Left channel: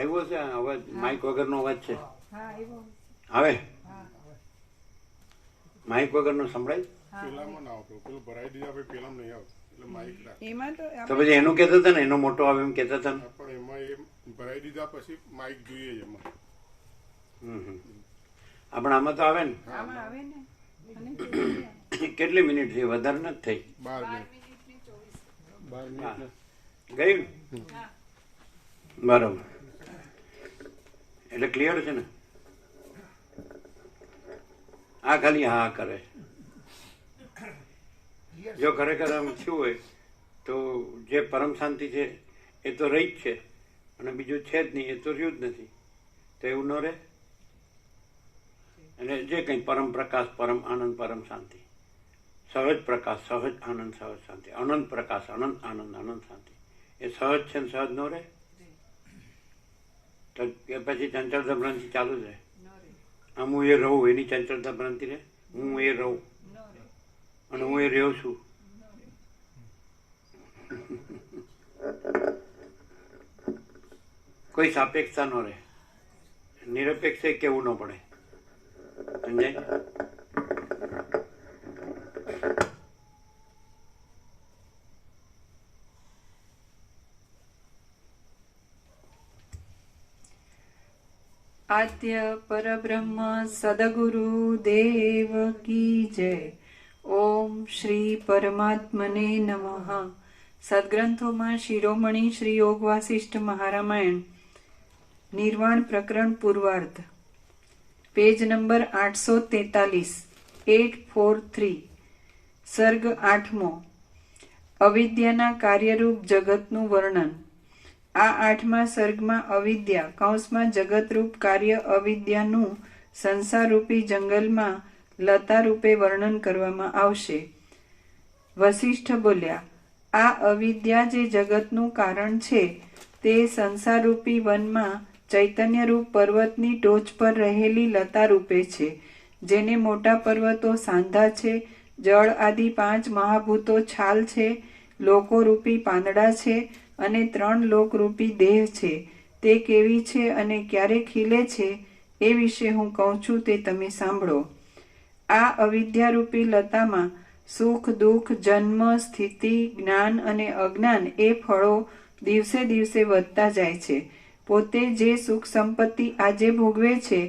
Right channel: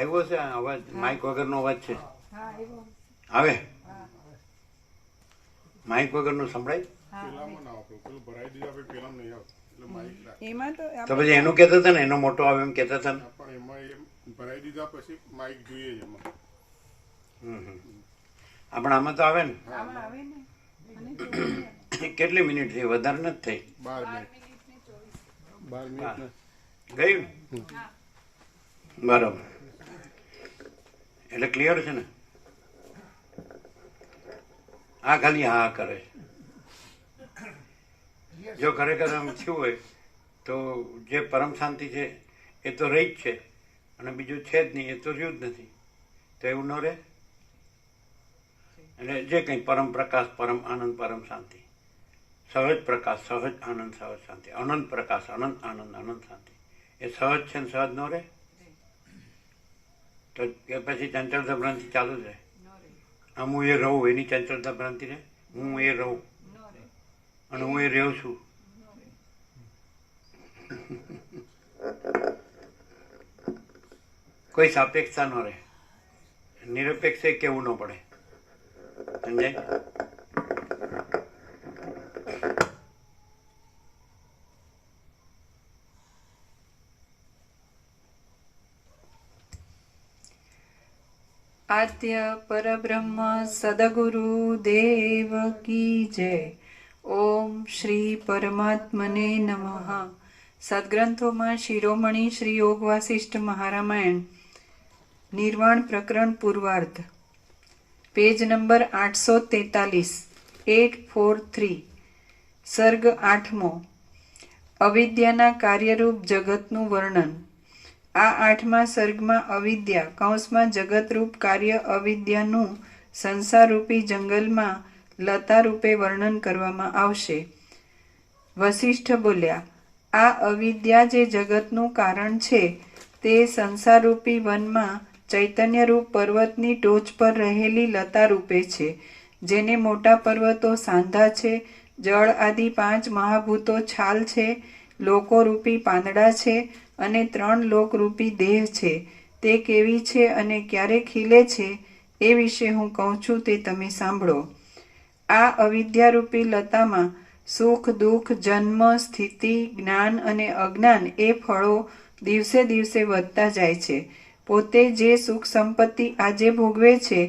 આવ્યો છે અવાજ? માઇક વગરનો અવાજ છે? હવે માઇક વગરનું સંભળાય? તો પછી એનું કહેતા હતા ને, એનો મોટો આવે એમ કહેતા હતા ને. પણ એમાં એ ભરાઈ દીધા પછી માઇક જોઈએ જ એમાં. આપણે આમાં તો આવે ને. કેટલી મિનિટ થઈ? વધારે નથી થઈ. 12 મિનિટ ગયું બરાબર. એટલે ક્લિયર છે ને? આ ખાલી હા કરે. જો ખરેખર આમ થયું હોય તો જે પરમ શાંતિ છે એ તો રહી જ છે, અને બીજું છે જ નહીં, એ તો રહ્યું જ નથી. તો એવું ન રહે. એટલે જે કંઈ પરમ પ્રકાશ, પરમ આનંદ, પરમ શાંતિ, સહજ પ્રકાશ, સહજ આનંદ, સહજ શાંતિ, અનંત પ્રકાશ, અનંત આનંદ, અનંત શાંતિ, એ સહજ છે ને સહજ ન રહે. તો પછી ચંચળતા ભ્રાંતિ ચાલુ જ રહે. આમ હું એ રહું એની ચંચળતા ભ્રાંતિ રહે. હું એ રહું અને હું એ રહ્યો છું. કોઈ સાપેક્ષતા ન રહે. નિરપેક્ષ કેવું ન પડે. સમજાય? આદ્ય પરબ્રહ્મ સદગુરુ દેવ કી જય. ઓમ શ્રી પરમાત્મને નમઃ. સદગ્રંથોમાં શિરોમણી શ્રી યોગ વાસિષ્ઠ મહારામાયણ નિર્વાણ પ્રકરણ પૂર્વાર્ધ, પેજ નંબર 843, 843, સર્ગ 8મો. અવિદ્યાના કાર્યરૂપ જગતનું વર્ણન. આ 8મા સર્ગમાં અવિદ્યા કૌંસમાં જગતરૂપ કાર્ય અવિદ્યાનું સંસારરૂપી જંગલમાં લતા રૂપે વર્ણન કરવામાં આવશે. વસિષ્ઠ બોલ્યા, આ અવિદ્યા જે જગતનું કારણ છે તે સંસારરૂપી વનમાં ચૈતન્યરૂપ પર્વતની ટોચ પર રહેલી લતા રૂપે છે, જેને મોટા પર્વતો સાંધા છે, જળ આદિ 5 મહાભૂતો છાલ છે, લોકોરૂપી પાંદડા છે અને 3 લોકરૂપી દેહ છે. તે કેવી છે અને ક્યારે ખીલે છે એ વિશે હું કહું છું, તે તમે સાંભળો. આ અવિદ્યારૂપી લતામાં સુખ, દુઃખ, જન્મ, સ્થિતિ, જ્ઞાન અને અજ્ઞાન એ ફળો દિવસે દિવસે વધતા જાય છે. પોતે જે સુખ સંપત્તિ આજે ભોગવે છે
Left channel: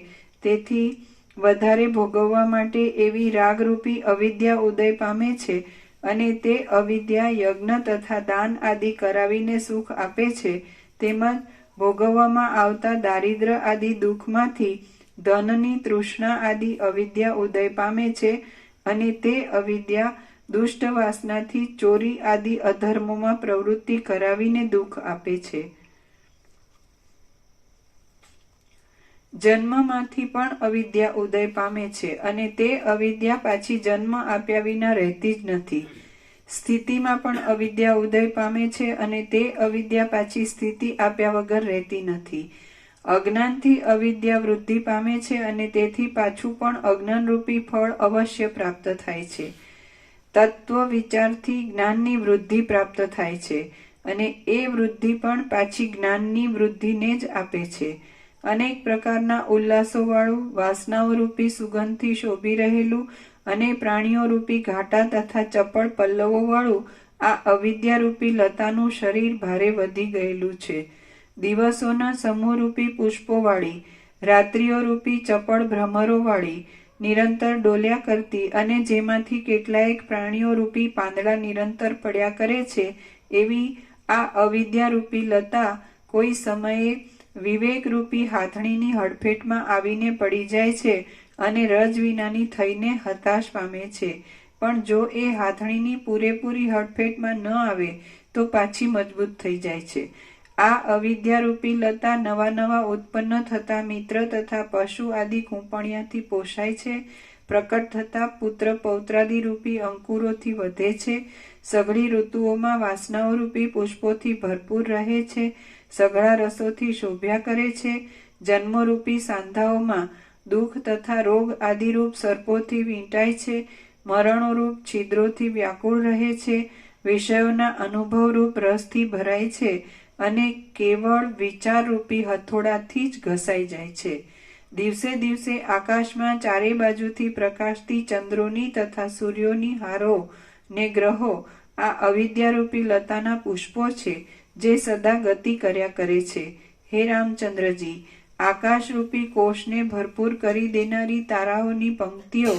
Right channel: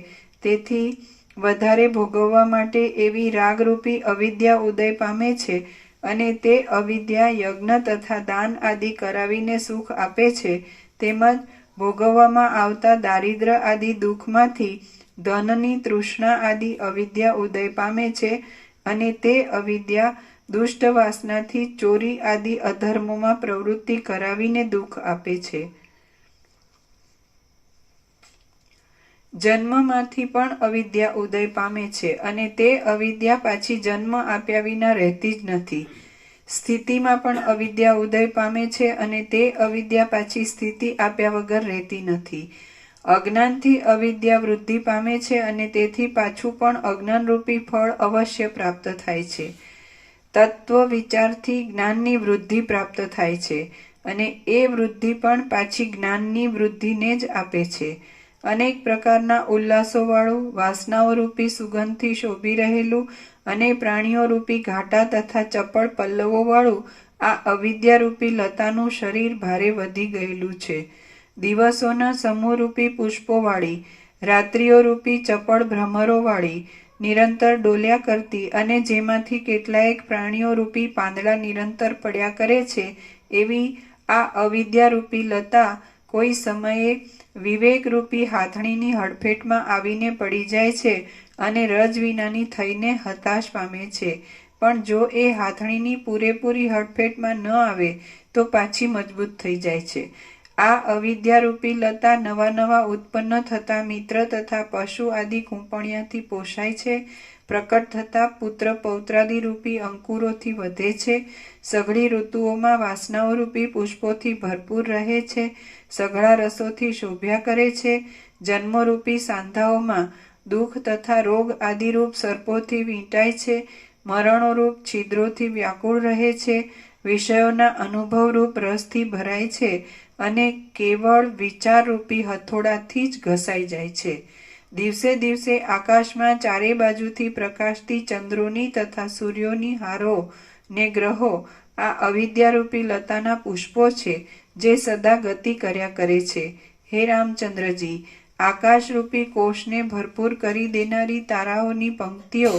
તેથી વધારે ભોગવવા માટે એવી રાગરૂપી અવિદ્યા ઉદય પામે છે, અને તે અવિદ્યા યજ્ઞ તથા દાન આદિ કરાવીને સુખ આપે છે. તેમજ ભોગવવામાં આવતા દારિદ્ર આદિ દુઃખમાંથી ધનની તૃષ્ણા આદિ અવિદ્યા ઉદય પામે છે, અને તે અવિદ્યા દુષ્ટ વાસનાથી ચોરી આદિ અધર્મોમાં પ્રવૃત્તિ કરાવીને દુઃખ આપે છે. જન્મમાંથી પણ અવિદ્યા ઉદય પામે છે, અને તે અવિદ્યા પાછી જન્મ આપ્યા વિના રહેતી જ નથી. સ્થિતિમાં પણ અવિદ્યા ઉદય પામે છે, અને તે અવિદ્યા પાછી સ્થિતિ આપ્યા વગર રહેતી નથી. અજ્ઞાનથી અવિદ્યા વૃદ્ધિ પામે છે, અને તેથી પાછું પણ અજ્ઞાનરૂપી ફળ અવશ્ય પ્રાપ્ત થાય છે. તત્વ વિચારથી જ્ઞાનની વૃદ્ધિ પ્રાપ્ત થાય છે, અને એ વૃદ્ધિ પણ પાછી જ્ઞાનની વૃદ્ધિને જ આપે છે. અનેક પ્રકારના ઉલ્લાસોવાળું, વાસનાઓરૂપી સુગંધથી શોભી રહેલું અને પ્રાણીઓરૂપી ઘાટા તથા ચપળ પલ્લવોવાળું આ અવિદ્યારૂપી લતાનું શરીર ભારે વધી ગયેલું છે. દિવસોના સમૂહરૂપી પુષ્પોવાળી, રાત્રિઓરૂપી ચપળ ભ્રમરોવાળી, નિરંતર ડોલ્યા કરતી અને જેમાંથી કેટલાયક પ્રાણીઓરૂપી પાંદડા નિરંતર પડ્યા કરે છે, એવી આ અવિદ્યારૂપી લતા કોઈ સમયે વિવેકરૂપી હાથણીની હડફેટમાં આવીને પડી જાય છે અને રજ વિનાની થઈને હતાશ પામે છે. પણ જો એ હાથણીની પૂરેપૂરી હડફેટમાં ન આવે તો પાછી મજબૂત થઈ જાય છે. આ અવિદ્યારૂપી લતા નવા નવા ઉત્પન્ન થતા મિત્ર તથા પશુ આદિ કૂંપણિયાથી પોષાય છે. પ્રકટ થતા પુત્ર પૌત્રાદિ રૂપી અંકુરોથી વધે છે. સઘળી ઋતુઓમાં વાસનાઓરૂપી પુષ્પોથી ભરપૂર રહે છે. સઘળા રસોથી શોભ્યા કરે છે. જન્મરૂપી સાંધાઓમાં દુઃખ તથા રોગ આદિરૂપ સર્પોથી વીંટાય છે. મરણોરૂપ છિદ્રોથી વ્યાકુળ રહે છે. વિષયોના અનુભવરૂપ રસથી ભરાય છે અને કેવળ વિચારરૂપી હથોડાથી જ ઘસાઈ જાય છે. દિવસે દિવસે આકાશમાં ચારે બાજુથી પ્રકાશતી ચંદ્રોની તથા સૂર્યોની હારો ને ગ્રહો આ અવિદ્યારૂપી લતાના પુષ્પો છે, જે સદા ગતિ કર્યા કરે છે. હે રામચંદ્રજી, આકાશરૂપી કોષને ભરપૂર કરી દેનારી તારાઓની પંક્તિઓ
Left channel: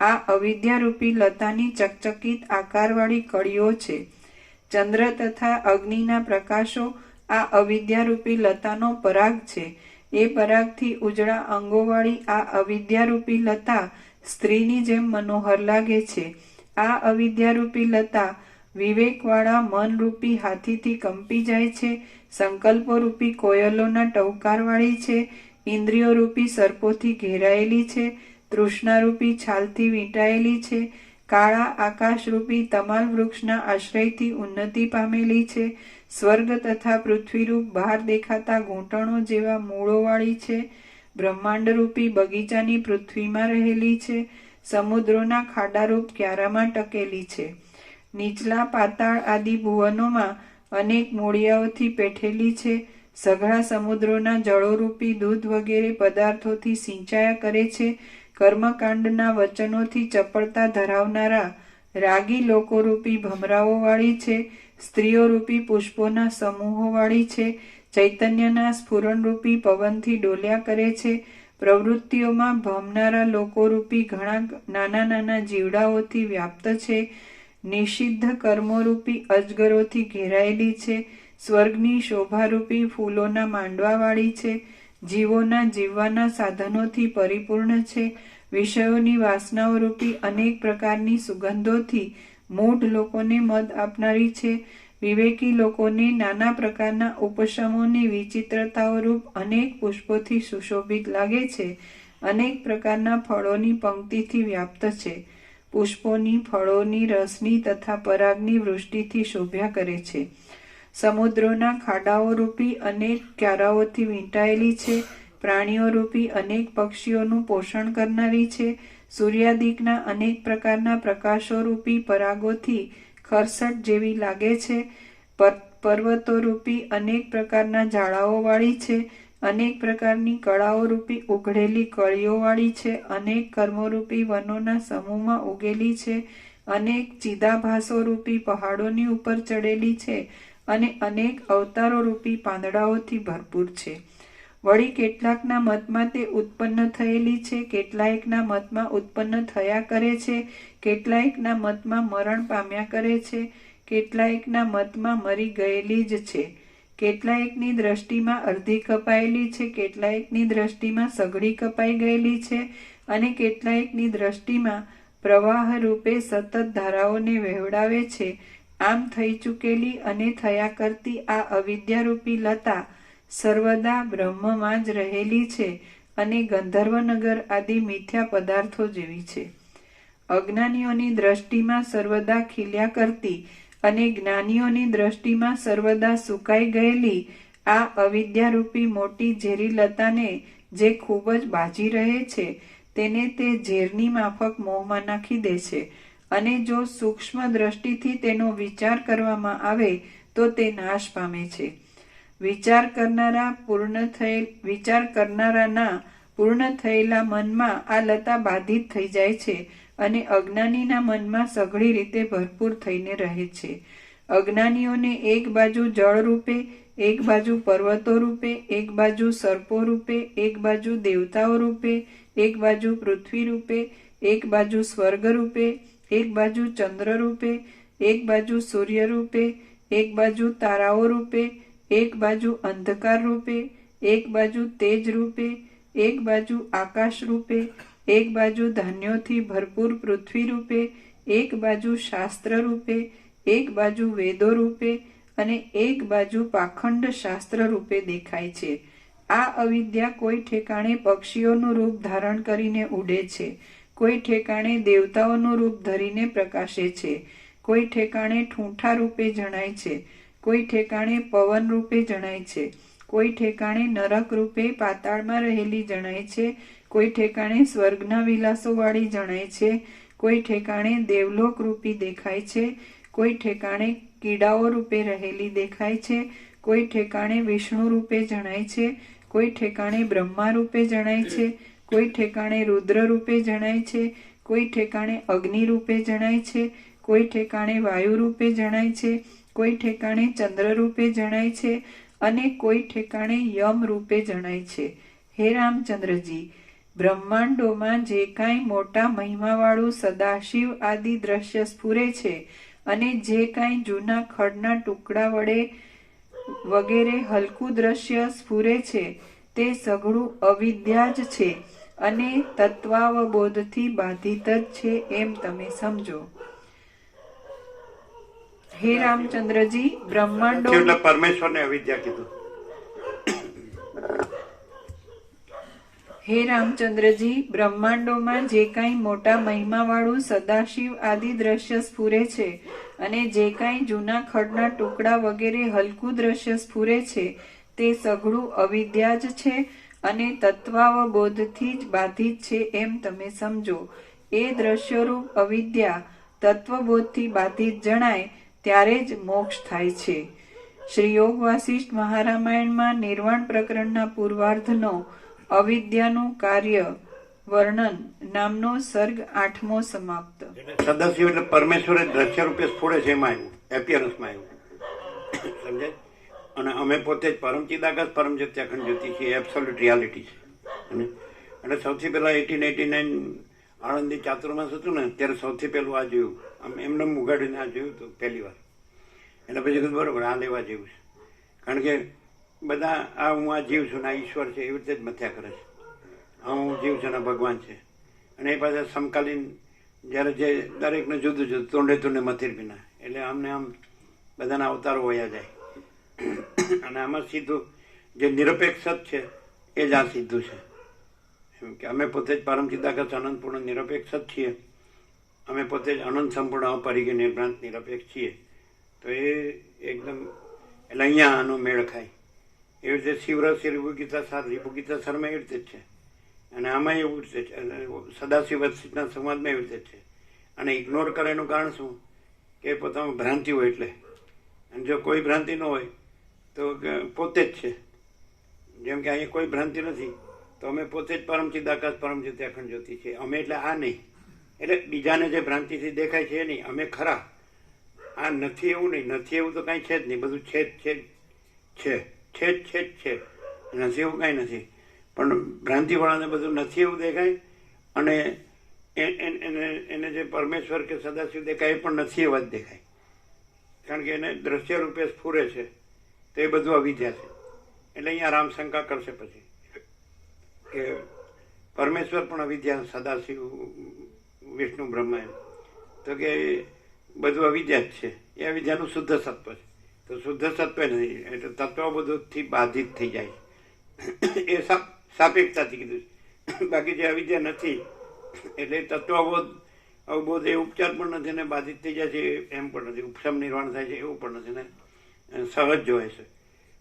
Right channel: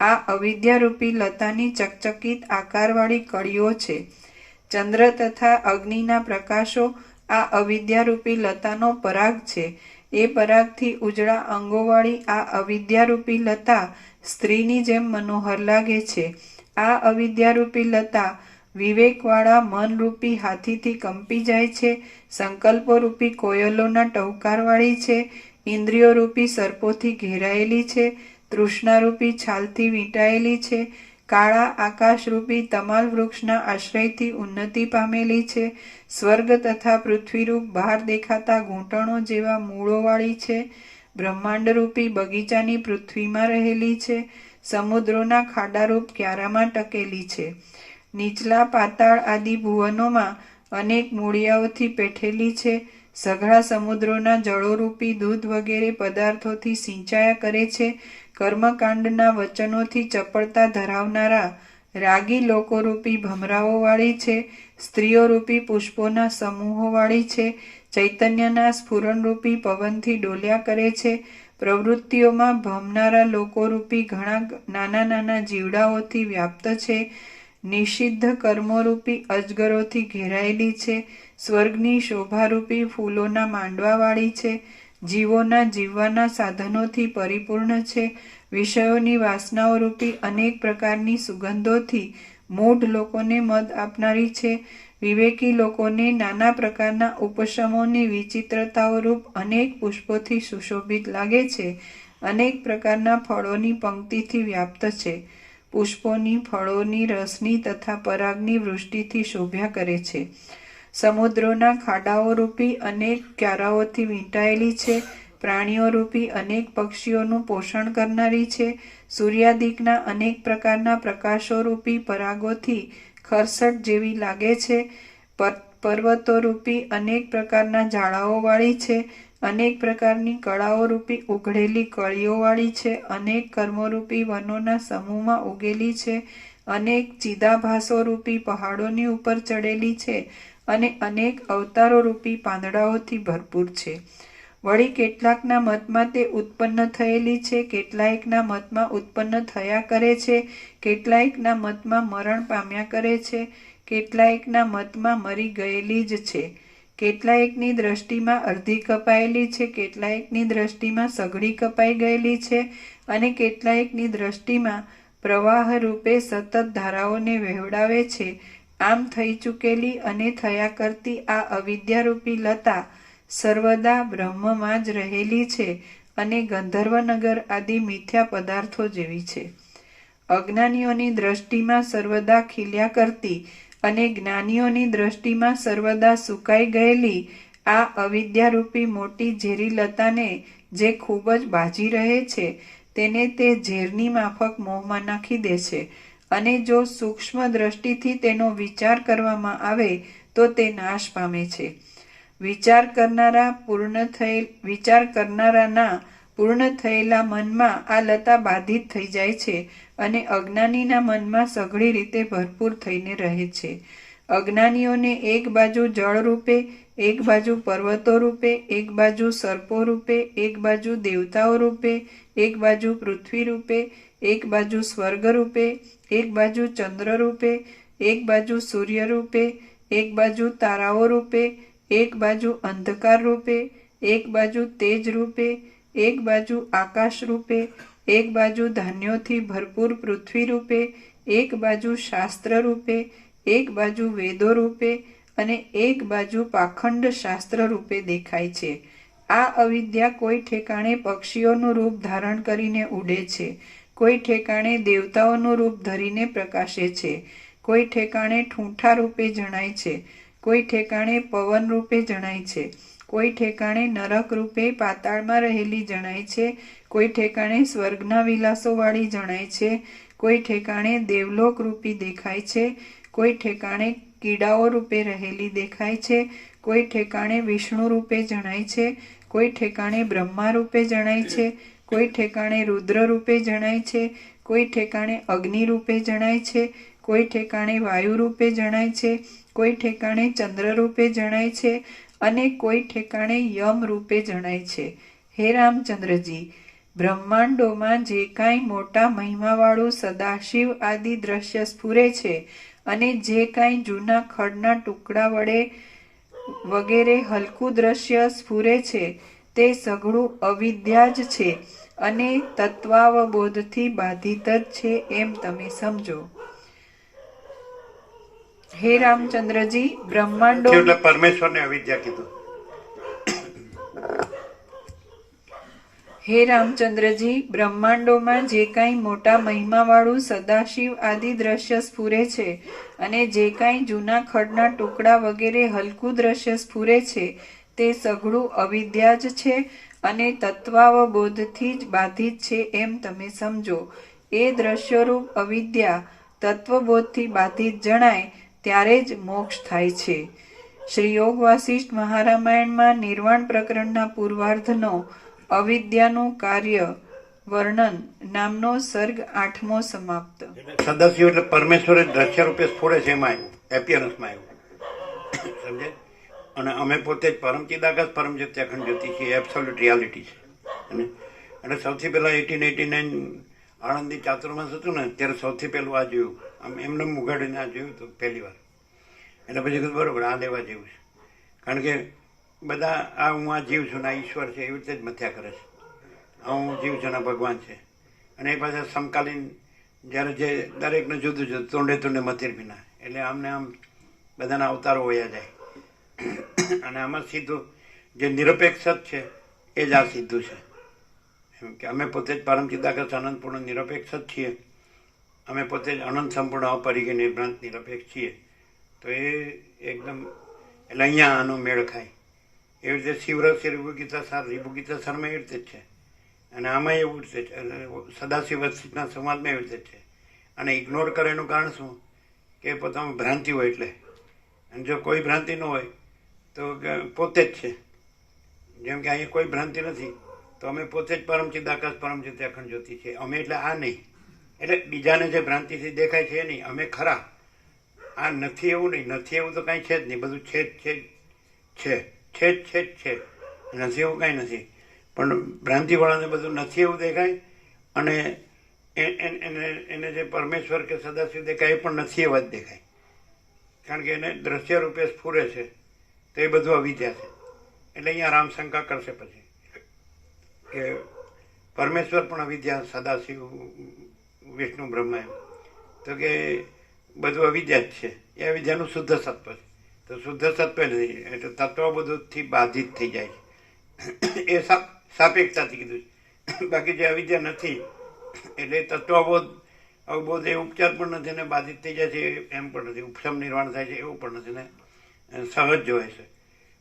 આ અવિદ્યારૂપી લતાની ચકચકિત આકારવાળી કળીઓ છે. ચંદ્ર તથા અગ્નિના પ્રકાશો આ અવિદ્યારૂપી લતાનો પરાગ છે. એ પરાગથી ઉજળા અંગોવાળી આ અવિદ્યારૂપી લતા સ્ત્રીની જેમ મનોહર લાગે છે. આ અવિદ્યારૂપી લતા વિવેકવાળા મનરૂપી હાથીથી કંપી જાય છે, સંકલ્પોરૂપી કોયલોના ટહુકારવાળી છે, ઇન્દ્રિયોરૂપી સર્પોથી ઘેરાયેલી છે, તૃષ્ણારૂપી છાલથી વીંટાયેલી છે, કાળા આકાશરૂપી તમાલ વૃક્ષના આશ્રયથી ઉન્નતિ પામેલી છે, સ્વર્ગ તથા પૃથ્વીરૂપ બહાર દેખાતા ઘૂંટણો જેવા મૂળોવાળી છે, બ્રહ્માંડરૂપી બગીચાની પૃથ્વીમાં રહેલી છે, સમુદ્રોના ખાડારૂપ ક્યારામાં ટકેલી છે, નીચલા પાતાળ આદિ ભુવનોમાં અનેક મૂળિયાઓથી પેઠેલી છે, સઘળા સમુદ્રોના જળોરૂપી દૂધ વગેરે પદાર્થોથી સિંચાયા કરે છે, કર્મકાંડના વચનોથી ચપળતા ધરાવનારા રાગી લોકોરૂપી ભમરાઓવાળી છે, સ્ત્રીઓરૂપી પુષ્પોના સમૂહોવાળી છે, ચૈતન્યના સ્ફુરણરૂપી પવનથી ડોલ્યા કરે છે, પ્રવૃત્તિઓમાં ભમનારા લોકોરૂપી ઘણા નાના નાના જીવડાઓથી વ્યાપ્ત છે, નિષિદ્ધ કર્મોરૂપી અજગરોથી ઘેરાયેલી છે, સ્વર્ગની શોભારૂપી ફૂલોના માંડવાવાળી છે, જીવોના જીવવાના સાધનોથી પરિપૂર્ણ છે, વિષયોની વાસનાઓરૂપી અનેક પ્રકારની સુગંધોથી મૂઢ લોકોને મદ આપનારી છે, વિવેકી લોકોને નાના પ્રકારના ઉપશમોની વિચિત્રતાઓરૂપ અનેક પુષ્પોથી સુશોભિત લાગે છે, અનેક પ્રકારના ફળોની પંક્તિથી વ્યાપ્ત છે, પુષ્પોની, ફળોની, રસની તથા પરાગની વૃષ્ટિથી શોભ્યા કરે છે, સમુદ્રોના ખાડાઓરૂપી અનેક ક્યારાઓથી વીંટાયેલી છે, પ્રાણીઓરૂપી અનેક પક્ષીઓનું પોષણ કરનારી છે, સૂર્યાદિકના અનેક પ્રકારના પ્રકાશોરૂપી પરાગોથી ખરસટ જેવી લાગે છે, પર્વતોરૂપી અનેક પ્રકારના ઝાડાઓવાળી છે, અનેક પ્રકારની કળાઓરૂપી ઉઘડેલી કળીઓવાળી છે, અનેક કર્મોરૂપી વનોના સમૂહમાં ઉગેલી છે, અનેક ચિદાભાસોરૂપી પહાડોની ઉપર ચડેલી છે, અને અનેક અવતારોરૂપી પાંદડાઓથી ભરપૂર છે. વળી કેટલાકના મતમાં તે ઉત્પન્ન થયેલી છે, કેટલાયકના મતમાં ઉત્પન્ન થયા કરે છે, કેટલાયકના મતમાં મરણ પામ્યા કરે છે, કેટલાયકના મતમાં મરી ગયેલી જ છે, કેટલાયકની દ્રષ્ટિમાં અડધી કપાયેલી છે, કેટલાયકની દ્રષ્ટિમાં સઘળી કપાઈ ગયેલી છે, અને કેટલાયકની દ્રષ્ટિમાં પ્રવાહ રૂપે સતત ધારાઓને વહેવડાવે છે. આમ થઈ ચૂકેલી અને થયા કરતી આ અવિદ્યારૂપી લતા સર્વદા બ્રહ્મમાં જ રહેલી છે અને ગંધર્વનગર આદિ મિથ્યા પદાર્થો જેવી છે. અજ્ઞાનીઓની દ્રષ્ટિમાં સર્વદા ખીલ્યા કરતી અને જ્ઞાનીઓની દ્રષ્ટિમાં સર્વદા સુકાઈ ગયેલી આ અવિદ્યારૂપી મોટી ઝેરી લતાને જે ખૂબ જ બાજી રહે છે, તેને તે ઝેરની માફક મોહમાં નાખી દે છે, અને જો સૂક્ષ્મ દ્રષ્ટિથી તેનો વિચાર કરવામાં આવે તો તે નાશ પામે છે. વિચાર કરનારાના પૂર્ણ થયેલા મનમાં આ લતા બાધિત થઈ જાય છે અને અજ્ઞાનીના મનમાં સઘળી રીતે ભરપૂર થઈને રહે છે. અજ્ઞાનીઓને એક બાજુ જળ રૂપે, એક બાજુ પર્વતો રૂપે, એક બાજુ સર્પો રૂપે, એક બાજુ દેવતાઓ રૂપે, એક બાજુ પૃથ્વી રૂપે, એક બાજુ સ્વર્ગ રૂપે, એક બાજુ ચંદ્ર રૂપે, એક બાજુ સૂર્ય રૂપે, એક બાજુ તારાઓ રૂપે, એક બાજુ અંધકાર રૂપે, એક બાજુ તેજ રૂપે, એક બાજુ આકાશ રૂપે, એક બાજુ ધાન્યોથી ભરપૂર પૃથ્વી રૂપે, એક બાજુ શાસ્ત્ર રૂપે, એક બાજુ વેદો રૂપે અને એક બાજુ પાખંડ શાસ્ત્ર રૂપે દેખાય છે. આ અવિદ્યા કોઈ ઠેકાણે પક્ષીઓનું રૂપ ધારણ કરીને ઉડે છે, કોઈ ઠેકાણે દેવતાઓનું રૂપ ધરીને પ્રકાશે છે, કોઈ ઠેકાણે ઠૂંઠા રૂપે જણાય છે, કોઈ ઠેકાણે પવન રૂપે જણાય છે, કોઈ ઠેકાણે નરક રૂપે પાતાળમાં રહેલી જણાય છે, કોઈ ઠેકાણે સ્વર્ગના વિલાસોવાળી જણાય છે, કોઈ ઠેકાણે દેવલોક રૂપી દેખાય છે, કોઈ ઠેકાણે કીડાઓ રૂપે રહેલી દેખાય છે, કોઈ ઠેકાણે વિષ્ણુ રૂપે જણાય છે, કોઈ ઠેકાણે બ્રહ્મા રૂપે જણાય છે, કોઈ ઠેકાણે રુદ્ર રૂપે જણાય છે, કોઈ ઠેકાણે અગ્નિ રૂપે જણાય છે, કોઈ ઠેકાણે વાયુ રૂપે જણાય છે, કોઈ ઠેકાણે ચંદ્ર રૂપે જણાય છે અને કોઈ ઠેકાણે યમ રૂપે જણાય છે. હે રામચંદ્રજી, બ્રહ્માંડોમાં જે કાંઈ મોટા મહિમાવાળું સદાશિવ આદિ દ્રશ્ય સ્ફુરે છે અને જે કાંઈ જૂના ખડના ટુકડા વડે વગેરે હલકું દ્રશ્ય સ્ફુરે છે તે સઘળું અવિદ્યા જ છે અને તત્વાવબોધથી બાધિત જ છે એમ તમે સમજો. હે રામચંદ્રજી, બ્રહ્માંડો એટલે પરમેશ્વરને અવિદ્યા કીધું. હે રામચંદ્રજી, બ્રહ્માંડોમાં જે કાંઈ મોટા મહિમાવાળું સદાશિવ આદિ દ્રશ્ય સ્ફુરે છે અને જે કાંઈ જૂના ખડના ટુકડા વગેરે હલકું દ્રશ્ય સ્ફુરે છે તે સઘળું અવિદ્યા જ છે અને તત્વાવબોધથી જ બાધિત છે એમ તમે સમજો. એ દ્રશ્યરૂપ અવિદ્યા તત્વબોધથી બાધિત જણાય ત્યારે જ મોક્ષ થાય છે. શ્રી યોગ વાસિષ્ઠ મહારામાયણમાં નિર્વાણ પ્રકરણના પૂર્વાર્ધનો અવિદ્યાનું કાર્ય વર્ણન નામનો સર્ગ 8મો સમાપ્ત. સદાશિવ એટલે પરમેશ્વર દ્રશ્ય રૂપે સ્ફોડે છે, એમાં આવ્યું, એપિયરન્સમાં આવ્યું. સમજાય? અને અમે પોતે જ પરમ ચિદાકાશ પરમ જ્યોતિ અખંડ જ્યોતિ છીએ, એબ્સોલ્યુટ રિયાલિટી છે. એટલે સૌથી પહેલા 1889 આણંદી ચાતુર્માસ હતું ને ત્યારે સૌથી પહેલું આ જોયું, આમ એમને ઉગાડીને આ જોયું હતું પહેલી વાર. એટલે પછી કીધું બરોબર, આ લેવા જેવું છે. કારણ કે બધા આ હું આ જીવ છું ને આ ઈશ્વર છે એવી રીતે જ મથ્યા કરે છે. હું જીવ છું ને ભગવાન છે. અને એ પાછા સમકાલીન જ્યારે જે દરેકને જુદું જુદું તોંડે તોંડે મથેર વિના, એટલે આમને આમ બધાના અવતારો વયા જાય. અને આમાં સીધું જે નિરપેક્ષ જ છે એ જ આ સીધું છે. એમ કે અમે પોતે જ પરમ ચિદાકાશ અનંતપૂર્ણ નિરપેક્ષ જ છીએ. અમે પોતે જ અનંત સંપૂર્ણ અપરિગ્ય નિર્ભ્રાંત નિરપેક્ષ છીએ. તો એ એકદમ એટલે અહીંયા આનો મેળ ખાય. એવી રીતે શિવરસ રીભુ ગીતા સાર, રીભુ ગીતા સારમાં એવી રીતે જ છે. અને આમાં એવું રીતે છે, સદાશિવ વસ્તિના સમાજમાં એવી રીતે છે. અને ઇગ્નોર કરે એનું કારણ શું કે પોતામાં ભ્રાંતિ હોય એટલે. અને જો કોઈ ભ્રાંતિ ન હોય તો પોતે જ છે. જેમ કે અહીંયા કોઈ ભ્રાંતિ નથી તો અમે પોતે જ પરમ ચિદાકાશ પરમ જ્યોતિ અખંડ જ્યોતિ છે. અમે એટલે આ નહીં, એટલે બીજાને જે ભ્રાંતિથી દેખાય છે એ નહીં, અમે ખરા. આ નથી એવું નહીં, નથી એવું તો કાંઈ છે જ નહીં, બધું છે જ છે છે છે જ છે જ છે, નથી એવું કાંઈ નથી. પણ ભ્રાંતિવાળાને બધું નથી એવું દેખાય અને એને જે પરમેશ્વર કે સદાશિવ દેખાય એ પણ નથી એવા જ દેખાય. કારણ કે એને દ્રશ્ય રૂપે સ્ફુરે છે તો એ બધું અવિદ્યા છે. એટલે અહીંયા રામ શંકા કરશે પછી કે પરમેશ્વર પણ અવિદ્યા, સદાશિવ, વિષ્ણુ, બ્રહ્મા, તો કે બધું અવિદ્યા જ છે. એ અવિદ્યાનું શુદ્ધ સત્વ છે. તો શુદ્ધ સત્વ નથી એટલે તત્વ બધુંથી બાધિત થઈ જાય છે. એ સાપેક્ષતાથી કીધું છે. બાકી જે અવિદ્યા નથી એટલે તત્વબોધ અવબોધ એ ઉપચાર પણ નથી ને બાધિત થઈ જાય છે એમ પણ નથી, ઉપશમ નિર્વાણ થાય છે એવું પણ નથી ને સહજ જોવાય છે.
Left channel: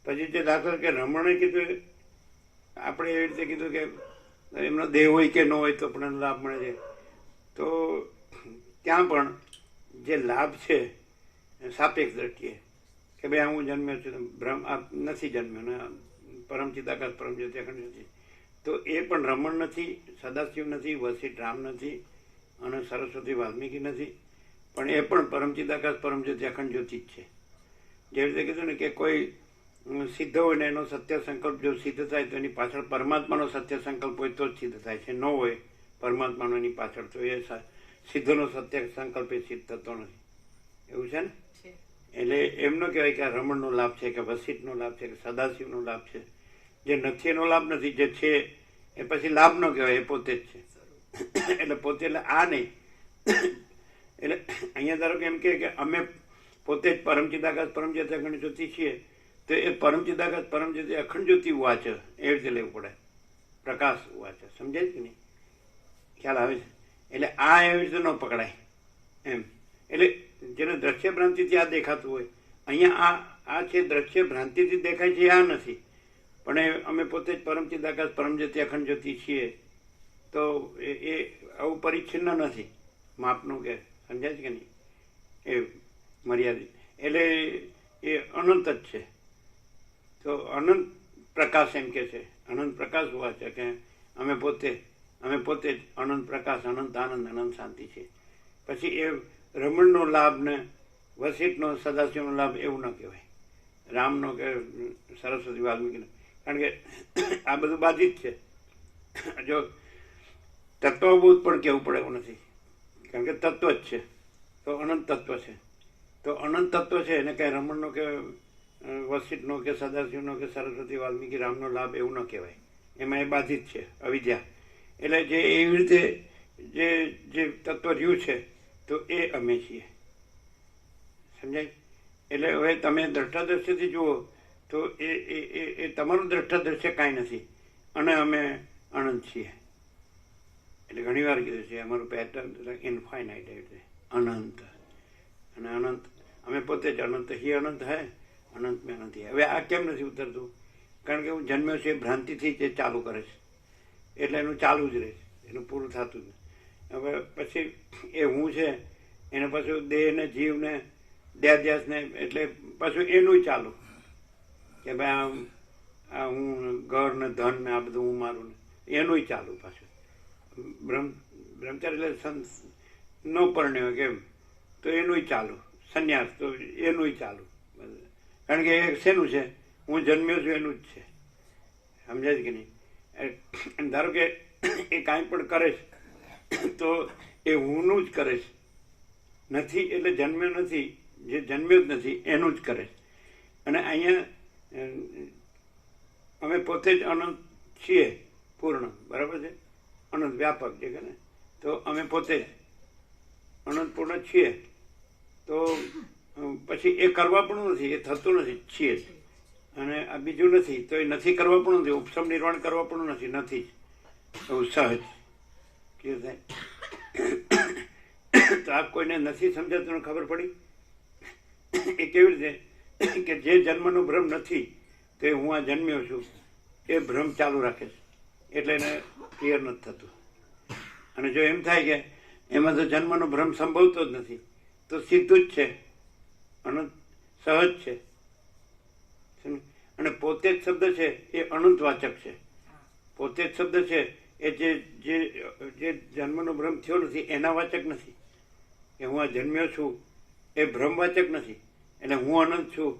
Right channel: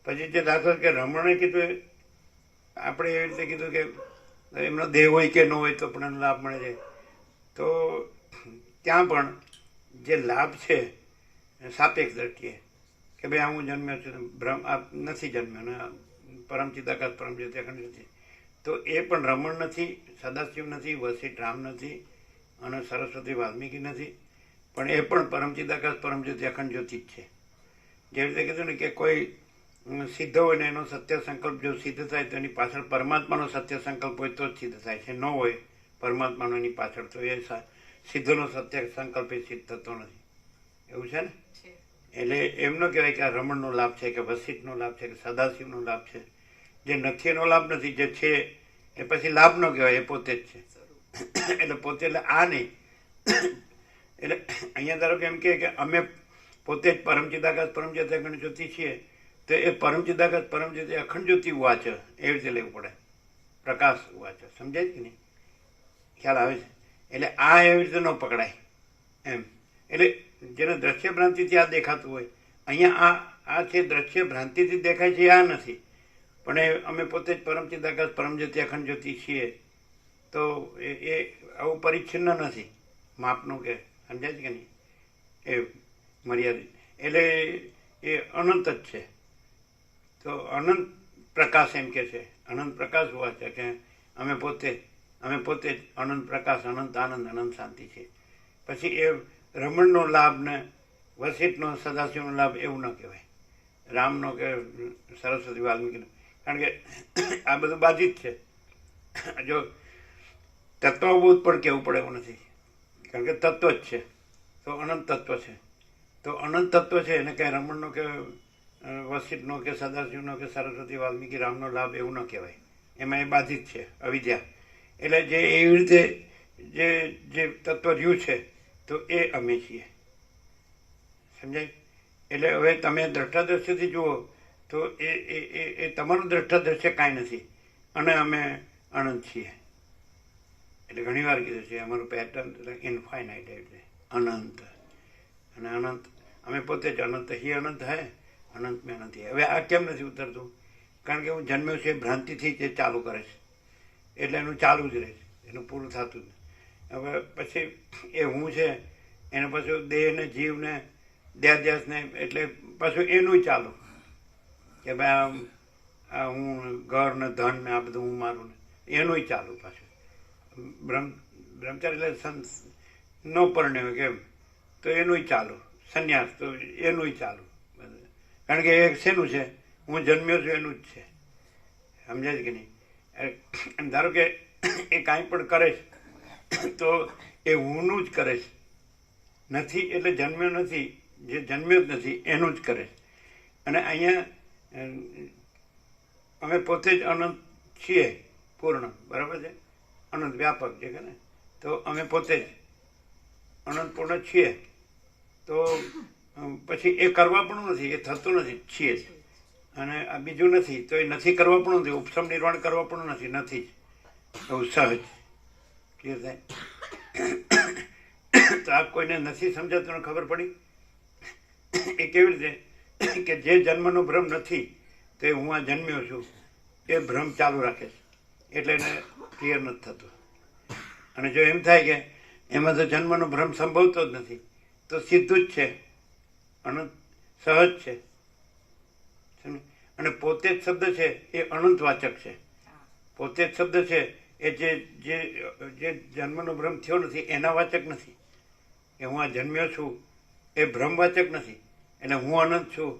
પછી જે દાખલ કે રમણે કીધું, આપણે એવી રીતે કીધું કે એમનો દેહ હોય કે ન હોય તો પણ લાભ મળે છે. તો ત્યાં પણ જે લાભ છે સાપેક્ષ દ્રષ્ટિએ કે ભાઈ હું જન્મ્યો છું, બ્રહ્મ નથી જન્મ્યો ને પરમ ચિદાકાશ પરમ જ્યોતિ અખંડ નથી, તો એ પણ રમણ નથી, સદાશિવ નથી, વશિષ્ઠ રામ નથી અને સરસ્વતી વાલ્મીકી નથી, પણ એ પણ પરમ ચિદાકાશ પરમ જ્યોતિ અખંડ જ્યોતિ જ છે. જેવી રીતે કીધું ને કે કોઈ સિદ્ધ હોય ને એનો સત્ય સંકલ્પ જો સિદ્ધ થાય તો એની પાછળ પરમાત્માનો સત્ય સંકલ્પ હોય તો જ સિદ્ધ થાય છે. ન હોય પરમાત્માનો એની પાછળ તો એ સિદ્ધનો સત્ય સંકલ્પ એ સિદ્ધ થતો નથી. એવું છે ને? એટલે એમ ન કહેવાય કે આ રમણનો લાભ છે કે વશિષ્ઠનો લાભ છે કે સદાશિવનો લાભ છે. જે નથી એનો લાભ નથી, જે છે એ પછી લાભ ન કહેવાય, એ પોતે જ છે. એટલે પોતે એટલે આ નહીં. એટલે અહીંયા ધારો કે એમ કે અમે પોતે જ પરમ ચિદાકાશ પરમ જ્યોતિ અખંડ જ્યોતિ છીએ, તો એ પરમ ચિદાકાશ પરમ જ્યોતિ અખંડ જ્યોતિ વાચ એવી રીતે લેવું પડે, પ્રકાશ વાચ. સમજાય કે નહીં? ખ્યાલ આવે છે? એટલે આ એવી રીતે ન પકડાય એમ. એટલે જેને દ્રશ્ય ભ્રાંતિથી આ દેખાતું હોય, અહીંયા આ છે દ્રશ્ય ભ્રાંતિથી દેખાય છે, આ નથી. પણ એ અમે પોતે જ પરમ ચિદાકાશ પરમ જ્યોતિ અખંડ જ્યોતિ છીએ તો એ આવું પરિચ્છિન્ન નથી માપનું કે. સમજાય કે નહીં? એ મર્યાદિત એટલે એ અનંત જ છે. તો અનંત પ્રકાશ એમ કે છે, અનંત પ્રકાશ હોવા છે કે અમે પોતે જ અનંત પ્રકાશ, અનંત આનંદ, અનંત શાંતિ છે. પછી એ રમણનો લાભ ને વસિષ્ઠનો, સદાશિવનો લાભ એવું ન કહેવાય, રામનો કે સરસ્વતી વાલ્મીકીનો, કારણ કે આ બધું બાધિત છે. જો તત્વબોધ પણ કહેવું પડે એવું નથી, કારણ કે તત્વ જ છે, તો અનંત તત્વ છે. તો અનંત તત્વ છે એને કંઈ રમણનો કે વસિષ્ઠનો કે સદાશિવનો કે સરસ્વતી વાલ્મીકી રામનો લાભ એવું ન કહેવાય, એમાં એ બાધિત છે, અવિદ્યા. એટલે જે એવી રીતે જે તત્વ રહ્યું છે તો એ અમે છીએ, સમજાય? એટલે હવે તમે દ્રષ્ટાદ્રશ્યથી જુઓ તો એ તમારું દ્રષ્ટાદ્રશ્ય કાંઈ નથી અને અમે અનંત છીએ. એટલે ઘણી વાર કીધું છે અમારું પેટર્ન ઇનફાઇનાઇટ એટલે અનંત, અને અનંત અમે પોતે જ અનંત હી અનંત હે, અનંત મેં અનંત હે. હવે આ કેમ નથી ઉતરતું? કારણ કે હું જન્મ્યો છે ભ્રાંતિથી જે ચાલુ કરે છે, એટલે એનું ચાલુ જ રહે છે, એનું પૂરું થતું જ. હવે પછી એ હું છે એને પાછું દેહને, જીવને, દેહાધ્યાસને, એટલે પાછું એનું ચાલુ કે ભાઈ આ હું ઘર ને ધન ને આ બધું હું મારું ને એનું ચાલુ પાછું. બ્રહ્મચારી એટલે ન પરણ્યો કેમ તો એનું ચાલુ, સંન્યાસ તો એનું ચાલુ, કારણ કે એ શેનું છે? હું જન્મ્યો છું એનું જ છે, સમજાય કે નહીં? ધારો કે એ કાંઈ પણ કરે છે તો એ હુંનું જ કરે છે, નથી એટલે જન્મ્યો નથી, જે જન્મ્યો જ નથી એનું જ કરે છે. અને અહીંયા અમે પોતે જ અનંત છીએ, પૂર્ણ, બરાબર છે? અનંત વ્યાપક છે કે ને, તો અમે પોતે જ અનંત પૂર્ણ છીએ. તો પછી એ કરવા પણ નથી, એ થતું નથી, છીએ જ. અને આ બીજું નથી તો એ નથી કરવા પણ નથી, ઉપસમ નિર્વાણ કરવા પણ નથી, નથી એવું સહજ ક્લિયર થાય. તો આ કોઈને નથી સમજાતું, ખબર પડી? એ કેવી રીતે કે જે જન્મનો ભ્રમ નથી તે હું આ જન્મ્યો છું એ ભ્રમ ચાલુ રાખે છે, એટલે એને ક્લિયર નથી થતું. અને જો એમ થાય કે એમાં તો જન્મનો ભ્રમ સંભવતો જ નથી, તો સીધું જ છે, અનંત સહજ છે. અને પોતે જ શબ્દ છે એ અનંત વાચક છે. પોતે જ શબ્દ છે એ જે જન્મનો ભ્રમ થયો નથી એના વાચક નથી. એ હું આ જન્મ્યો છું એ ભ્રમવાચક નથી. એટલે હું અનંત છું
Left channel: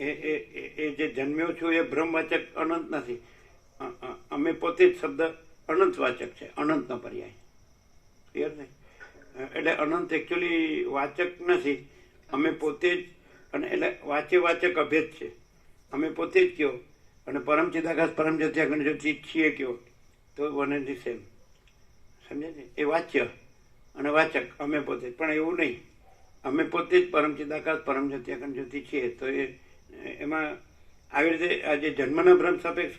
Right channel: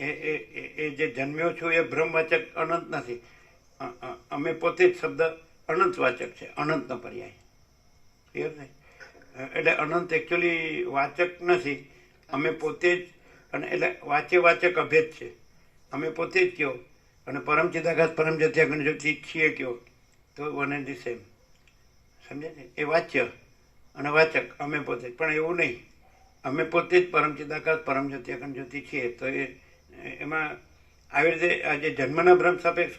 એ જે જન્મ્યો છું એ ભ્રમવાચક અનંત નથી. અમે પોતે જ શબ્દ અનંત વાચક છે, અનંતનો પર્યાય. ક્લિયર થાય? એટલે અનંત એકચ્યુઅલી વાચક નથી, અમે પોતે જ. અને એટલે વાચક અભેદ છે. અમે પોતે જ કયો અને પરમ ચિદાકાશ પરમ જત્યા ગણજ્યોતિ છીએ કયો તો વન એન્ડ ધી સેમ. સમજે છે? એ વાચ્ય અને વાચક અમે પોતે જ, પણ એવું નહીં. અમે પોતે જ પરમ ચિદાકાશ પરમ જત્યા ગણજ્યોતિ છીએ. તો એમાં આવી રીતે આ જે જન્મના ભ્રમ સાપેક્ષ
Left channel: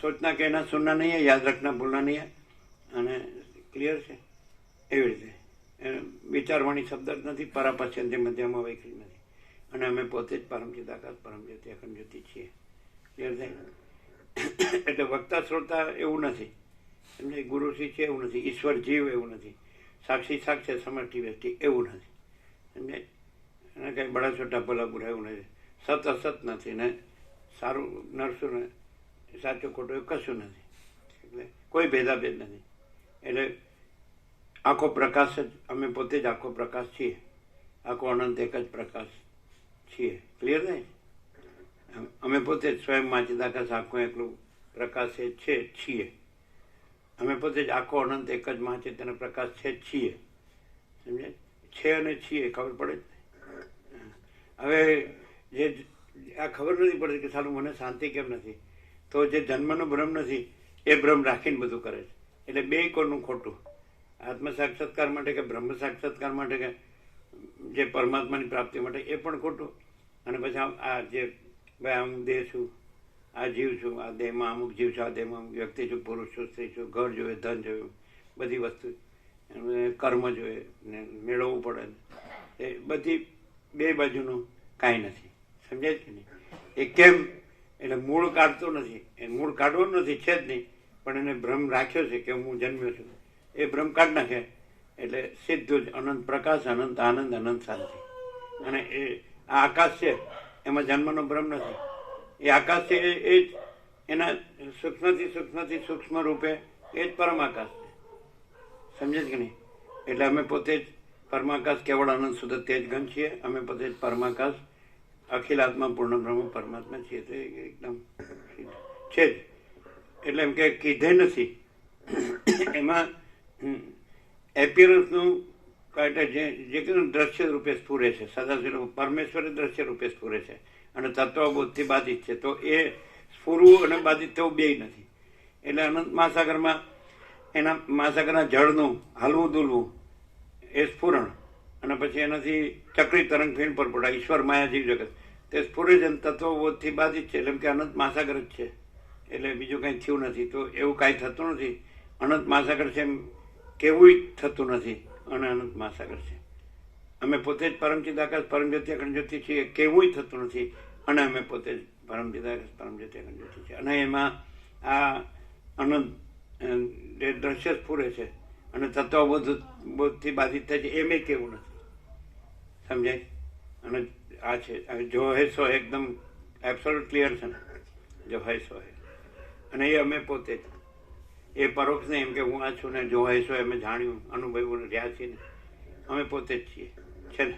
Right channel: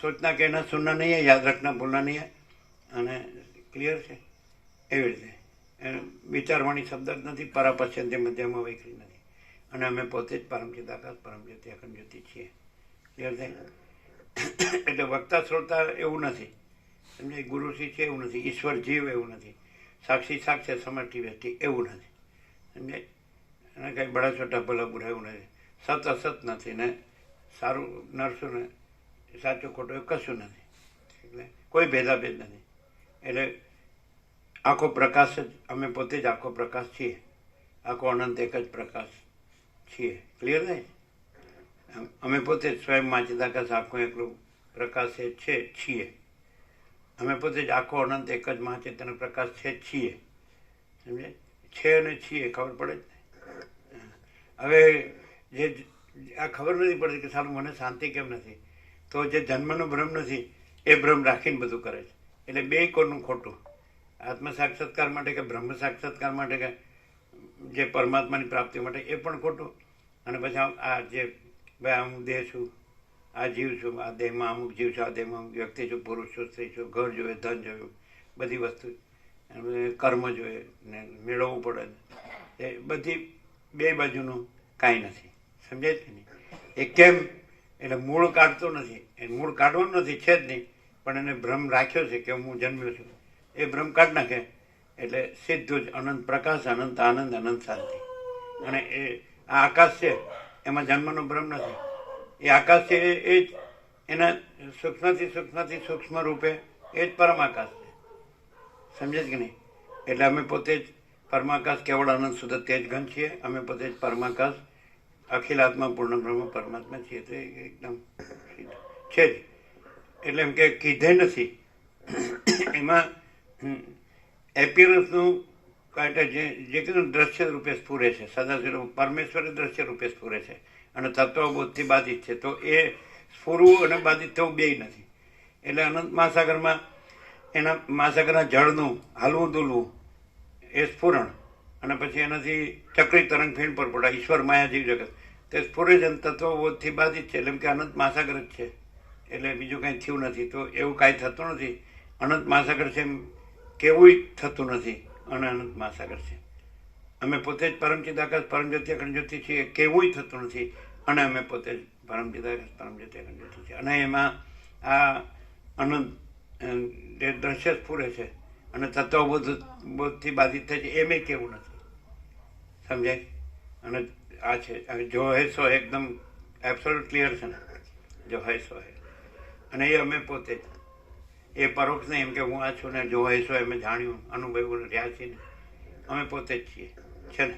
સોચના કે એના સુનના નહીં હે, યાદ રાખના ભૂલના નહીં હે. અને ક્લિયર છે? એવી રીતે વિચારવાણી શબ્દ જ નથી, પરાપશ્યંતે મધ્યમાં વૈખરી નથી. અને અમે પોતે જ પરમ ચિદાકાશ પરમ જ્યોતિ અખંડ જ્યોતિ છીએ. ક્લિયર થાય? એટલે વક્તા શ્રોતા એવું નથી, સમજાય? ગુરુશ્રી છે એવું નથી, ઈશ્વર જીવ એવું નથી, સાક્ષી સાક્ષાત સમર્થિ વ્યક્તિ એવું નથી, સમજાય? અને કંઈ બડા છોટા ભલા બુરા એવું નથી, સત અસત નથી ને સારું નરસું ને સાચું ખોટું એવું કશું નથી. એટલે કોઈ ભેદાભેદ નથી. એટલે આખો પ્રકાશ જ, અમે પોતે જ આખો પ્રકાશ છીએ, આખો અનંત એક જ પ્રકાશ છીએ. ક્લિયર થાય? અમે પોતે જ સ્વયંમાં ચિદાકાશ આખો એકલું પ્રકાશ છે છીએ. અમે પોતે જ આખો અનંત એક જ મહાચેતન પ્રકાશ છે છીએ. સમજે? છે અને છીએ ખબર પડે જ. હવે જે આ ખબર નથી પડતી કે સારું મને શાંતિ કેમ નથી, તો જે જન્મનો ભ્રમ નથી એ ભ્રમ રાખીને બધું કરે છે. એટલે બે કોનું ખોટું? આત્મ સાક્ષાત્કાર માટે કે બ્રહ્મ સાક્ષાત્કાર માટે કે જે પરમાત્માની પ્રાપ્તિ માટે એ પણ ખોટું. અને પછી આ જે ભાઈ હું દેહ છું, આ જીવ છું, આ દેહમાં અમુક જીવ છું, આ દેહમાં અમુક વ્યક્તિ છું, પુરુષ છું, સ્ત્રી છું, ઘર જોઈએ, ધન જોયું, બધી વસ્તુ કર્મ જોઈએ ને મેળવવું પડે, એ બધી બે બાજુનું કાંઈ નથી. સમજાય છે નહીં? એ કેમ? એટલે મૂળ કાઢતો નથી, એ મૂળ કાઢવાનું નથી, છે જ નહીં, પણ એને ભ્રમ રાખ્યો છે કે હું જન્મ્યો છું. એ ભ્રમ કાઢ નાખે એટલે સીધું જ અનંત પ્રકાશ, અનંત આનંદ, અનંત શાંતિ. અને એ આ આકાશ છે એમાં જન્મનો ભ્રમ નથી, એ આકાશ છે એ જ એના સૂક્ષ્મથી સૂક્ષ્મ રૂપે એ જ પરમાકાશ છે. સમજે છે કે નહીં? એટલે અમે પોતે જ પરમાકાશ કેવળ અનંત શુદ્ધ તેજ ઘન છીએ. અમે પોતે જ પરમાકાશ અખિલ આત્મા પૂર્ણ બ્રહ્મ પરમાત્મા છીએ. તે એકદમ છે જ. એટલે એમ કે કીધે નથી એમાં એપિયરન્સનું જે કીધું દ્રશ્ય રૂપે સ્ફુરે છે. સદાશિવ પરમેશ્વર દ્રશ્ય રૂપે સ્ફુરે છે અને તત્વબોધથી બાધિત છે. તો એ સ્ફુરવું અને બાધિત થવું બેય નથી. એટલે અનંત મહાસાગરમાં એના મહાસાગરના જળનું હલવું દુલવું એ સ્ફુરણ, અને પછી એનાથી ચક્રી તરંગ થઈને પરપોટા ઈશ્વર માયા જેવી જગત તે સ્ફુરે છે. તત્વબોધથી બાધિત છે. એટલે કે અનંત મહાસાગર જ છે. એટલે બીજું કાંઈ થયું નથી. તો એવું કાંઈ થતું નથી. અનંત મહાસાગર છે એમ કેવું થતું નથી. અને અનંત મહાસાગર છે. અમે પોતે જ પરમચિદાકાશ પરમજ્યોતિ અખંડ જ્યોતિ છીએ કેવું થતું નથી. અને અમે પોતે જ પરમચિદાકાશ પરમજ્યોતિ અખંડ જ્યોતિ છીએ. અને એમાં આ અનંત જે દ્રશ્ય સ્ફુરે છે અને તત્વબોધથી બાધિત થાય છે એમ કેવું નથી. સમજાય? અને આ છે જો હે સો એકદમ એબ્સોલ્યુટ ક્લિયર છે ને, જો હે સો હે. અને એ અમે પોતે જ એ પરોક્ષ નહીં એમ કે હું આ છું ને જો હે સો અમે જાણ્યું અનુભવ્યું રહ્યા છીએ ને, અમે પોતે જ છીએ. છે ને?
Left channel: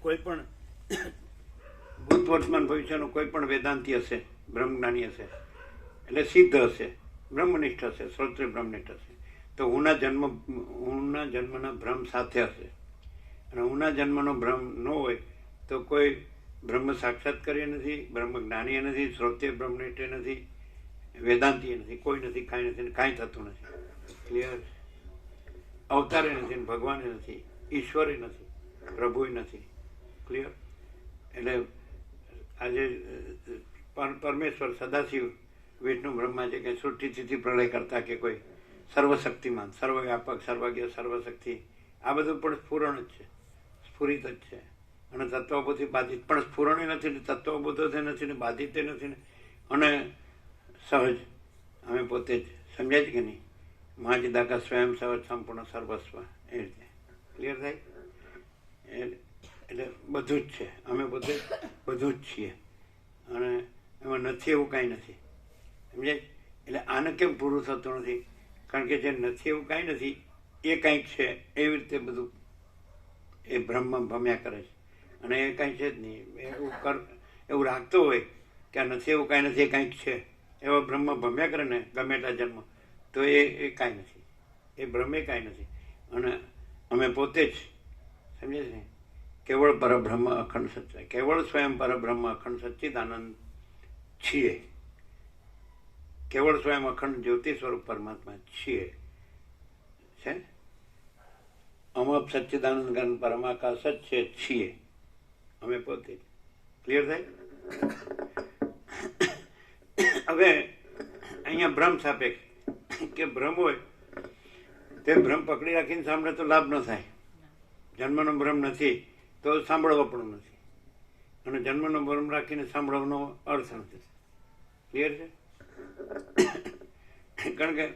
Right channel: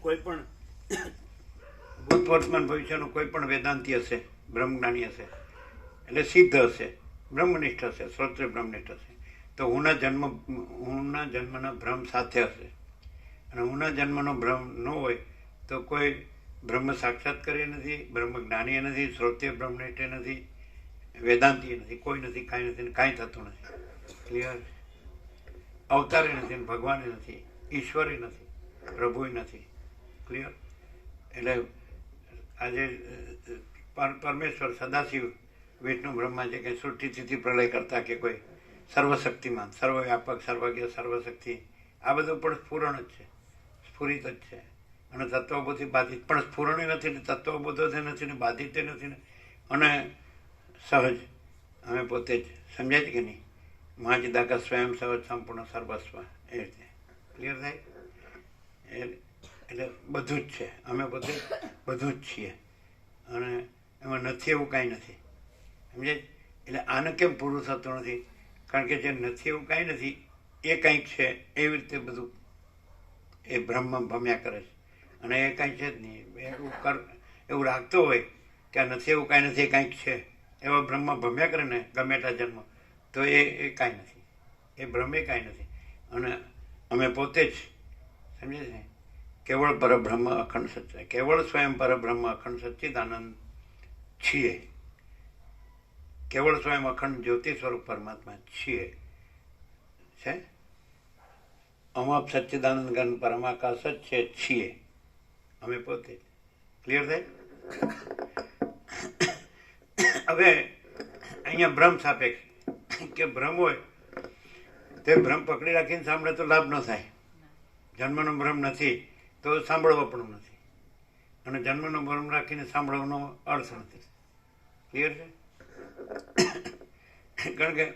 કોઈ પણ ભૂત વર્તમાન ભવિષ્યનો કોઈ પણ વેદાંતિ હશે, બ્રહ્મજ્ઞાની હશે, એટલે સિદ્ધ હશે, બ્રહ્મનિષ્ઠ હશે, શ્રોત્રિય બ્રહ્મનિષ્ઠ હશે, તો હુંના જન્મના ભ્રમ સાથે હશે. અને હુંના જન્મનો ભ્રમ ન હોય તો કોઈ બ્રહ્મ સાક્ષાત કરીએ નથી, બ્રહ્મ જ્ઞાની નથી, શ્રોત્રિય બ્રહ્મનિષ્ઠ નથી, વેદાંતિ નથી, કોઈ નથી, કાંઈ નથી, કાંઈ થતું નથી. ક્લિયર? અવતારે નથી, ભગવાને નથી, ઈશ્વરે નથી, પ્રભુએ નથી. ક્લિયર? એટલે આજે પરમેશ્વર સદાશિવ વિષ્ણુ બ્રહ્મા છે કે સૃષ્ટિ સ્થિતિ પ્રલય કરતા કે કોઈ સર્વશક્તિમાન, સર્વવ્યાપક, સર્વજ્ઞ, સર્વશક્તિ, આ બધું પણ સ્ફુરણ જ છે, સ્ફુરિત જ છે. અને તત્વબોધથી બાધિત પણ સ્ફુરણે નથી ને તત્વબોધોથી નથી ને બાધિત નથી ને, અને સહજ અમે પોતે જ. સમજાય છે કે નહીં? મહાચિદાકા સ્વયં સહજ સંપૂર્ણ સર્વસ્વ એ રીતે. ક્લિયર થાય? એટલે બધું જ છે. અમે પોતે બધું જ છીએ. અને એમાં નથી એવું કાંઈ નથી. સમજાય? એટલે આને કેમ પૂરું થતું નથી? કારણ કે જે નથી એવું કાંઈ નથી એ કંઈક છે એવી રીતે બધું એ બ્રહ્મમાં ભમ્યા કરે છે. અને એ કાંઈ છે જ નહીં. એવું રાખતો હોય કે આ નથી એવું કાંઈ નથી, એ કાંઈક છે, એવા બ્રહ્મમાં ભમ્યા કરે ને ગમે એટલા જન્મ, તો એ કાંઈ નથી. એ બ્રહ્મે કાંઈ નથી. અને અમે પોતે જ, સમજે છે, કેવળ પરબ્રહ્મ અખંડ સત્ય, કેવળ સ્વયં પરબ્રહ્મ અખંડ સચ્ચિદાનંદ છીએ. કેવળ સ્વયં અખંડ જ્યોતિ સ્વરૂપ પરમાત્મા છીએ. છે અમપ સચ્ચિદાનંદ ઘન પરમાકાશ જ છે, છીએ અમે પોતે. ક્લિયર થાય? હવે અહીંયા ભ્રમ સાપેક્ષ કે ભ્રમ હોય તે ભ્રમ પકડી રાખીને સાંભળે તો લાભ ન થાય. જન્મનો ભ્રમ નથી તો સાંભળવો પણ નથી. અને જન્મનો ભ્રમ રાખીને સાંભળવાનો અર્થ નથી. ક્લિયર છે? કારણ કે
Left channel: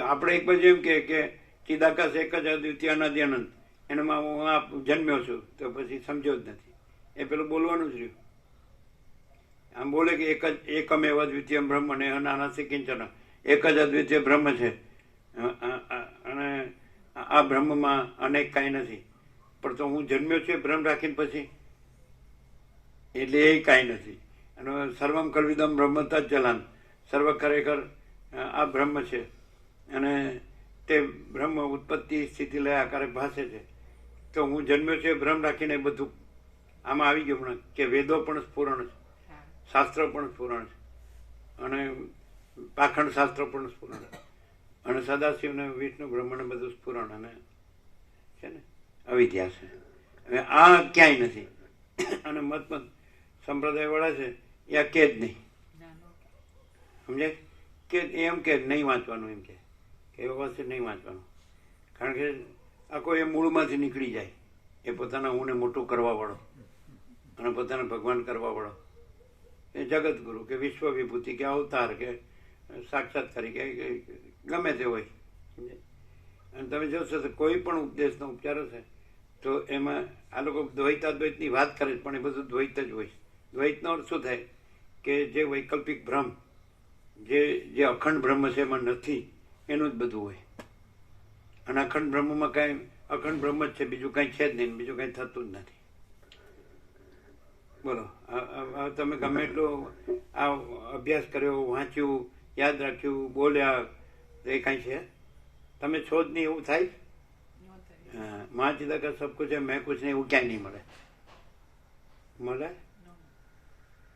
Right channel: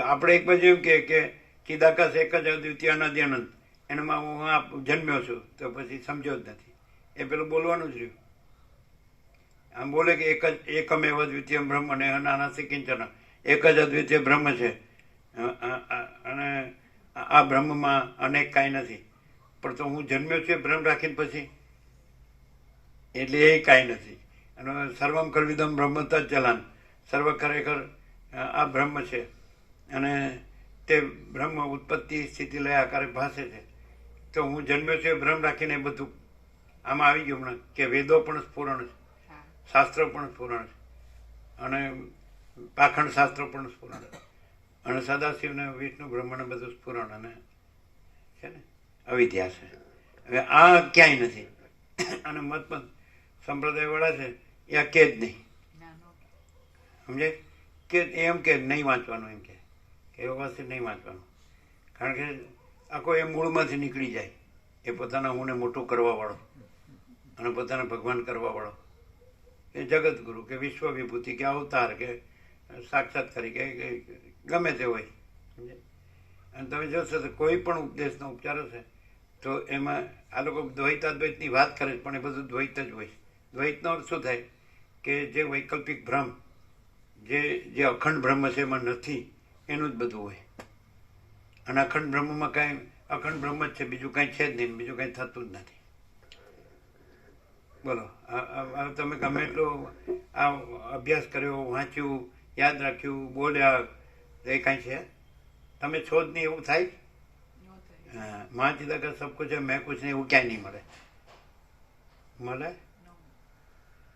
આપણે એક બાજુ એમ કે ચિદાકાશ એક જ અદ્વિતીય અનાદિ અનંત, એનામાં હું આ જન્મ્યો છું, તો પછી સમજ્યો જ નથી. એ પેલું બોલવાનું જ રહ્યું. આમ બોલે કે એકમેવ અદ્વિતીય બ્રહ્મ અને નાનાથી કિંચન, એક જ અદ્વિતીય બ્રહ્મ છે અને આ બ્રહ્મમાં અનેક કાંઈ નથી. પણ તો હું જન્મ્યો છું ભ્રમ રાખીને પછી, એટલે એ કાંઈ નથી. અને સર્વમ કલ્વિદમ બ્રહ્મ તત્ચલાન, સર્વ ખરેખર આ બ્રહ્મ છે. અને તે બ્રહ્મ ઉત્પત્તિ સ્થિતિ લય આકારે ભાષે છે. તો હું જન્મ્યો છું ભ્રમ રાખીને બધું આમાં આવી ગયું હમણાં કે વેદો પણ સ્ફુરણ છે, શાસ્ત્રો પણ સ્ફુરણ છે, અને પાખંડ શાસ્ત્રો પણ સ્ફુરણ છે, અને સદાશિવને વિષ્ણુ બ્રહ્મને બધું સ્ફુરણ અને છે ને અવિદ્યા છે. હવે આ ક્યાંય નથી. અને મત સંપ્રદાય વાળા છે એ આ કે જ નહીં. સમજે? કે એમ કે નહીં વાંચવાનું, એમ કે એવા પાસે નહીં વાંચવાનું. કારણ કે આખો એ મૂળમાંથી નીકળી જાય. એ પોતાના હુંને મોટું કરવા વાળો અને પોતાને ભગવાન કરવા વાળો, એ જગતગુરુ કે વિશ્વ વિભૂતિ કે અવતાર કે સાક્ષાત્કારી કે ગમે તે હોય. અને તમે જોશો તો કોઈ પણ ઉપદેશનો ઉપચાર હશે તો એમાં આ લોકો દ્વૈતાદ્વૈતની વાત કરે છે, પણ એ બધું દ્વૈત જ હોય. દ્વૈતનો અર્થ શું થાય કે જે વૈકલ્પિક ભ્રમ, જે અખંડ બ્રહ્મ છે એમાં નથી, એનું જ બધું હોય. અને અખંડ બ્રહ્મમાં કાંઈ અખંડ બ્રહ્મ જ છે, બીજું કાંઈ છે જ નહીં, બીજું કાંઈ થતું જ નથી. બોલો, આ તમે ગમે એટલો આ અભ્યાસ કર્યો, વાંચ્યું, યાદ રાખ્યું, બોલ્યા, એ કાંઈ છે? તમે છો જ નહીં એવું થાય? હા, માં ચિતા કા સબ કુછ હૈ મેં કુછ નહીં, એવું ક્યાંય નહીં મળે. મળે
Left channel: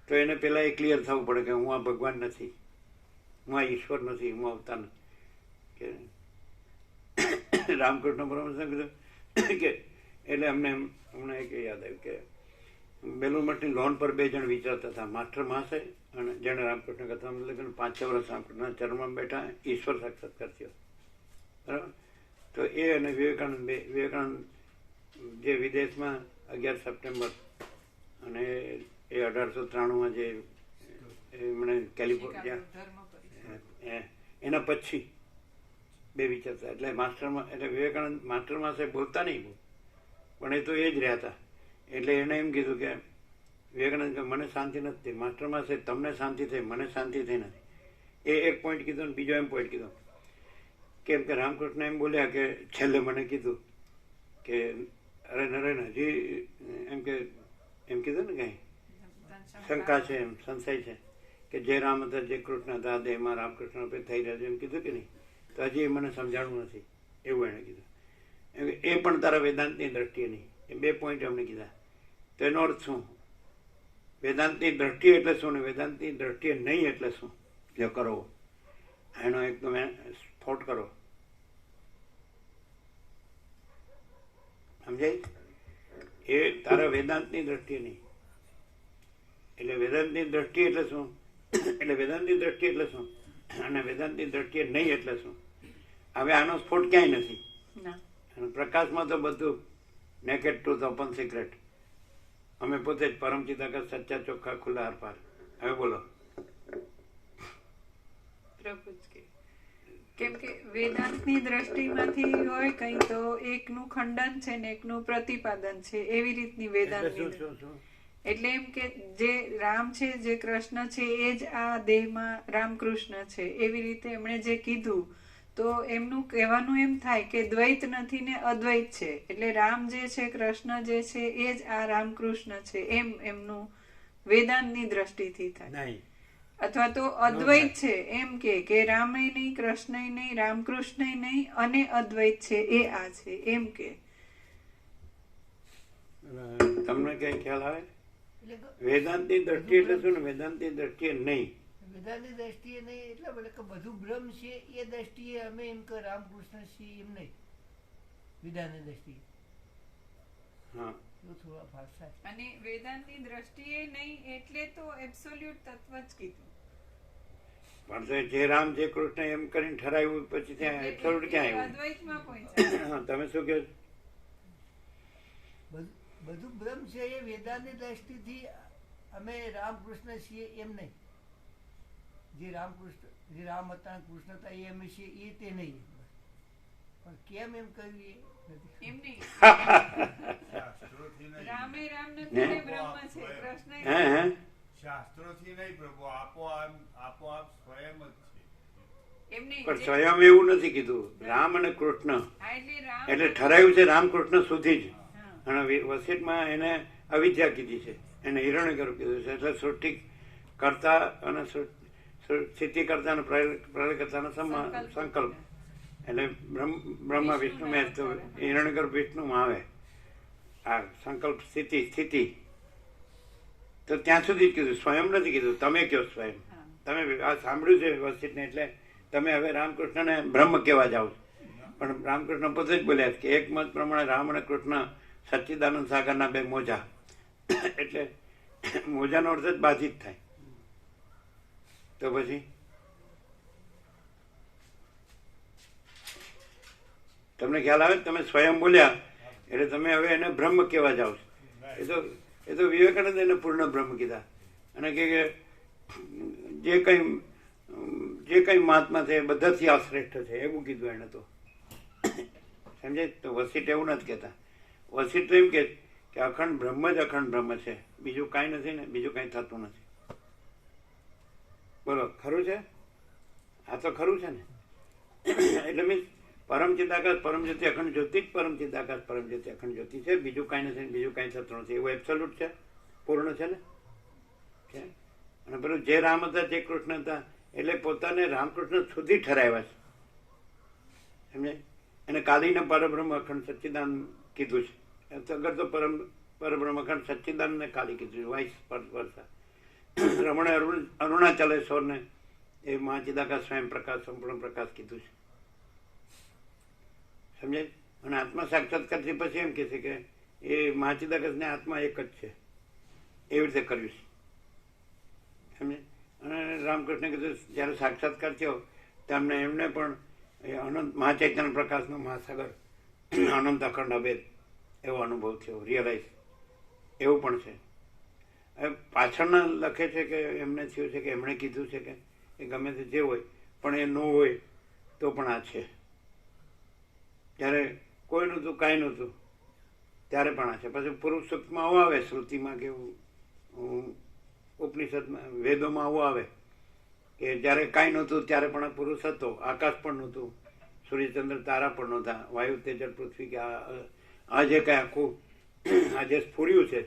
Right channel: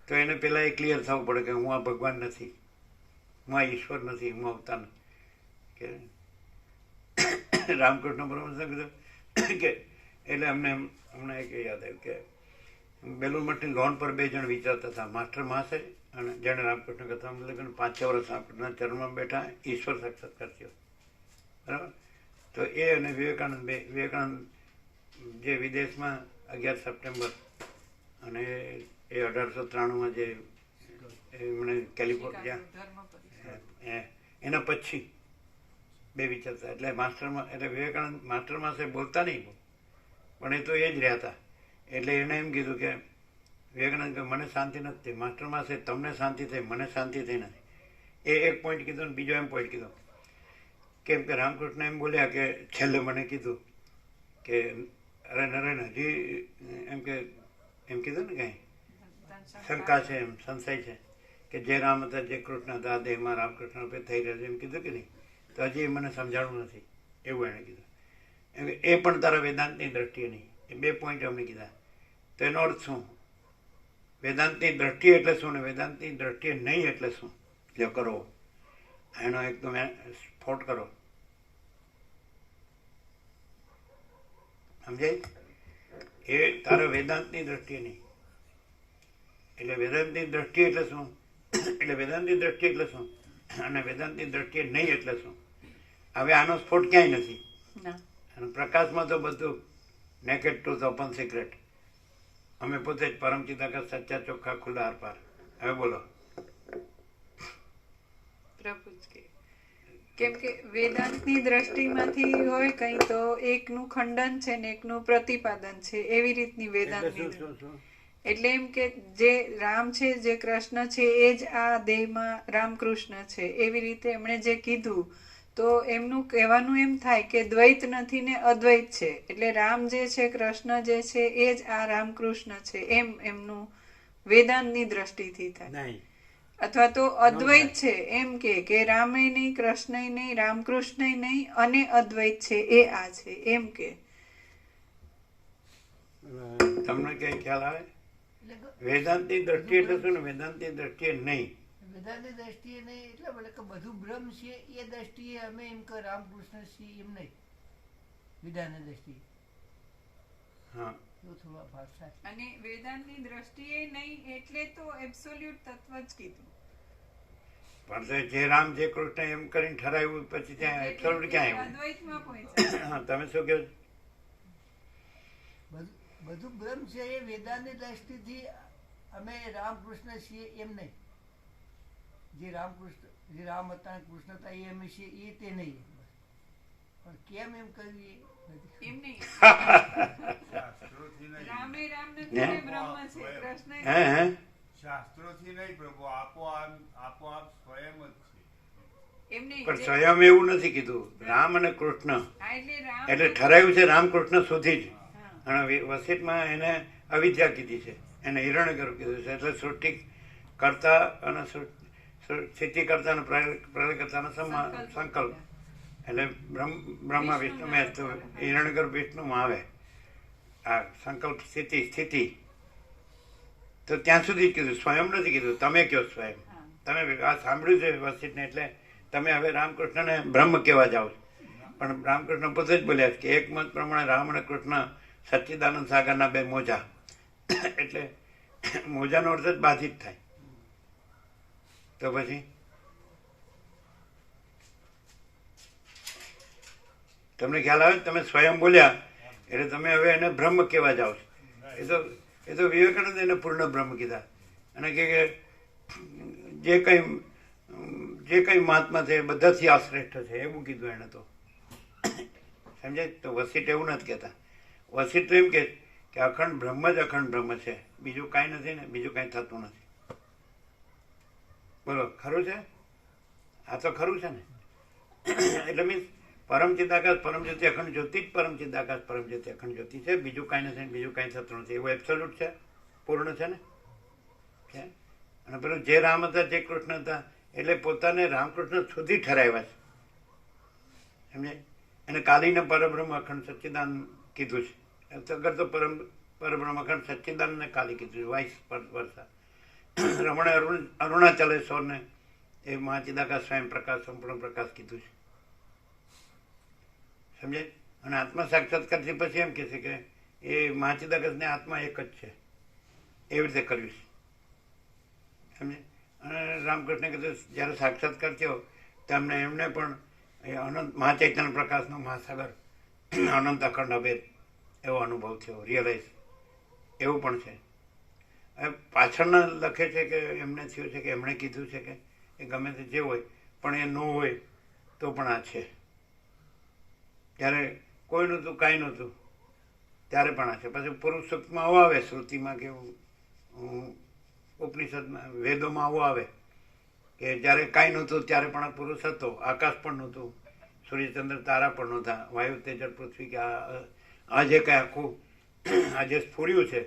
તો એને પહેલાં એ ક્લિયર થવું પડે કે હું આ ભગવાન નથી, હું આ ઈશ્વર નથી, હું અવતાર નથી. કે રામકૃષ્ણ પરમહંસે કીધું કે એટલે હમણાં એક યાદ આવ્યું કે બેલુર મઠની લોન પર 2 જણ વિચારતા હતા, માસ્ટર મહાશય અને જેણે રામકૃષ્ણ કથા લગ્ન 5-6 વર્ષ રામકૃષ્ણના ચરણમાં બેઠા, ઈશ્વર સાક્ષાત્કાર થયો. બરાબર? તો એ અને વિવેકાનંદ જે વિદેશમાં 11 સપ્ટેમ્બર અને એ 1893માં જે એમણે કેલિફોર્નિયા એના પછી 2 વિચારતા. એટલે વિવેકાનંદ માસ્ટરમાં સાહેબ બોલતા નહીં, પણ એ તો એ જ રહ્યા હતા. એટલે એણે એમ કીધું કે વિવેકાનંદ કે મને શાંતિ નથી, માસ્ટરમાં સાહેબ તમને શાંતિ થઈ, મને શાંતિ થઈ નથી. એ એક પોઈન્ટ કીધું ને બીજો એમ પોઈન્ટ કીધું કેમ કે રામકૃષ્ણ એમ બોલ્યા કે છેલ્લે મને કીધું કે અરે નરેન હજી એમ કીધું ને કંઈ શંકા છે, એમ સંશય છે કે જે રામ હતા, જે કૃષ્ણ હતા, દેહમાં રામકૃષ્ણ રૂપે થઈ રહ્યા છે, એમ કીધું કે નહીં? તો હજી મને સમજાણું નથી, એવું એણે કીધું. એ પણ તારા વેદાંતની દ્રષ્ટિએ નહીં. એ 2 પોઈન્ટ અમને કીધા. તો એનો અર્થ શું? વેદાંતની દ્રષ્ટિએ એટલે શું ને વેદાંતની દ્રષ્ટિએ નહીં એટલે શું? જો કરો એનો એકદમ સ્ફોટ કરો. સમજાય? એ તારા વેદાંતની દ્રષ્ટિએ નહીં. એટલે વેદાંતની દ્રષ્ટિ એટલે શું? એટલે વેદાંતની દ્રષ્ટિ એટલે શું અને વેદાંતની દ્રષ્ટિએ નહીં એટલે શું? હવે આનો સ્ફોટ ક્યાંય નથી. અને પ્રકાશમાં તો બધું નેકેડ ટ્રુથ, ઓપન સિક્રેટ. અમે પોતે જ પરમ ચિદાકાર, સચ્ચા ચોખ્ખા ખુલ્લા આરપાર. હવે બોલો. કેમ કે વેદાંતની દ્રષ્ટિમાંથી હોય કઈ તો એકનું ખંડન છે ને એકનું પ્રતિપાદન છે, એવી રીતની વેદાંત. એટલે એમ કે જે રામ છે, જે કૃષ્ણ છે, એ જ આ દેહમાં રામકૃષ્ણ છે, એવી રીતે એમણે જે કીધું. તો એમનું કહેવાનું એમ થાય કે દ્વૈત નથી ને અદ્વૈત છે. એટલે રામ જે છે, કૃષ્ણ જે છે, એ જ આ રામકૃષ્ણ છે, એમ એમનું વેદાંતની દ્રષ્ટિથી થાય. અથવા તો અદ્વૈત છે એમ કે રામે નહીં, કૃષ્ણ નહીં, રામકૃષ્ણ નહીં અને અદ્વૈત છે, એ આ છે એમ કે. તમને કઈ ખ્યાલ આવે? વેદાંતની દ્રષ્ટિ એટલે શું ને વેદાંતની દ્રષ્ટિએ નહીં? વેદાંતની દ્રષ્ટિએ નહીં એટલે બોલે કે બધું બ્રહ્મ છે, એ દ્રષ્ટિએ અમે એમ કે રામકૃષ્ણ છીએ એમ નહીં. વેદાંતની દ્રષ્ટિએ હા, એવું થોડું ભાષ થાય. અને વેદાંતની દ્રષ્ટિએ નહીં એટલે તો એબ્સોલ્યુટ તત્વ જ કીધું. પણ જે રામ, જે કૃષ્ણ એમ કરીને ઠરાવ્યું પછી ત્યાં એબ્સોલ્યુટ ક્યાં આવ્યું? અદ્વૈતમાં પહોંચ્યા. તમે શું કહો? બધું બ્રહ્મ છે, એ વેદાંતની દ્રષ્ટિથી અમે રામકૃષ્ણ છીએ એમ નહીં. જે રામ હતા, કૃષ્ણ હતા, એ અમે છીએ, એ તે નહીં. પણ કેમ એમ કહ્યું એમ નહીં. રામે રામ નથી ને બ્રહ્મ છે, કૃષ્ણ શાસ્ત્રોથી નહીં પ્રભુ, આપોઆપ સ્વયં જ છે. એમ નહીં. પણ સ્વયં એવું નથી કીધું. રામ અને કૃષ્ણ એટલે ઠરાયું છે રામકૃષ્ણ સુધી જ. અને વસિષ્ઠમાં એને અવિદ્યા કીધી છે, એને હિરણ્યગર્ભ કીધું છે. એટલે સૃષ્ટિ કરતા અને સ્થિતિ કરતા અને પ્રલય કરતાનો સંકલ્પ. એટલે બ્રહ્મા વિષ્ણુમાં હિરણ્યગર્ભ વિષ્ણુમાં આવે આ સંકલ્પ, સ્થિતિ. તો ત્યાં સુધી કીધું, સ્વયં નથી કીધું. તમે કહો સ્વયં. તમે આ સાંભળ્યું છે વસિષ્ઠને, એટલે તમે હવે રામકૃષ્ણને બ્રહ્મ કહેવા જાઓ. પણ રામકૃષ્ણ પોતે જ બોલ્યા કે એક મત પ્રમાણે રામ અને કૃષ્ણ સચ્ચિદાનંદ સાગરના 2 મોજા. એટલે મોજાનો અર્થ જ બાધિત થાય. તો પછી તમને ખ્યાલ આવે? તમે સ્વયં બોલ્યા એટલે તમે હવે એને બ્રહ્મ કહેવા જાઓ છો. એ તો વિવેકાનંદ એને પૂર્ણ બ્રહ્મ કીધા. અને કે જે કઈ મહાત્મા છે એ બધાથી આ શ્રેષ્ઠ છે, એવું કીધું એને. તો સમજાય? તો વસીટ એવું નથી કહેતા. વસીટ તો એમ કે અખંડ બ્રહ્મ જ અખંડ બ્રહ્મ છે, બીજું કાંઈ નથી ને બીજું કાંઈ થતું નથી. બોલો, ખરું છે? આ તો ખરું છે ને. એટલે મીન્સ પરમ ચિદાકાશ પરમ જ્યોતિ અખંડ જ્યોતિ જ પરમ ચિદાકાશ પરમ જ્યોતિ અખંડ જ્યોતિ છે, બીજું કાંઈ નથી, બીજું કાંઈ થતું નથી. એવું એબ્સોલ્યુટ છે, પૂર્ણ છે ને. છે. અને પેલું જે રામ હતા જે કૃષ્ણ હતા એટલે પોતાને રામકૃષ્ણ સુધી ઠરાવ્યા છે, સમજે? એને કાલીને પરબ્રહ્મ અખંડ સચ્ચિદાન કીધું છે. અગર તો પરબ્રહ્મ અખંડ સચ્ચિદાનને કાલી કીધું છે, વાઇસ વર્ષા. રમણે અરુણાચલેશ્વરને એ મહાચિદાકાશ સ્વયં પ્રકાશ સંપૂર્ણ પ્રકાશ કીધું છે, સમજે? અને આત્મા સાક્ષાત્કારથી પછી એમ કહે છે કે એ મહાચિદાકાશને આત્મા એક જ છે, એવી રીતે કર્યું છે, સમજે? અને રામકૃષ્ણે કીધું જ્યારે સાક્ષાત્કાર થયો તેમને એમને પણ એ અનંત મહાચૈતન્ય પ્રકાશનો મહાસાગર અનંત અખંડ અભેદ એવો અનુભવ થયો, રિયલાઇઝ એવું પણ છે. હવે પાછળના લખે છે કે એમને થયું છે કે એમણે કીધું છે કે એ ગમે તે જે હોય પણ એ ન હોય તો પણ આ છે. જ્યારે કોઈ નહોતું કાંઈ નહોતું ત્યારે પણ આ છે. પછી પુરુષ સૂક્તમાં આવું આવે, શ્રુતિમાં કે ઉપનિષદમાં વેદોમાં આવું આવે કે જ્યારે કાંઈ નહોતું ત્યારે પણ આ પુરુષ હતો, આકાશ પણ નહોતું, સૂર્યચંદ્ર તારા પણ નહોતા, વાયુ તેજલ પૃથ્વી કે આ જે કાંઈ આખું આ જે સ્ફુર્યું છે,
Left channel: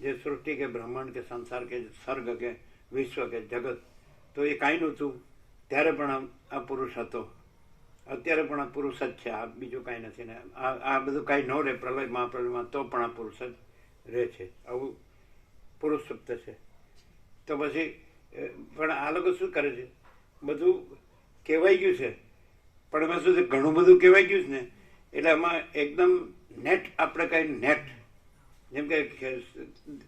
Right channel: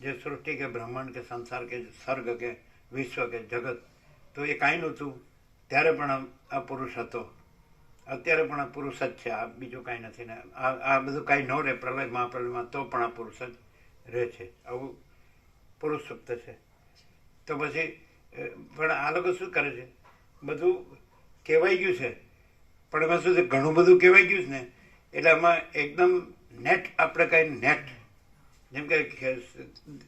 જે સૃષ્ટિ કે બ્રહ્માંડ કે સંસાર કે સર્ગ કે વિશ્વ કે જગત, તો એ કાંઈ નહોતું ત્યારે પણ આ પુરુષ હતો, અત્યારે પણ આ પુરુષ જ છે, આ બીજું કાંઈ નથી ને. આ બધું કાંઈ ન રહે પ્રલય મહાપ્રલયમાં તો પણ આ પુરુષ જ રહે છે. આવું પુરુષ સુપ્ત છે. તો પછી પણ આ લોકો શું કરે છે, બધું કહેવાઈ ગયું છે પણ એમાં શું છે, ઘણું બધું કહેવાઈ ગયું છે ને એટલે આમાં એકદમ નેટ આપણે કઈ નેટ, જેમ કે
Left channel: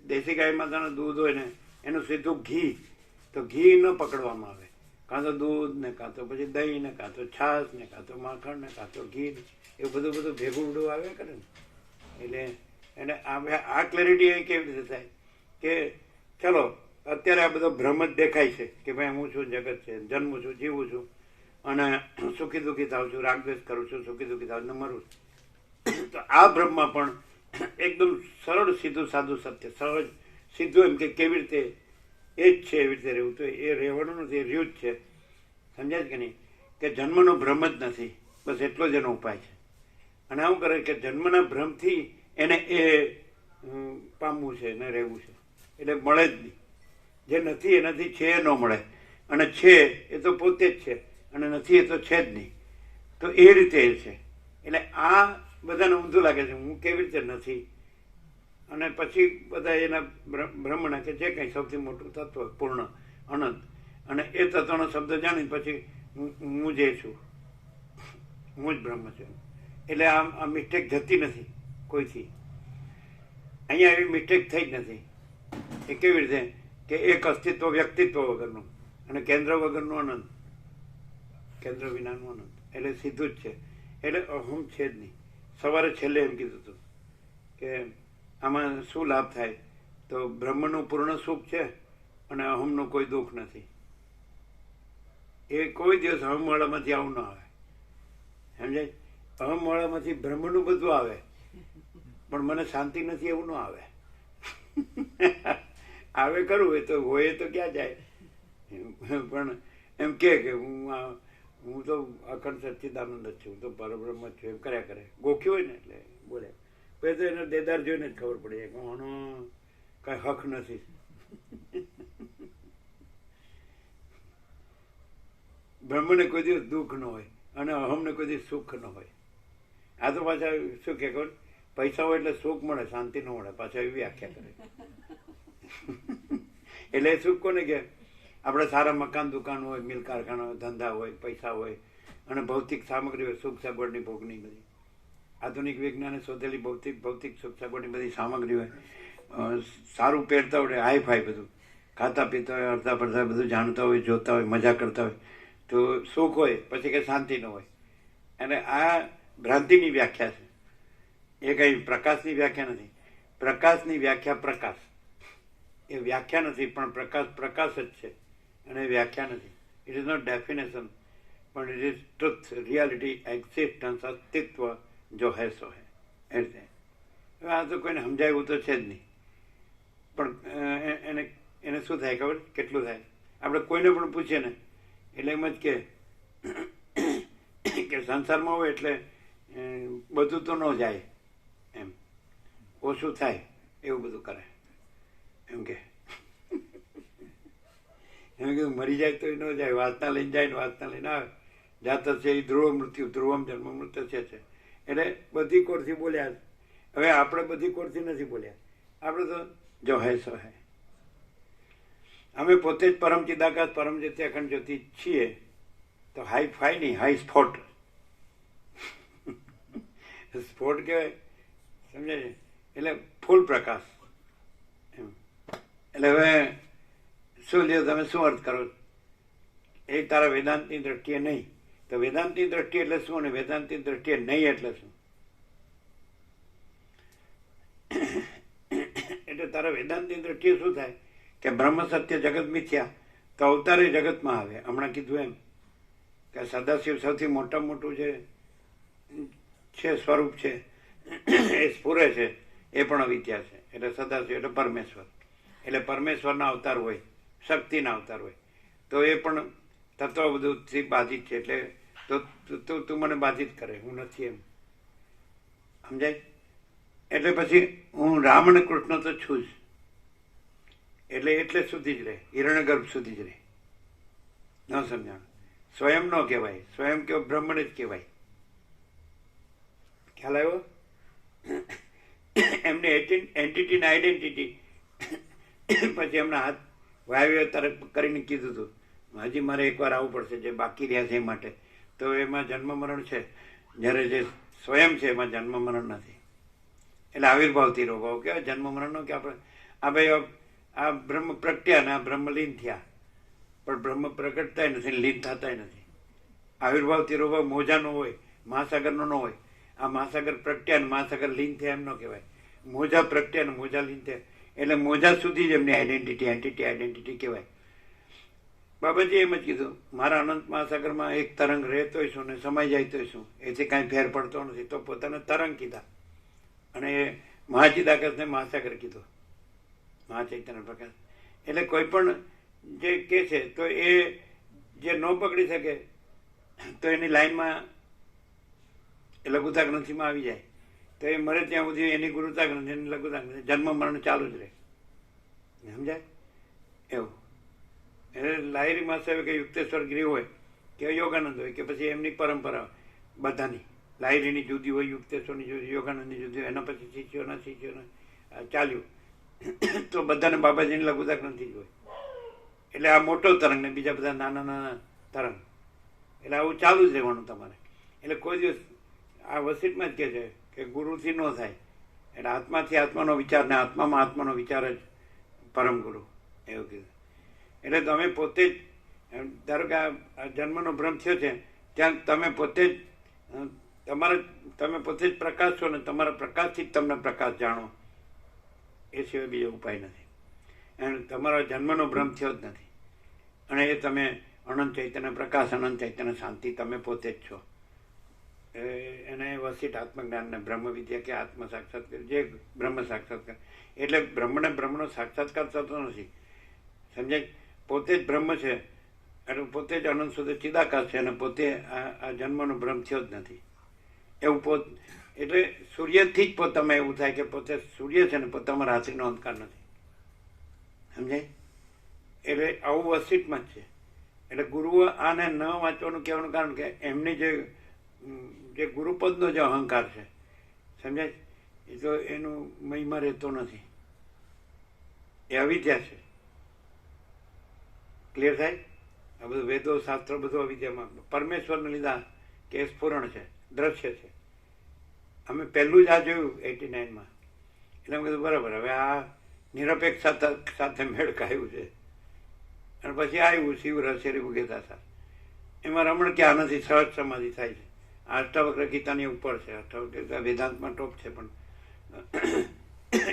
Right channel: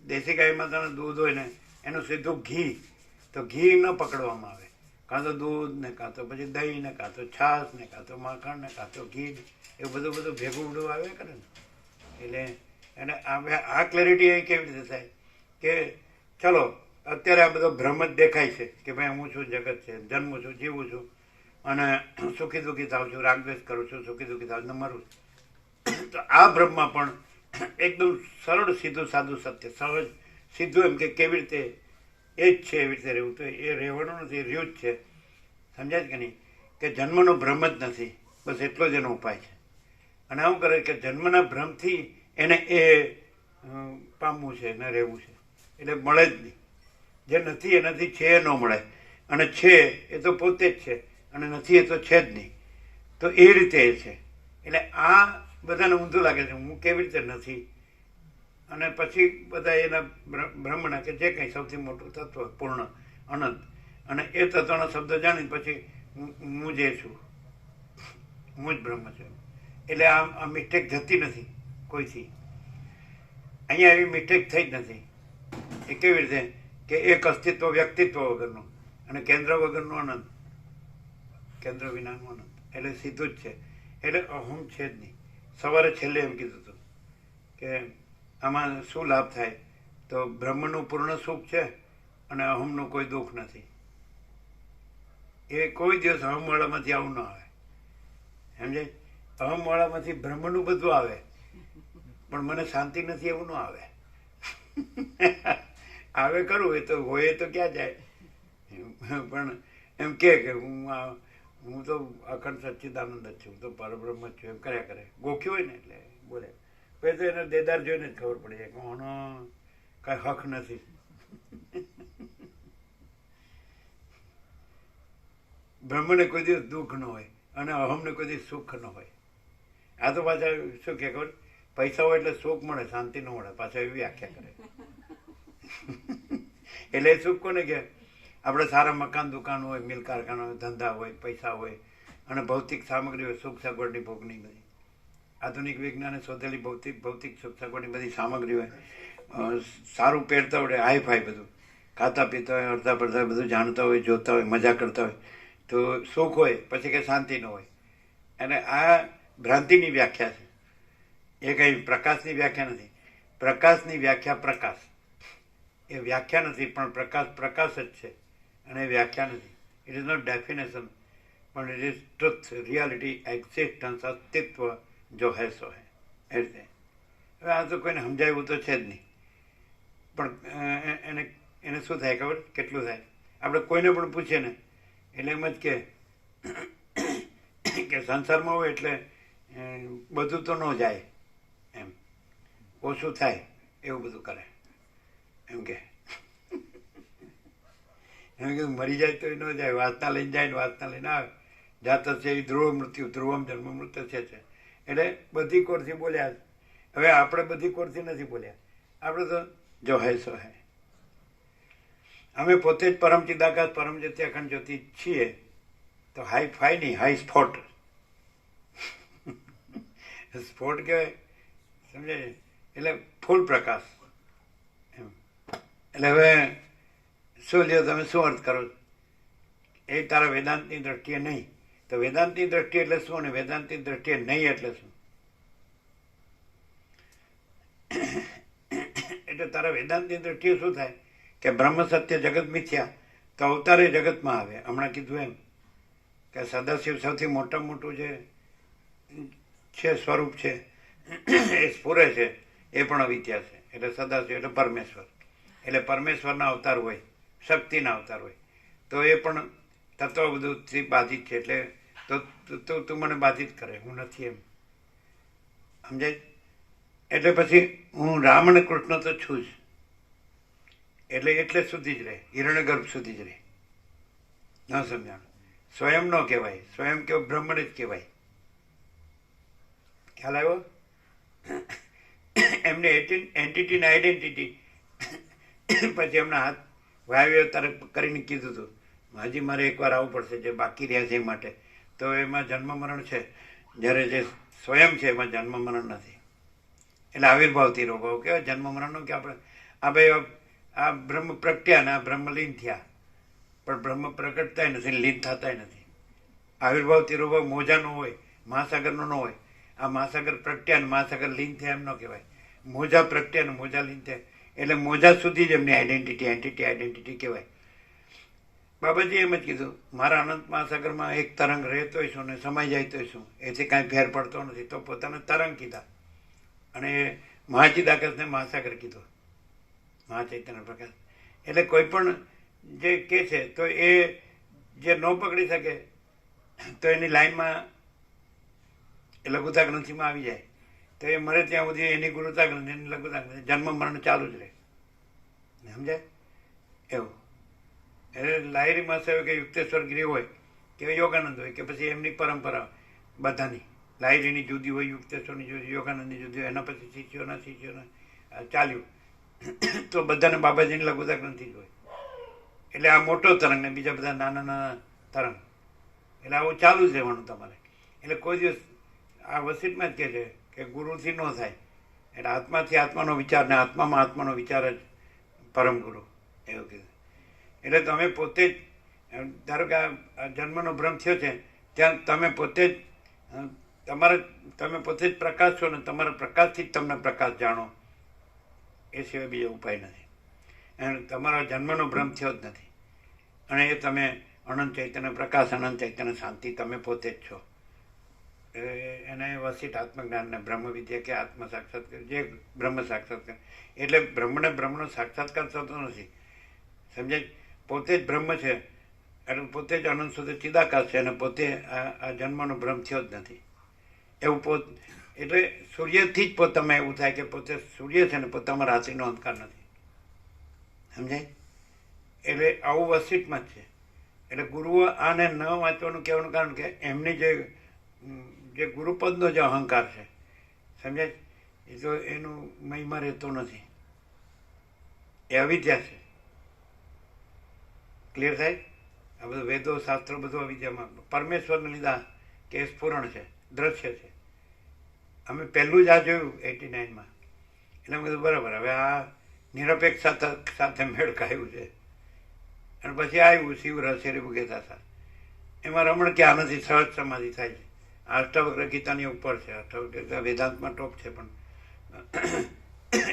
દેશી ગાય માતાનું દૂધ હોય ને એનું સીધું ઘી, તો ઘી ન પકડવામાં આવે, કાં તો દૂધ ને કાં તો પછી દહીં ને કાં તો છાશ ને કાં તો માખણ ને કાં તો ઘી ને એવું બધું ભેગું ઉડું આવે કરે ને. એટલે એને આ ક્લેરિટી અહીં કેવી રીતે થાય કે ચલો અત્યારે આ બધો ભ્રમ જ દેખાય છે કે ભાઈ હું છું, જગત છે, જન્મું છું, જીવું છું અને સુખી દુઃખી થાઉં છું, રાગદ્વેષ કરું છું, સુખી દુઃખી થાઉં છું, મરું છું. તો આ ભ્રમમાં પણ એકદમ સરળ સીધું સાદું સત્ય, સહજ સીધું એમ કે કેવી રીતે એ જ છે એવી રીતે રહેવું, તો એ રહેવાનું નથી, એ રહ્યું જ છે. સમજાય કે નહીં? કે જન્મનો ભ્રમ જ નથી, બસ એટલો જ એનો ઉપાય છે. અને આવું કરે કે જન્મના ભ્રમથી એને એ પામવું છે ને રહેવું છે, એટલે મળે જ નહીં. જે નથી એનાથી છે એ ન મળે, અને છે એ તો પોતે જ છે અને નથી એ તો છે જ નહીં. તો એ રીતે એ છે. એટલે આ બધાને ઊંધું લાગે છે, હું કેવી રીતે નથી, અને પછી બધા એના બ્રહ્મના કે જે કંઈ સૌથી મોટું તત્વ પૂર્ણ અનંત, અને એ તત્વનો શબ્દ જાણીને પછી હું જે છું, હું જ બ્રહ્મ છું. એટલે આ મિસ્ટેક જતી નથી કોઈથી. અહીંયા એવી મિસ્ટેક થઈ જ નથી. એ કેવી રીતે કે એક અસ્તિત્વ વ્યક્તિત્વ વગરનું અને કેન્દ્ર વગરનું અનંત, કેન્દ્ર વિનાનું અનંત, એટલે સીધું જ છે. એટલે અહમ છે જ નહીં. સવારે છેલ્લે એમ કીધું હતું કે આમાં શું લાભ થાય, તો બ્રહ્મનું પૂર્ણ સુખ છે અને અહમનું કોઈ દુઃખ નથી. એ કોઈ દિવસ અહમવાળામાંથી આવું ન આવે, સમજાય? અહમવાળામાંથી બ્રહ્મનું બધું આવે પણ મને શાંતિ નથી એવું ન આવે. આવે કરું એ તો હોય તો ક્યાં જાય, પણ એમ કે હું તો અખંડ સચ્ચિદાનંદ જ છું, હું તો પરબ્રહ્મ જ છું, એમ કર્યા કરે. ગોખ્યું હોય ને એટલે બોલે. પછી તો એનો દેદાર જોઈને જ ખબર પડી જાય કે આનો કાંઈ હક નથી. બ્રહ્મને કોઈ દિવસ દુઃખ ન હોય અને અહમને કોઈ દિવસ સુખ ન હોય. આ તો પાછા શું કે ખબર, પૈસા હોય એટલે સુખ મળે, શાંતિ ન મળે, પાછા એવી વ્યાખ્યા કરે. એટલે એ સુખ કોને કે આપણે સારા મકાન દુકાન હોય, મિલ કારખાના હોય, ધંધા હોય, પૈસા હોય અને ભૌતિક સામગ્રી હોય, સુખ સગવડની ભોગની બધી આધુનિક વિજ્ઞાને શોધેલી ભૌતિક સુખ સગવડની બધી સામગ્રી હોય, સારું પહેરતા હોય, હાઈ ફાઈ બધું, ખાતા પીતા હોય, અડધા પડધા બધું જાણતા હોય, જોતા હોય, મજા કરતા હોય, તો સુખ હોય પછી કંઈ શાંતિ ન હોય. અને આ ભ્રાંતિની વ્યાખ્યા છે, એ કંઈ પ્રકાશની વ્યાખ્યા નથી. પ્રકાશની વ્યાખ્યા પ્રકાશ, એ વ્યાખ્યા નથી, પણ પ્રકાશ પ્રકાશ જ છે અને એ વ્યાખ્યા નથી. ઇટ ઇઝ નોટ ડેફિનેશન, પણ it is truth, reality, existence, અસ્તિત્વ, જો હે સો હે એ રીતે. હવે આ તો કોઈને સમજાવ્યું તો છે જ નહીં, પણ એને શું થાય ખબર કેટલું થાય? આપણે કોઈને પણ પૂછીએ ને એટલે એમ જ કે સંસારમાં હોય એટલે બધું તો ન જાય, એમ ઓછું થાય એવું બધું કરે. એમ કે મરી જાય તો ન જાય, વાસના લઈને જાય ને વાસના લઈને આવે. જાત છે એ ધ્રુવ મૃત્યુ, ધ્રુવમ જન્મ મૃત્યુ છે. એટલે બધી કોરથી બોલ્યા. હવે આપણે બધી કોરથી નથી બોલ્યા, આપણે તો જો હે સો હે. અમે પોતે જ પરમ ચિદાકાશ પરમ જ્યોતિ અખંડ જ્યોતિ છીએ, તો હાઈ ફાઈ નહીં, હાઈ સ્પોટ. સ્પોટ કહેવાય, સમજાય છે? એટલે ફૂલ પ્રકાશ એમ. એટલે હવે શું લ્યો તમે શું અર્થ કરો? એ તારા વેદાંતની દ્રષ્ટિએ નહીં, તો વેદાંતની દ્રષ્ટિએ એટલે શું અને વેદાંતની દ્રષ્ટિએ નહીં એટલે શું? એટલે તારા વેદાંતની દ્રષ્ટિએ શું થાય કે બ્રહ્મ સત્ય જગત મિથ્યા, તો અવતારે જગતમાં આવે. હમણાં કીધું એમ કે સદાશિવ સૌથી મોટામાં મોટું છે સ્વરૂપ છે, એ સ્ફુરે છે, એ પણ અવિદ્યા છે. એટલે સદાશિવ એટલે પરમેશ્વર, એટલે પરમેશ્વરના અવતાર હોય, શક્તિના અવતાર હોય, તો એ પણ તત્વ બધુંથી બાધિત છે. એટલે તો તું મને બાધિત કરે, હું નથી, એમ સમજાય? એટલે પછી હું રામ અને કૃષ્ણ તો છું જ, એટલે સુધી જ રહે, હિરણ્યગર્ભ સુધી જ રહે. ન સમજાણ? સ્વયં ન કહેવાય, સ્વયં કેવું બ્રહ્મને જ કહેવાય. ખ્યાલ આવ્યો? એમને એન્ટિટીને આઈડેન્ટિટી પછી એમના હાથ વાયવ્ય તરફ કરીને કીધું હતું, હજી મારે એકવાર આવવું પડશે જે બાકી રહ્યા છે એ માટે. તો એમાં જન્મ મરણ છે, જ્યારે જે સ્વયં છે એમાં જન્મ મરણ નથી. એટલે આવિર્ભાવથી રોભાવ કહેવાય જન્મ મરણનો, કે આપણે આ ભાઈ આ બ્રહ્મ પ્રગટ્યા ને આ બ્રહ્મ લીન થયા, પણ બ્રહ્મ પ્રગટતાય નથી, લીન થતાય નથી. આવિર્ભાવથી રોભાવ મોજાનો હોય, મહાસાગરનો ન હોય. આ મહાસાગર પ્રગટ્યા ને મહાસાગર લીન થયા એમ ન કહેવાય. મોજા પ્રગટ્યા ને મોજા લીન થયા, એટલે મોજા સુધી જ એમની આઈડેન્ટિટી કહેવાય. બાબાજી એમ જ કીધું, મારા અનંત મહાસાગરમાં એક તરંગ રહેતો છું ને સમાઈ જાય તો શું, એથી કાંઈ ફેર પડતો નથી. તો પોતાને તરંગ કીધા, અને એ મહાચિદાકાશને મહાસાગર કીધો, મહાચૈતન્ય પ્રકાશ. એટલે કોઈ પણ જે કે છે તો એ જે ન પકડી શકે તો એની લાઈનમાં એ લઘુતા ગ્રંથિમાં આવી જાય, તો એ મરે ત્યાં સુધી એની ગુરુતા ગ્રંથિ, એની લઘુતા ગ્રંથિ, જન્મ મરણ ચાલુ જ રહે. સમજાય? એવું. એટલે લાહિરી માસે કે યુક્તેશ્વર ગિરી હોય કે યોગાનંદ હોય કે પછી એમની પરંપરા બધાની, લાહિરીની જુદી હોય, યુક્તેશ્વરની જુદી, યોગાનંદની જુદી હોય, એના પછી શિષ્યોના ચાલ્યું તો બધાને બાબાજીની લઘુતા ગ્રંથિ જ હોય. એટલે આ મોટો તરંગ ને બીજા બધા નાના નાના તરંગ, એટલે આવું ચાલુ જ રહેવાનું તમારે. એટલે કોઈ દિવસ આ વસીટમાં જ કહે છે કે ગુરુથી ન થાય, એટલે આત્માથી આત્માનો વિચાર ને આત્મામાં આત્માનો વિચાર જ પરમ ગુરુ, એવું કીધું. એટલે તમે પોતે જ ધારો કે આ જન્મનો ભ્રમ થયો છે, ત્યાં તમે પોતે જ તમે પોતે જ પ્રકાશ છો ને તમારા પ્રકાશથી જ તમને પ્રકાશ જાણો, એ સિવાય બીજો ઉપાય નથી. અને તમારો જન્મનો ભ્રમ થયો જ નથી, અને એ તમે અનંત ચૈતન્ય પ્રકાશ, અનંત ચૈતન્ય શાંતિ તમે પોતે જ છો. એને વસિત આત્મજ્ઞાનને બ્રહ્મ વિદ્યા કે આત્મ સાક્ષાત્કાર, જે બ્રહ્મ સાક્ષાત્કાર, એટલે બ્રહ્મને બ્રહ્મનો સાક્ષાત્કાર થતો નથી. સમજાય? પોતે જ બ્રહ્મ છે, એટલે પોતે જ અનંત સુધી ચિદાકાશ છે, અને પોતે આ જન્મનો ભ્રમ થયો જ નથી. એવું એટલે સૂર્યથી જ પોતામાં એવું થાય કે પોતે સૂર્ય છે ને પોતામાં રાત્રિનો અંધકાર નથી. સમજાય? એટલે આવું વસિતમાં જ છે. એટલે ગુરુઓ આને ન વાંચવાનું કહેવાનું કારણ કે એમની જે ગુરુપદનો જે અહંકાર છે, સમજાય, એ તો એનું મહિમા રહેતો નથી, એ અવિદ્યા છે. ક્લિયર થાય? આ બધું વેદો શાસ્ત્રો બધું અવિદ્યામાં પરમેશ્વરને લીધા કે એ સ્ફુરણ છે, દ્રશ્ય છે. અમે પહેલું જ આ જોયું 89માં, એટલે અમે કીધું બરાબર, હવે આ નિરપેક્ષ સાથે મેળ ખાયું છે. અને પછી આવ્યું શિવ રહસ્યરી ભુગેતા, એમાં રમણ ક્યાં નથી, સહજ સમાધિ થાય છે. અષ્ટાવક્ર ગીતાની ઉપર છે, અષ્ટાવક્ર ગીતા વેદાંતમાં ટોપ છે, પણ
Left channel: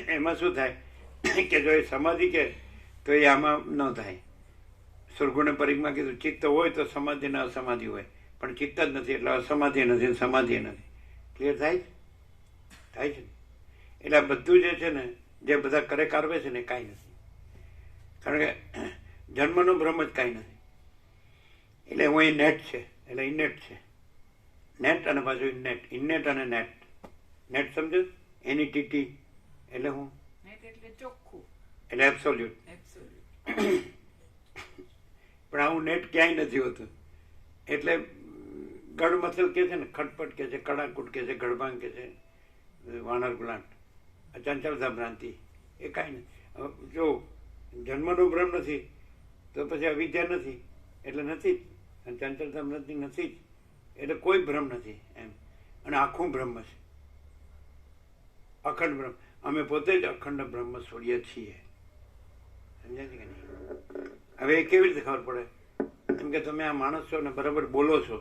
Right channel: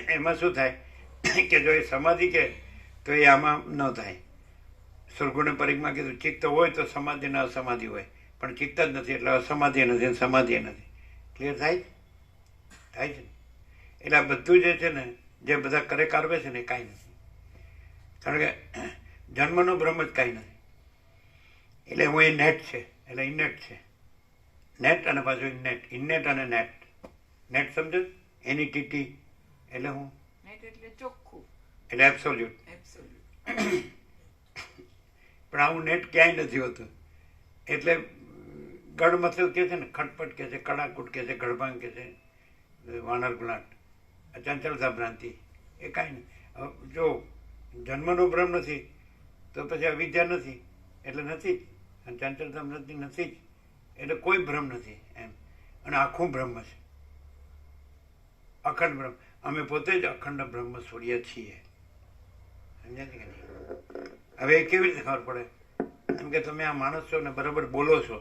એમાં શું થાય કે જો એ સમાધિ કે તો એ આમાં ન થાય. સુરગુણે પરિગમાં કીધું ચિત્ત હોય તો સમાધિ ને અસમાધિ હોય, પણ ચિત્ત જ નથી એટલે અસમાધિ નથી, સમાધિ નથી. ક્લિયર થાય છે? થાય છે ને? એટલે આ બધું જે છે ને, જે બધા કરે કારવે છે ને એ કાંઈ નથી. કારણ કે જન્મનો બ્રહ્મ જ કાંઈ નથી. એટલે હું એ નેટ છે, એટલે ઇનેટ છે. નેટ અને પાછું ઇનેટ, ઇનેટ અને નેટ. નેટ સમજો? એની ટીટી એટલે હું, નેટ એટલે ચોખ્ખું, એટલે એબ્સોલ્યુટ. એબ્સોલ્યુટ. પણ આવું નેટ ક્યાંય નથી હોતું. એટલે ગઢ મથલ કે છે ને, ખટપટ કે છે, કડાકૂટ કે છે, ગઢભાંગ કે છે, વાનર ગુલાટ, ચંચળતા ભ્રાંતિ, એ કાંઈ નહીં. હવે જો જન્મનો બ્રહ્મ નથી તો પછી અવિદ્યા નથી, એટલે નથી જ. અને ચંચળતા ભ્રાંતિ નથી જ, એટલે કોઈ ભ્રમ નથી એમ. અને આખું બ્રહ્મ છે, અખંડ બ્રહ્મ. અમે પોતે જ અખંડ બ્રહ્મ સૂર્ય છીએ. સમજાય છે કે નહીં? હવે એ કેવી રીતે ખબર પડે? એમ કે તમે આ માણસ છો ને બરાબર બોલો છો,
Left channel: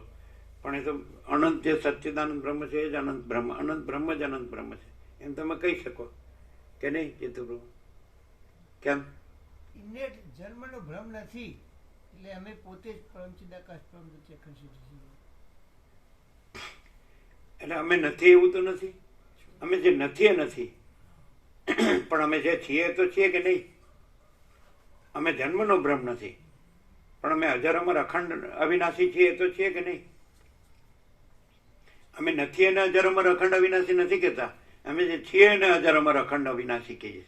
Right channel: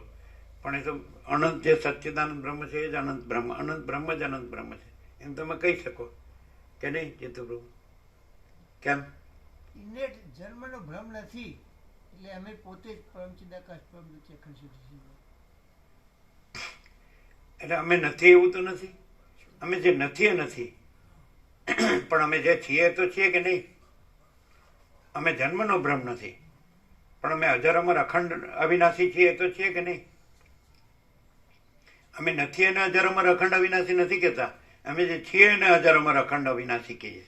પણ એ તો અનંત જે સચ્ચિદાનંદ બ્રહ્મ છે એ જ અનંત બ્રહ્મ, અનંત બ્રહ્મ જ અનંત બ્રહ્મ છે, એમ તમે કહી શકો કે નહીં ચેતુપ્રભુ? કેમ? ઇનેટ જન્મનો ભ્રમ નથી, એટલે અમે પોતે જ પરમચિદાકાશ પરમ જ્યોતિ અખંડ શુદ્ધ છીએ. એટલે અમે નથી એવું તો નથી. અમે જે નથી એ નથી, પણ અમે જે છીએ તો છીએ કે નહીં? અમે જન્મનો બ્રહ્મ નથી, પણ અમે અજર અમર અખંડ અવિનાશી છીએ તો છીએ કે નહીં? અમે નથી એને અજર અમર અખંડ અવિનાશી નથી કહેતા, અમે જે છીએ એને અજર અમર અખંડ અવિનાશી કહીએ.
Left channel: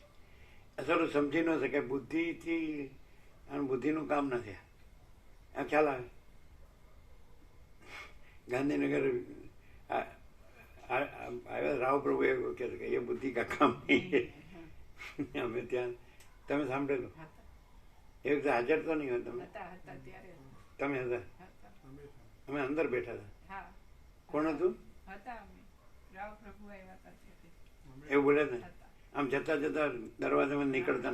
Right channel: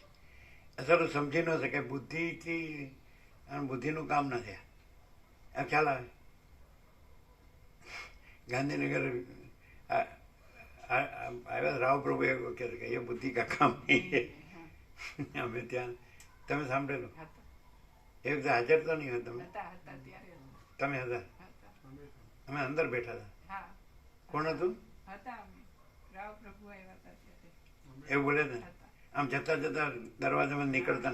અસર સમજી ન શકે. બુદ્ધિથી બુદ્ધિનું કામ નથી. આ ખ્યાલ આવે? ગાંધીનગર આવ્યા રાવ પ્રભુ એવું કહે કે એ બુદ્ધિ કા કામ નહીં. અમે ત્યાં તમે સાંભળેલું? એ વખતે હાજર તો નહીં હોય તમે? તમે હતા? અમે અંદર બેઠા હતા. કોણ હતું? એવું બોલે ને? આમ જતા જતા દરવાજામાં નીકળતા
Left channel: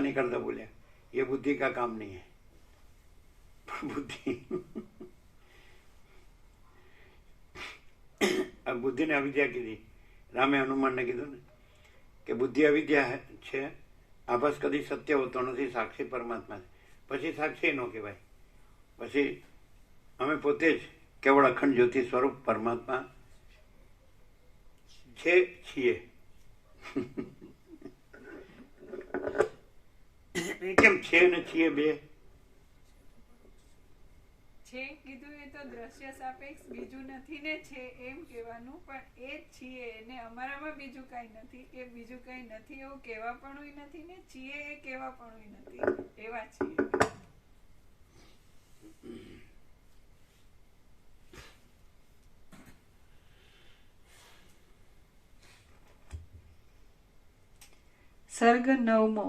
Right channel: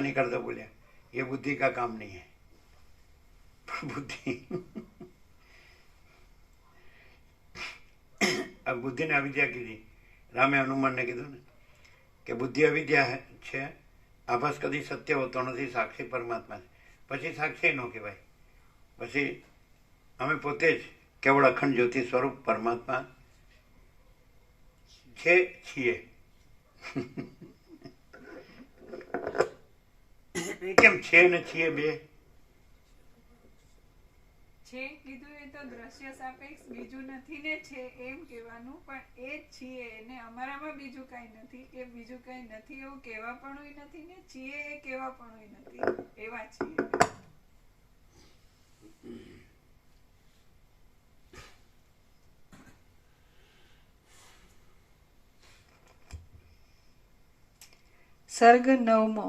નીકળતા બોલ્યા એ બુદ્ધિ કા કામ નહીં હે. બુદ્ધિ આ બુદ્ધિને અવિદ્યા કીધી. રામે હનુમાનને કીધું ને કે બુદ્ધિ અવિદ્યા છે, આભાસ કદી સત્ય હોતો નથી, સાક્ષી પરમાત્મા છે. પછી સાક્ષી ન કહેવાય. પછી અમે પોતે જ કેવળ અખંડ જ્યોતિ સ્વરૂપ પરમાત્મા છીએ. કેમ છે ને છીએ બે? છે કીધું એ તો દ્રશ્ય સાપેક્ષ, બીજું નથી ને છે એમ કહેવાનું, પણ એ જ છીએ, એને અમારામાં બીજું કઈ નથી, કે બીજું કઈ નથી એવું કહેવા પણ નથી ને છીએ એ કહેવા પણ નથી, એવા છીએ. સર્ગ 9મો.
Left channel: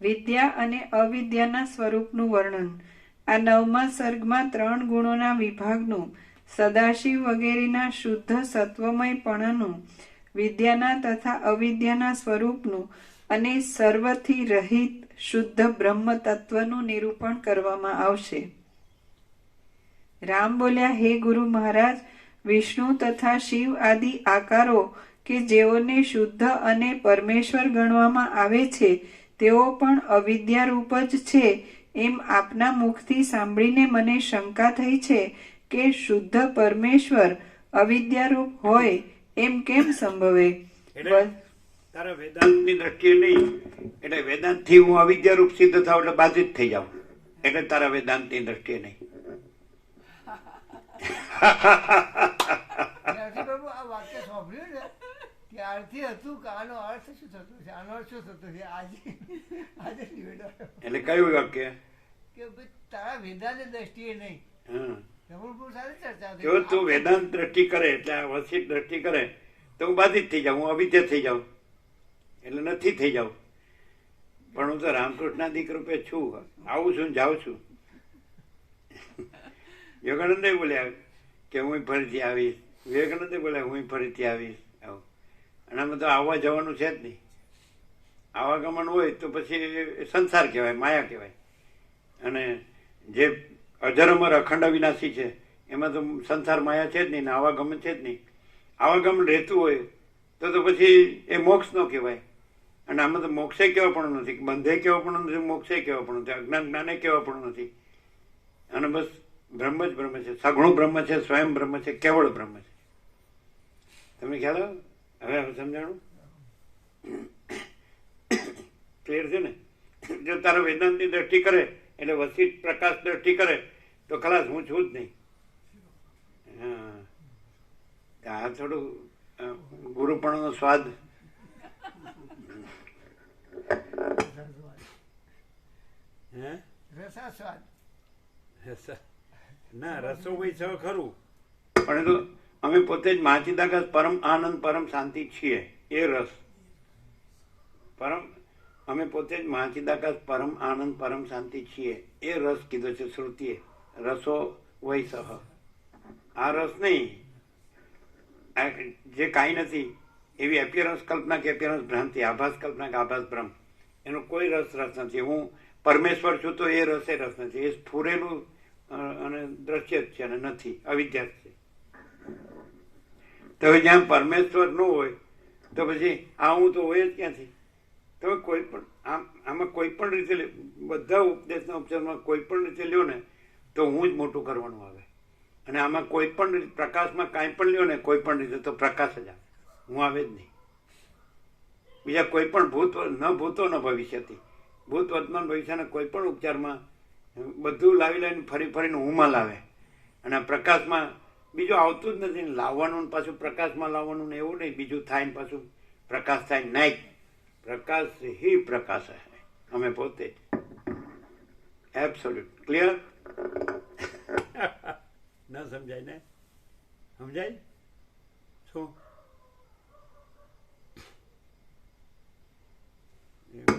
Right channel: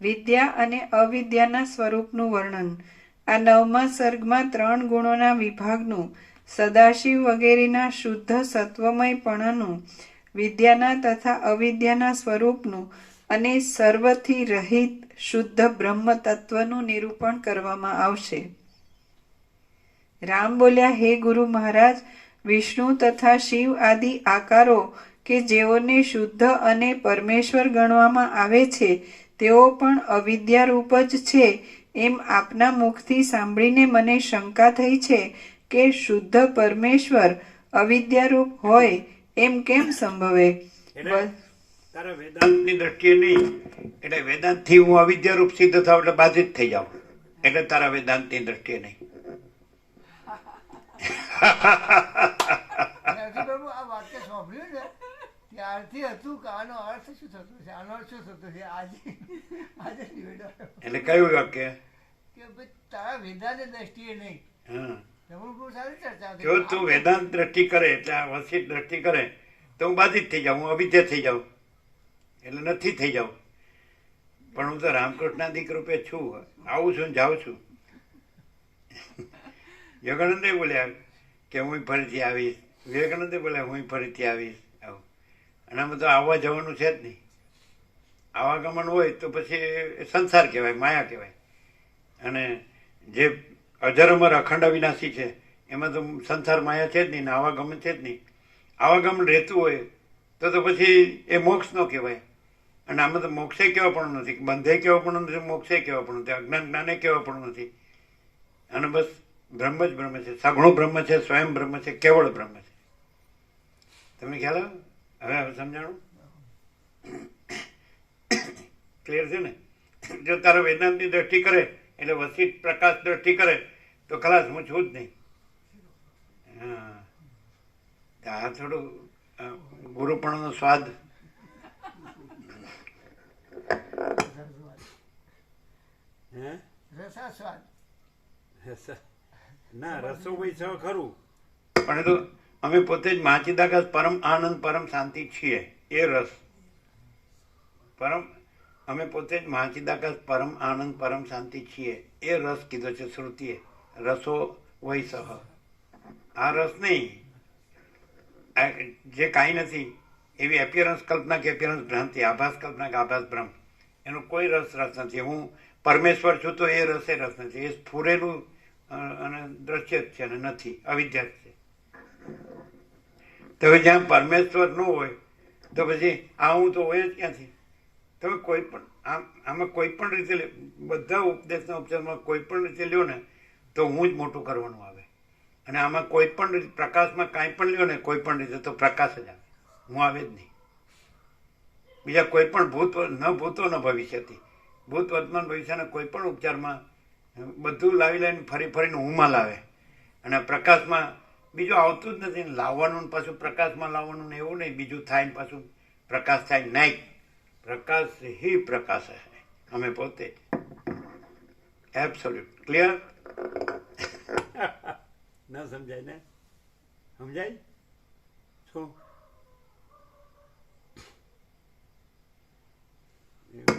વિદ્યા અને અવિદ્યાના સ્વરૂપનું વર્ણન. આ 9મા સર્ગમાં 3 ગુણોના વિભાગનું, સદાશિવ વગેરેના શુદ્ધ સત્વમયપણાનું, વિદ્યાના તથા અવિદ્યાના સ્વરૂપનું અને સર્વથી રહિત શુદ્ધ બ્રહ્મ તત્વનું નિરૂપણ કરવામાં આવશે. રામ બોલ્યા, હે ગુરુ મહારાજ, વિષ્ણુ તથા શિવ આદિ આકારો કે જેઓને શુદ્ધ અને પરમેશ્વર ગણવામાં આવે છે, તેઓ પણ અવિદ્યારૂપ જ છે એમ આપના મુખથી સાંભળીને મને શંકા થઈ છે કે શુદ્ધ પરમેશ્વર અવિદ્યારૂપ હોય એમ કેમ સંભવે? તારા વેદાંતની દ્રષ્ટિએ નહીં, એટલે વેદાંતથી હું અવિદ્યારૂપ સિદ્ધ થાવ એટલે બાધિત થઈ જાઉં, એટલે તારા વેદાંતની દ્રષ્ટિએ નહીં. બાબુ આ વાક્ય સાંભળ્યું ને ત્યારથી હતું કે આનો અર્થ શું થતો છે, આનો અર્થ શું થતો છે. આજે નિવેડો એટલે કયું વાક્ય? કે ભાઈ તારા વેદાંત દ્રષ્ટિએ નહીં. બહુ સારી ચર્ચા થઈ. જો તું વેદાંત દ્રષ્ટિ કરે એટલે આ વસિત દ્રષ્ટિ કરે તો હું બાધિત થઈ જાઉં, હું અવિદ્યા થઈ જાઉં, એટલે નથી થઈ જાઉં. પણ હું તો રામકૃષ્ણાદિક રૂપે છું, આવું છું, જાઉં છું. યોગાનંદે બોલ્યા કે હું ફરીથી આવીશ, વિવેકાનંદે બોલ્યા હું ફરીથી આવીશ. આવું અને આમાં તો આવવા જવાનું છે જ નહીં. આવાગમન હોય તો પછી સંસાર કહેવાય, માયા કહેવાય. અને જે અજરમર અખંડ અવિનાશી છે એમાં તો સંસાર માયા છે જ નહીં ને આવાગમન છે જ નહીં. આવાગમન રહેતું હોય તો પછી એ મોક્ષ ન કહેવાય. અને આમાં તો મોક્ષે કહેવા પણ નથી, બંધે કહેવા પણ નથી, મોક્ષે કહેવા પણ નથી, અજ્ઞાન જ્ઞાને કહેવા પણ નથી. અને બસ બ્રહ્મ જ બ્રહ્મ છે, સગુણો બ્રહ્મ છે, સ્વયં બ્રહ્મ છે, કેવળ બ્રહ્મ છે. તમને ખ્યાલ આવે? હવે સમજાણું? ક્લિયર છે ને? જો તારો વેદાંતની દ્રષ્ટિ કરે એટલે વસીઠ પ્રકાશ દ્રષ્ટિ કરે તો ખલાસ, હું છું જ નહીં. હા, આ થોડું ગુરુપણાનો સ્વાદ. હે રસાસ્વાદ. ના, રસો ભાઈ છે ખરું, પણ એ તો અમે પોતે જ મહાચિદાકાશ પરમ આનંદ પરમ શાંતિ છીએ. એ રસ પરમ, અમે પોતે જ મહાચિદાકાશ પરમ આનંદ પરમ શાંતિ છીએ. એ રસ કીધો છે શ્રુતિએ, રસો વૈ સહ. આ રસ નહીં, જે કાંઈ નથી એવી એપિયરન્સ કલ્પના કે એપિયરન્સ ભ્રાંતિ, આભાસ કલ્પના કે આભાસ ભ્રમ, એનો કોઈ રસ નથી. હું પરમેશ્વર છું તો એ રસે રસ નથી. એ સ્ફુરેલું અને દ્રશ્ય જ છે અને નથી, અવિદ્યા જ છે. તો હવે જ્યાં પરમેશ્વર ન હોય તો પછી આ હું તો હોય જ ક્યાંથી? તમે કોઈ પણ આમાં કોઈ પણ રીતે બધા ઉપદેશના ઉપચારમાં કોઈ પણ રીતે લ્યો ને તો હું જ મોટું કરવાનું આવે. અને આમાં કોઈ પણ રીતે પ્રકાશમાં કાંઈ પણ લ્યો ને કોઈ પણ રીતે તો પ્રકાશ જ આવે, હું આવે જ નહીં. બીજા કોઈ પણ ભૂતો ન ભવિષ્યથી, ભૂત વર્તમાન ભવિષ્યના કોઈ પણ ઉપચારમાં બધું લાવી લાવીને ફરી ફરીને હુંમાં લાવે. અને પ્રકાશમાં બીજું આવતું જ નથી. લાવવાનું પાછું પ્રકાશમાં લાવવાનું ને એવું નહીં, બીજું થાય ને પાછું પ્રકાશ થાય નહીં. પ્રકાશ હી પ્રકાશ હે, અમે પોતે. Absolute clear? ન સમજાય ને? સમજાય શું?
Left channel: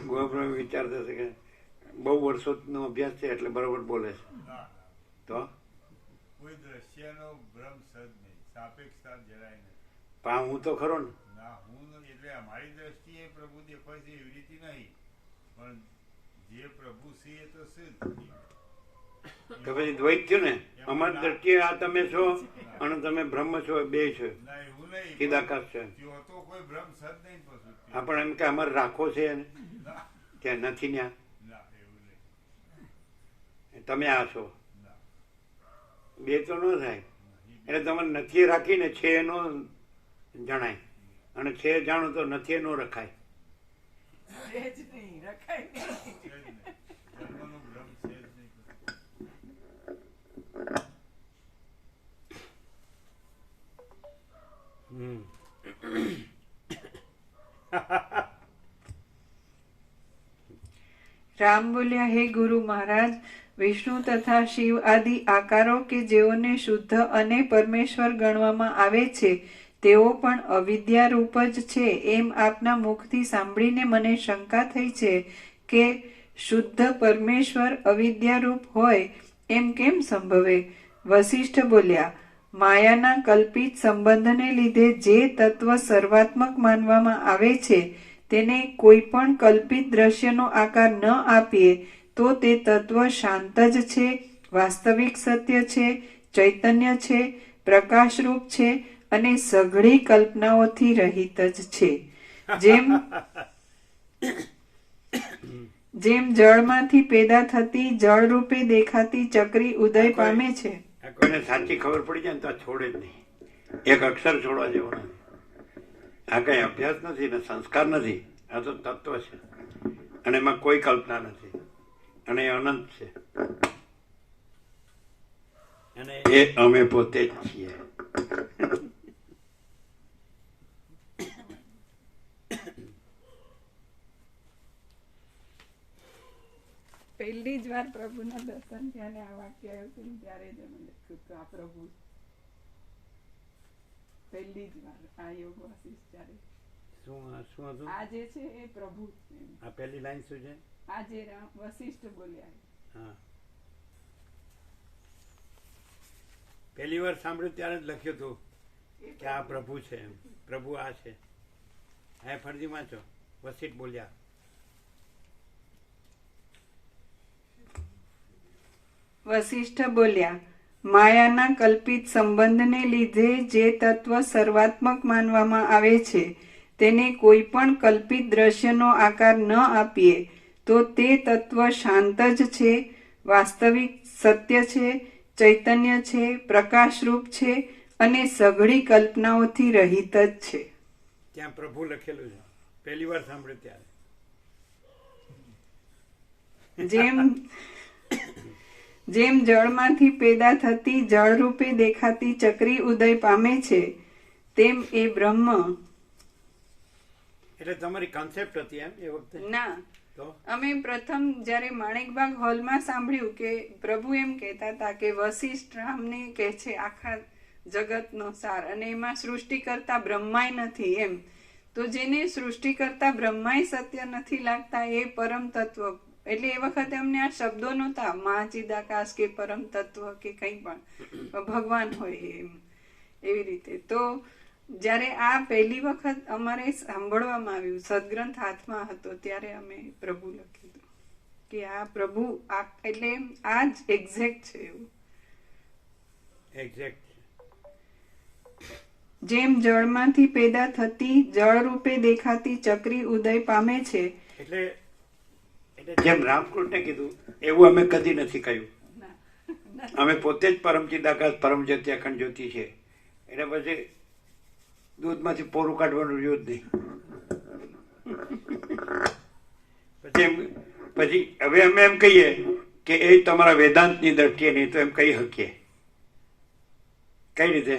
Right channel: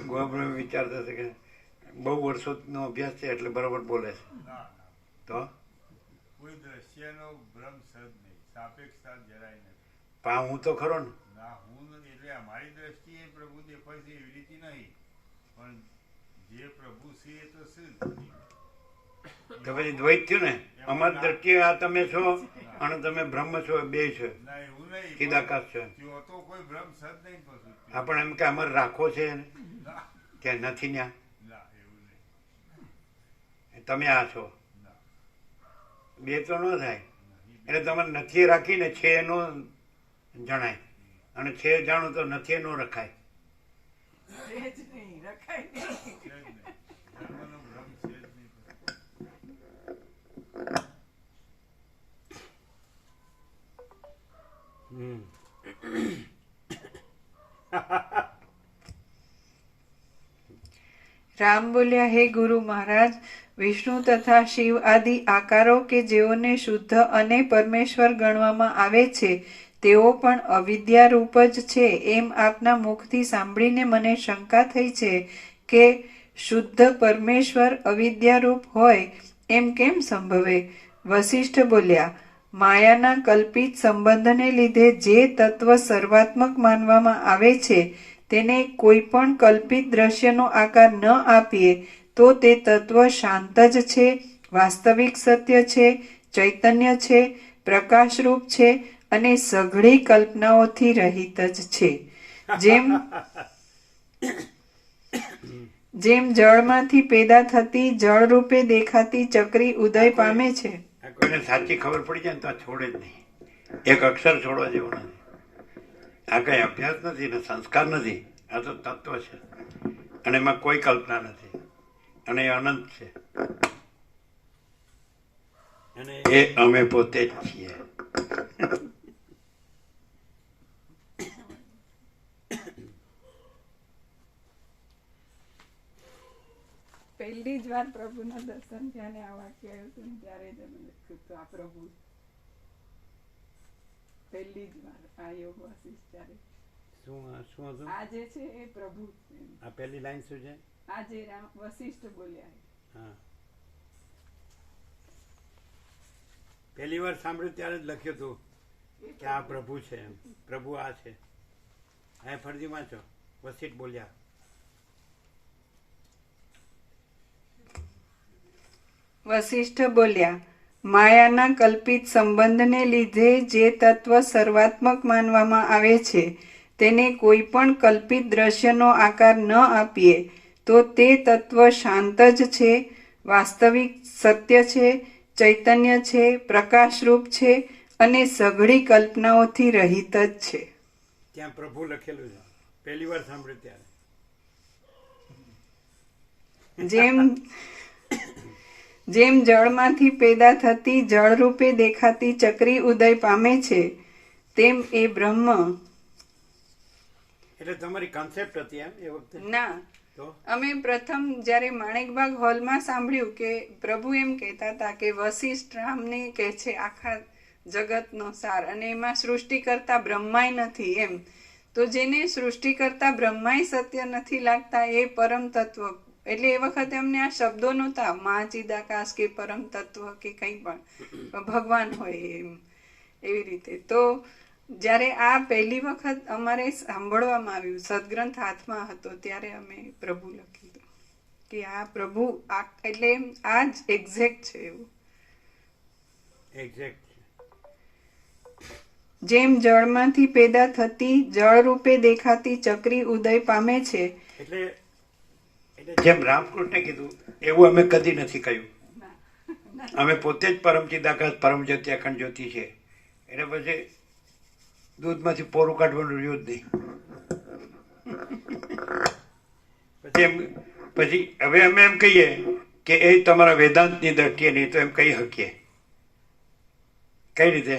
ગોબ્રહ્મ વિચારતા છે કે બહુ વર્ષોનો અભ્યાસ છે એટલે બરોબર બોલે છે. તો કોઈ દ્રશ્યનો ભ્રમ સદ નહીં, સાપેક્ષતા જરાય નથી. પણ હું તો ખરો ને. ના, હું નથી. એટલે અમારી દ્રષ્ટિએ પ્રભુ દેખાય છે એવી રીતે નહીં, પણ જે પ્રભુ છે એ તો છે જ. તો પછી દ્વૈત થયું ને. અમારી દ્રષ્ટિએ આ તમે છો અને તમે બ્રહ્મ છો, બે છે, ના, એવું નહીં. ચિદાકાશ છે. ત્યાં તો કોઈ ભ્રમ સદ નહીં પછી. આપણે એમ કે અમારે રાખો છે ના, કે નથી ત્યાં, ના, એવું નહીં. તમે આ છો, ના, બે તો ન થાય. એટલે તમારે નથી રાખીને છે એનો જણાય, અને છે જાણો તો નથી એનો રખાય. છે જ નહીં, રખાય નહીં. છે જ નહીં. ધર્મનો ભ્રમ છે જ નહીં. રામ બોલ્યા, હે ગુરુ મહારાજ, વિષ્ણુ તથા શિવ આદિ આકારો કે જેઓને શુદ્ધ અને પરમેશ્વર ગણવામાં આવે છે તેઓ પણ અવિદ્યા રૂપ જ છે એમ આપના મુખથી સાંભળીને મને શંકા થઈ છે કે શુદ્ધ પરમેશ્વર અવિદ્યારૂપ હોય એમ કેમ સંભવે? વશિષ્ઠ બોલ્યા, માયાના કલ્પિત સંબંધને લીધે જે તત્વ સર્વાત્મક માનવામાં આવે છે તેને કોઈ પણ કલ્પિત દ્રશ્યનો આકાર ન આપીએ તો તે તત્વ શાંત જ છે, વાસ્તવિક સત્ય છે, ચૈતન્ય છે, પ્રકાશરૂપ છે અને સઘળી કલ્પનાઓથી રહિત જ છે. જેમ જળમાંથી પેદા થતી જળ રૂપે દેખાતી ચક્રી ઉદય પામે છે. આ કોઈને સાચી ખબર પડી જાય ને તો છોડે જ નહીં. એક અક્ષર છોડવા જેવો નથી. આ કઈ અભ્યાસ નથી ને સંસ્કાર નથી, આ તો તત્વ છે અને એમાં કોઈ કલ્પના નથી અને એ અનંત છે અને એ અમે પોતે જ છીએ. પહેલી જ વાર પ્રભુના દર્શન થયા ને આ વાક્ય આવ્યું હતું ને ત્યારે જ મને કીધું આ પ્રભુ પહેલી જ વાર આ યોગ વશિષ્ઠ ત્યારે શું હતું આ જે છે એ પ્રભુ છે. આ પહેલી લાઈન શું છે? આ જે રામ વશિષ્ઠ બોલ્યા હા, પહેલી વાર સાંભળ્યું ત્યારે જ લખ્યું હતું કે આ પ્રભુ છે, એમ પ્રભુ આ છે. હા, ફરજી વાંચો. વશિષ્ઠ બોલ્યા, વશિષ્ઠ બોલ્યા, માયાના કલ્પિત સંબંધને લીધે જે તત્વ સર્વાત્મક માનવામાં આવે છે તેને કોઈ પણ કલ્પિત દ્રશ્યનો આકાર ન આપીએ તો તે તત્વ શાંત જ છે, વાસ્તવિક સત્ય છે, ચૈતન્ય છે, પ્રકાશરૂપ છે અને સઘળી કલ્પનાઓથી રહિત જ છે. ત્યાં પ્રભુ લખેલું છે, પહેલી વાર સાંભળ્યું ત્યારે. જેમ જળમાંથી પેદા થતી જળરૂપે દેખાતી ચક્રી ઉદય પામે છે, તેમ એ બ્રહ્મ. એટલે તમારી કોન્સેપ્ટ હતી એમ એ વખતે? ના, તો અમે પ્રથમ જ્યારે માણેકબાગ હોલમાં સાંભળ્યું કે પ્રભુ એમ કહેતા હતા કે વશિષ્ઠ રામને કહે છે આખા જગતનો સાર, અને એમાં સૃષ્ટિ કરતા બ્રહ્માય નથી એમ. તો જેને સૃષ્ટિ કરતા બ્રહ્માય સત્ય નથી લાગતા એ પરમ તત્વ. એટલે એ વખતે અમને આ શબ્દો નહોતા, મહાચિદાકાશ કે પરમ તત્વ કે કંઈ પણ ભગવાન હોય એમ એવી રીતે. તો જ્યારે આ પહેલી વખત અમારે સાંભળવામાં આવ્યું, સદગ્રંથ હાથમાં હતો, ત્યારે અમે પ્રભુ લખી દો કે આ પ્રભુ એટલે આ જ એક્ઝેક્ટ છે એવું. એક્ઝેક્ટ. જેમ જળમાંથી પેદા થતી જળરૂપે દેખાતી ચક્રી ઉદય પામે છે. એટલે જેમ રામકૃષ્ણે કીધું એવું અમે કદી નથી કહ્યું. અમે પોતે જ પરમ ચિદાકાશ પરમ જ્યોતિ અખંડ જ્યોતિ છે. એટલે પછી દૂધમાંથી પોરું કાઢવાનું રહ્યું જ નહીં. પછી હવે અમે એમ કહીએ કે એ તમારા વેદાંતની દ્રષ્ટિએ નહીં તો એમ કહી શકીએ. કઈ રીતે?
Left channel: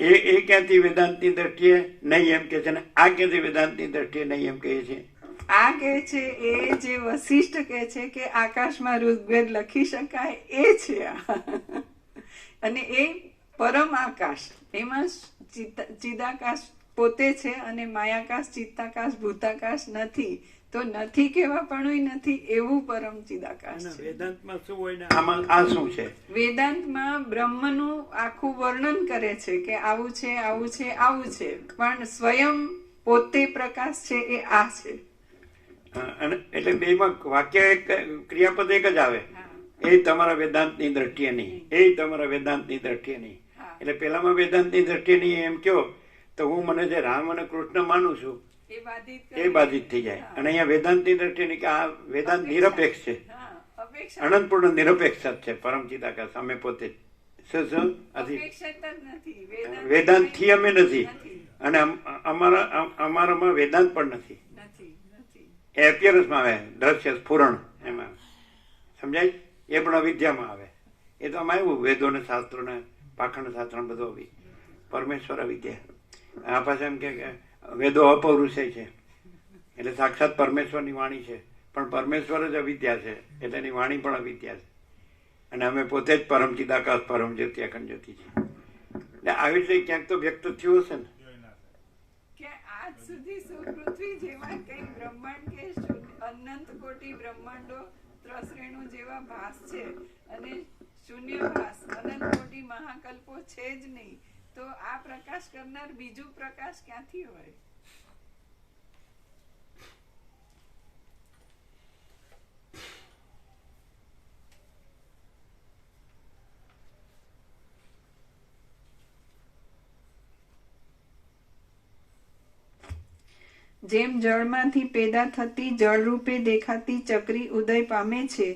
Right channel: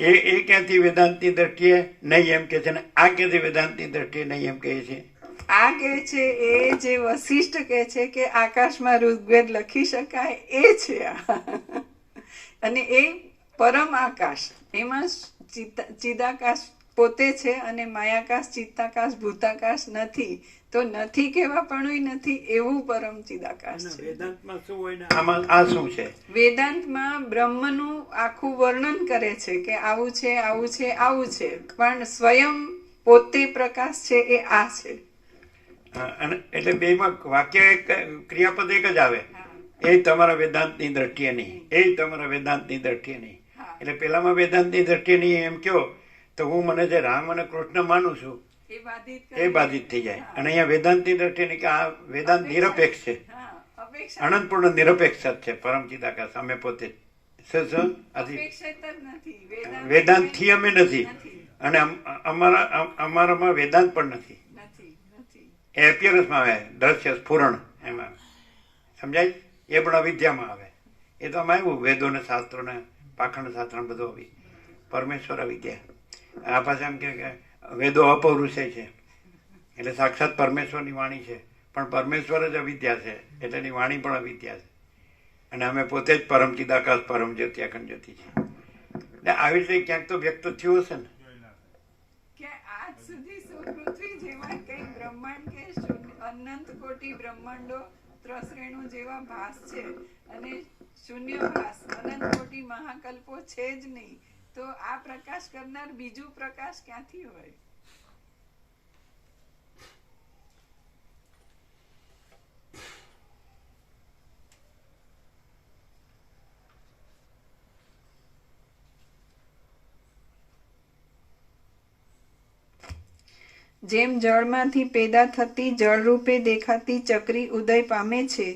એ ક્યાંથી વેદાંતની દ્રષ્ટિએ નહીં એમ કે છે ને આ ક્યાંથી વેદાંતની દ્રષ્ટિએ નહીં એમ કહે છે? આ કે છે એ જે વશિષ્ઠ કે છે કે આકાશમાં ઋગ્વેદ લખી શકાય એ છે આ. અને એ પરમ આકાશ, એમાં ચિદાકાશ પોતે છે અને માયાકાશ, ચિત્તાકાશ, ભૂતાકાશ નથી. તો નથી કેવા પણ નથી એવું પરમ ચિદાકાશ છે. વેદાંતમાં શું હોય ને આમાં આ શું છે? વેદાંતમાં બ્રહ્મનું આખું વર્ણન કરે છે કે આવું છે, આવું છે, આવું છે, પણ સ્વયં પોતે પ્રકાશ છે એ આ છે. અને એટલે બેમાં વાક્ય ક્રિયાપદ એક જ આવે. એ તમારા વેદાંતની દ્રષ્ટિએ નહીં, એ તમારા વેદાંતની દ્રષ્ટિએ નહીં. એટલે પેલામાં વેદાંતની દ્રષ્ટિએ નહીં એમ કહો તો હું મને જે રામ અને કૃષ્ણ માનું છું એ બાધિત થઈ જાય. અને અહીંયા વેદાંતની દ્રષ્ટિએ નહીં કે આ વેદાંત નિરપેક્ષ છે, અનંતપૂર્ણ નિરપેક્ષ જ છે પરમ ચિદાકાશ. અમે પોતે વેદાંત થી અમે નથી અને અમારામાં વેદાંત પણ નથી. એ એપિયરન્સમાં આવે, દ્રશ્ય સ્ફુરણ એમાં સમજાય. એ પણ અવિદ્યામાં આવે. એ તો આમાં આવ્યું વેદો ને શાસ્ત્રો ને પાખંડ શાસ્ત્ર બધું આવી પરમેશ્વર અવિદ્યા. આ પાસે એમ કે વેદો અપૌરુષય છે એટલે સાક્ષાત પરમેશ્વરની વાણી છે, પણ પરમેશ્વર જ અવિદ્યા છે એટલે એની વાણી પણ અવિદ્યા છે. અને અમે પોતે જ પરમ ચિદાકાશ પરમ જ્યોતિ અખંડ જ્યોતિ છે. એટલે આવી રીતે ક્યાંક તો વ્યક્ત થયું હશે ને કે આજ સુધી પૃથ્વી જેવા કઈ બ્રહ્માંડ કે અનંત કોટી બ્રહ્માંડો ત્રસરેણુ જેવા ભાસ છે અને શૂન્ય ભાસ અનંત કોટી મહાકલ્પો છે જ નહીં. તો આ પ્રકાશ કરનાર બીજું પ્રકાશ ક્યાંથી હોય? જેમ જળમાંથી પેદા થતી જળરૂપે દેખાતી ચક્રી ઉદય પામે છે,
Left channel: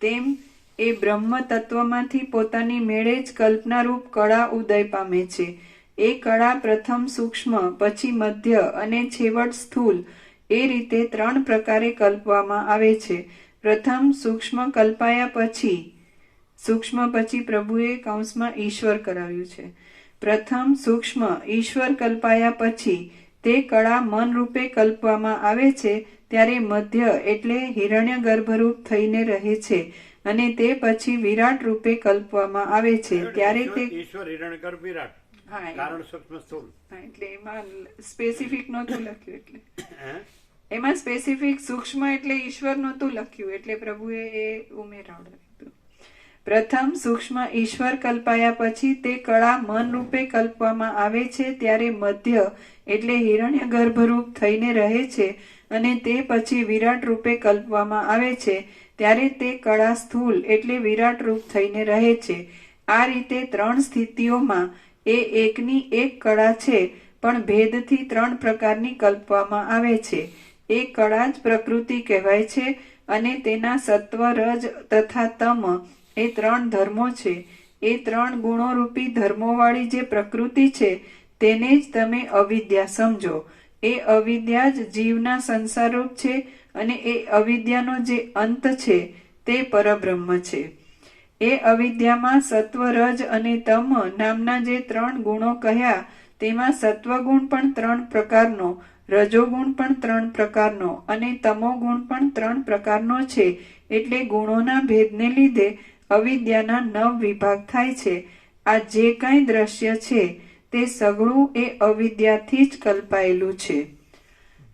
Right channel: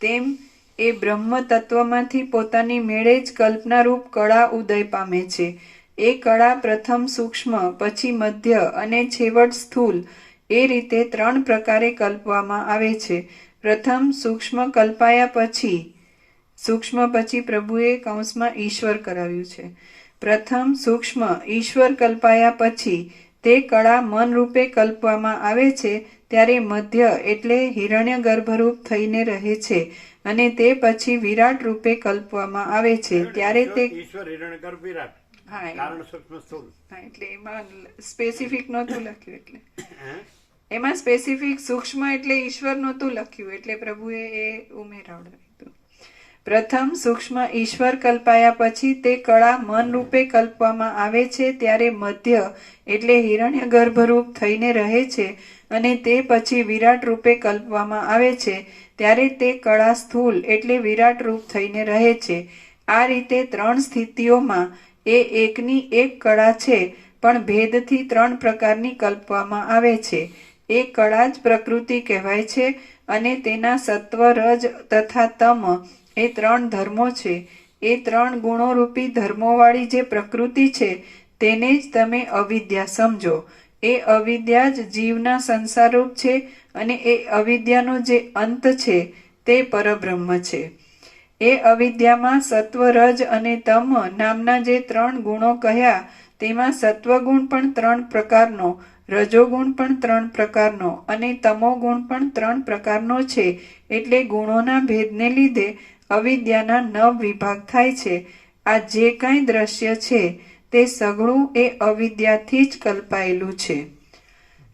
તેમ એ બ્રહ્મ તત્વમાંથી પોતાની મેળે જ કલ્પનારૂપ કળા ઉદય પામે છે. એ કળા પ્રથમ સૂક્ષ્મ, પછી મધ્ય અને છેવટ સ્થૂલ એ રીતે 3 પ્રકારે કલ્પવામાં આવે છે. પ્રથમ સૂક્ષ્મ કલ્પાયા પછી, સૂક્ષ્મ પછી પ્રભુએ કૌંસમાં ઈશ્વર કરાવ્યું છે. પ્રથમ સૂક્ષ્મ ઈશ્વર કલ્પાયા પછી તે કળા મન રૂપે કલ્પવામાં આવે છે, ત્યારે મધ્ય એટલે હિરણ્ય ગર્ભરૂપ થઈને રહે છે અને તે પછી વિરાટ રૂપે કલ્પવામાં આવે છે. ત્યારે તે ઈશ્વર હિરણ્યગર્ભ વિરાટ કારણ સૂક્ષ્મ સ્થૂળ. એટલે એમાં સ્પેસિફિક નહોતું લખ્યું, એટલે એમાં સ્પેસિફિક સૂક્ષ્મ એટલે ઈશ્વર નહોતું લખ્યું, એટલે પ્રભુએ એ ઉમેરાવડાવ્યું. પ્રથમ સૂક્ષ્મ ઈશ્વર કલ્પાયા પછી તે કળા મન રૂપે કલ્પવામાં આવે છે, ત્યારે મધ્ય એટલે હિરણ્ય ગર્ભરૂપ થઈને રહે છે અને તે પછી વિરાટ રૂપે કલ્પવામાં આવે છે, ત્યારે તે કળા સ્થૂલ એટલે વિરાટ રૂપ થઈને રહે છે. આ રીતે 3 સ્થિતિઓમાં એ એકની એક કળા છે, પણ ભેદથી 3 પ્રકારની કલ્પવામાં આવે છે. એ કળા જ પ્રકૃતિ કહેવાય છે અને તેના સત્વ, રજ તથા તમ એ 3 ધર્મો છે. એ 3 ગુણોરૂપી ધર્મોવાળી જે પ્રકૃતિ છે તેને જ તમે અવિદ્યા સમજો. એ અવિદ્યા જ જીવના સંસારરૂપ છે અને એ અવિદ્યાનો જે અંત છે તે પરબ્રહ્મ છે. એ અવિદ્યામાં સત્વ, રજ અને તમ નામના જે 3 ગુણો કહ્યા તેમાં સત્વગુણ પણ 3 પ્રકારનો, રજોગુણ પણ 3 પ્રકારનો અને તમોગુણ પણ 3 પ્રકારનો છે. એટલે ગુણોના ભેદને લીધે અવિદ્યાના 9 વિભાગ થાય છે. આ જે કાંઈ દ્રશ્ય છે તે સઘળું એ અવિદ્યાથી જ કલ્પાયેલું છે.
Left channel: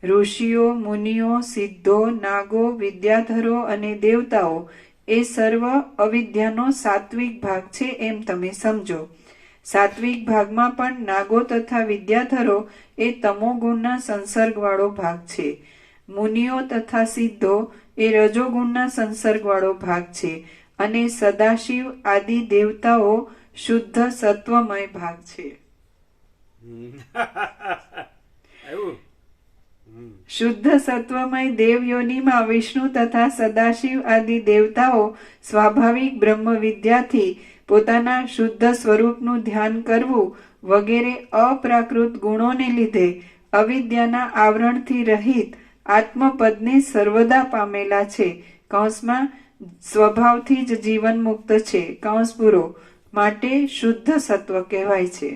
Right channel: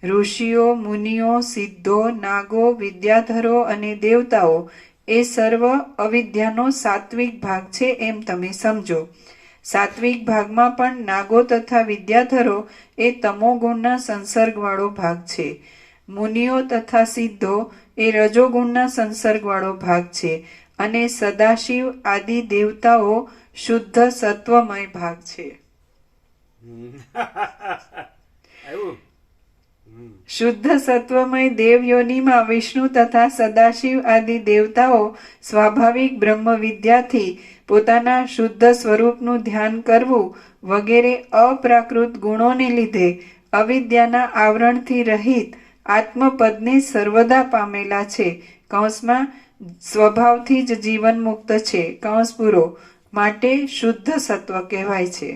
ઋષિઓ, મુનિઓ, સિદ્ધો, નાગો, વિદ્યાધરો અને દેવતાઓ એ સર્વ અવિદ્યાનો સાત્વિક ભાગ છે એમ તમે સમજો. સાત્વિક ભાગમાં પણ નાગો તથા વિદ્યાધરો એ તમોગુણના સંસર્ગવાળો ભાગ છે. મુનિઓ તથા સિદ્ધો એ રજોગુણના સંસર્ગવાળો ભાગ છે અને સદાશિવ આદિ દેવતાઓ શુદ્ધ સત્વમય ભાગ છે. શુદ્ધ સત્વમય દેવયોનીમાં વિષ્ણુ તથા સદાશિવ આદિ દેવતાઓ સ્વાભાવિક બ્રહ્મ વિદ્યાથી પોતાના શુદ્ધ સ્વરૂપનું ધ્યાન કરવું વગેરે અપ્રાકૃત ગુણોને લીધે અવિદ્યાના આવરણથી રહિત આત્મપદને સર્વદા પામેલા છે. કૌંસમાં સ્વભાવથી જ જીવન મુક્ત છે. કૌંસ પૂરો. માટે શુદ્ધ સત્વ કહેવાય છે.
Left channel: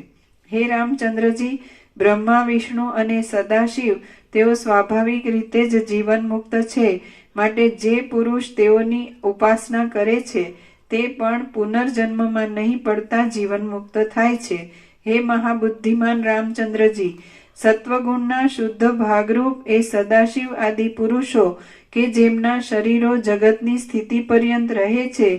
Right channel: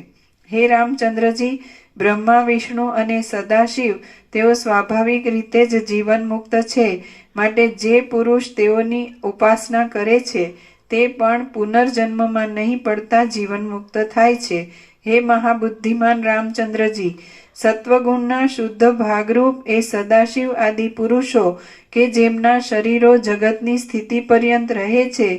હે રામચંદ્રજી, બ્રહ્મા, વિષ્ણુ અને સદાશિવ તેઓ સ્વાભાવિક રીતે જ જીવન મુક્ત છે. માટે જે પુરુષ તેઓની ઉપાસના કરે છે તે પણ પુનર્જન્મમાં નહીં પડતા જીવન મુક્ત થાય છે. હે મહાબુદ્ધિમાન રામચંદ્રજી, સત્વગુણના શુદ્ધ ભાગરૂપ એ સદાશિવ આદિ પુરુષો કે જેમના શરીરો જગતની સ્થિતિ પર્યંત રહે છે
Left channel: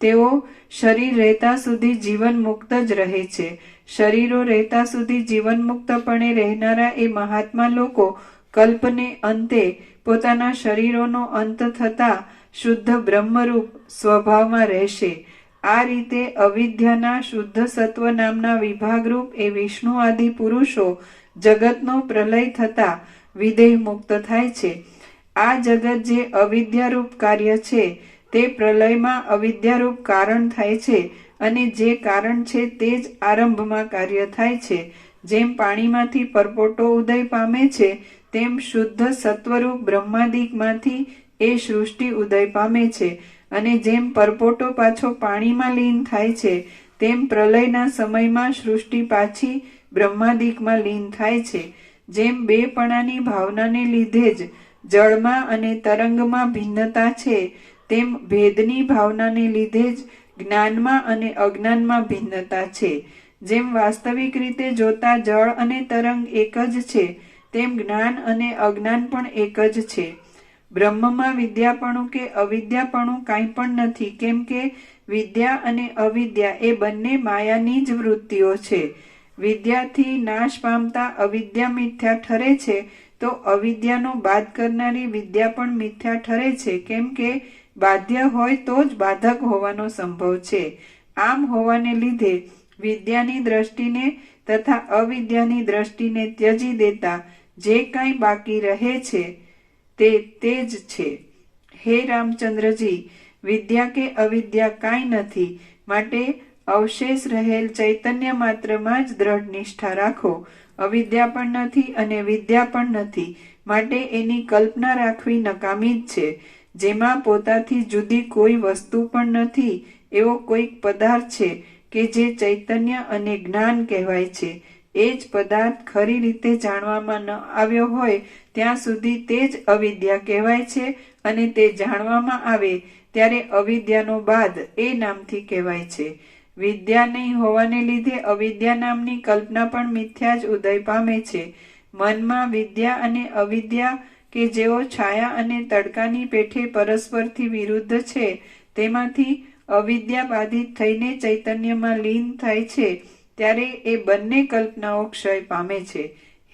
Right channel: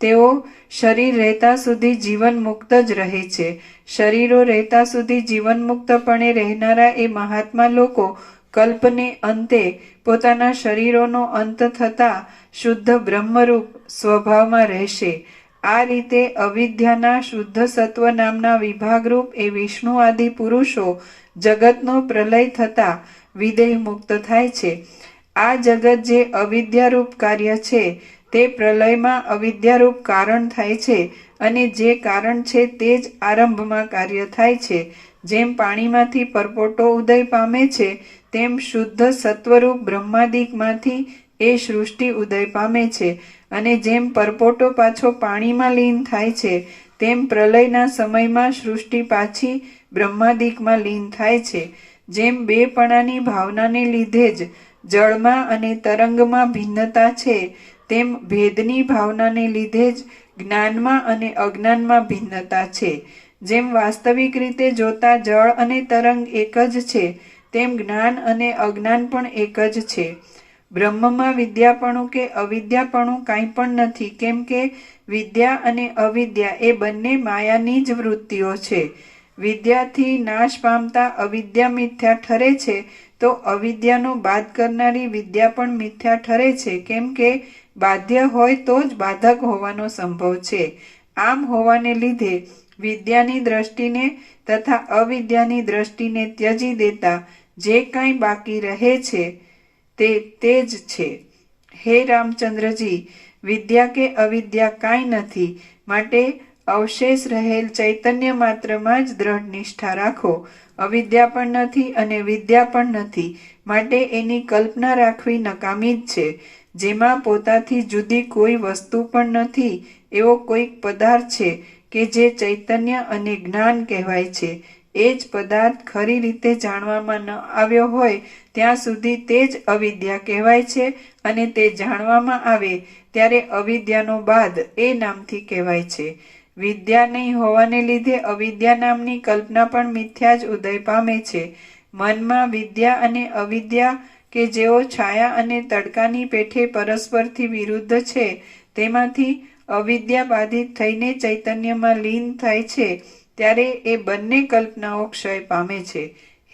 તેઓ શરીર રહેતા સુધી જીવન મુક્ત જ રહે છે. શરીરો રહેતા સુધી જીવન મુક્તપણે રહેનારા એ મહાત્મા લોકો કલ્પને અંતે પોતાના શરીરોનો અંત થતા શુદ્ધ બ્રહ્મરૂપ સ્વભાવમાં રહેશે. આ રીતે અવિદ્યાના શુદ્ધ સત્વ નામના વિભાગરૂપ એ વિષ્ણુ આદિ પુરુષો જગતનો પ્રલય થતા વિદેહ મુક્ત થાય છે. આ જગત જે અવિદ્યારૂપ કાર્ય છે તે પ્રલયમાં અવિદ્યારૂપ કારણ થાય છે અને જે કારણ છે તે જ આરંભમાં કાર્ય થાય છે. જેમ પાણીમાંથી પરપોટો ઉદય પામે છે તેમ શુદ્ધ સત્વરૂપ બ્રહ્માદિકમાંથી એ સૃષ્ટિ ઉદય પામે છે અને જેમ પરપોટો પાછો પાણીમાં લીન થાય છે તેમ પ્રલયના સમયમાં સૃષ્ટિ પાછી બ્રહ્માદિકમાં લીન થાય છે. જેમ બે પણાની ભાવનાને લીધે જ જળમાં અને તરંગમાં ભિન્નતા છે તેમ ભેદની ભાવનાને લીધે જ જ્ઞાનમાં અને અજ્ઞાનમાં ભિન્નતા છે. જેમ વાસ્તવિક રીતે જોતા જળ અને તરંગ એક જ છે તેમ જ્ઞાન અને અજ્ઞાન પણ એક જ છે. બ્રહ્મમાં વિદ્યાપણું કે અવિદ્યાપણું કાંઈ પણ નથી, કેમ કે વિદ્યા અને અવિદ્યા એ બંને માયાની જ વૃત્તિઓ છે. વિદ્યાથી નાશ પામતા અવિદ્યા મિથ્યા ઠરે છે તો અવિદ્યાનો બાદ કરનારી વિદ્યા પણ મિથ્યા ઠરે છે, કેમ કે બાધ્ય હોય તો જ બાધક હોવાનો સંભવ છે. આમ હોવાને લીધે વિદ્યાની દ્રષ્ટિને તથા અવિદ્યાની દ્રષ્ટિને ત્યજી દેતા જે કાંઈ બાકી રહે છે તે જ છે. હે રામચંદ્રજી, વિદ્યા કે અવિદ્યા કાંઈ નથી. માટે અવશેષ રહેલ ચૈતન્ય માત્રમાં જ દ્રઢ નિષ્ઠા રાખો. અવિદ્યા પણ નથી અને વિદ્યા પણ નથી, માટે એની કલ્પના રાખવી નકામી જ છે. જેમાં પોતાથી જુદી કોઈ વસ્તુ પણ નથી એવો કોઈક પદાર્થ છે કે જે ચૈતન્ય અને જ્ઞાન કહેવાય છે. એ જ પદાર્થ ખરી રીતે જાણવામાં ન આવ્યો હોય ત્યાં સુધી તે જ અવિદ્યા કહેવાય છે અને તે જાણવામાં આવે ત્યારે અવિદ્યાનો બાદ એ નામથી કહેવાય છે. વિદ્યા નહીં હોવાને લીધે અવિદ્યા નામની કલ્પના પણ મિથ્યા જ ઉદય પામે છે. મનમાં વિદ્યા અને અવિદ્યા કે જેઓ છાયા અને તડકાની પેઠે પરસ્પરથી વિરુદ્ધ છે તેમાંથી અવિદ્યા બાધિત થઈને ચૈતન્યમાં લીન થાય છે ત્યારે એ બંને કલ્પનાઓ ક્ષય પામે છે.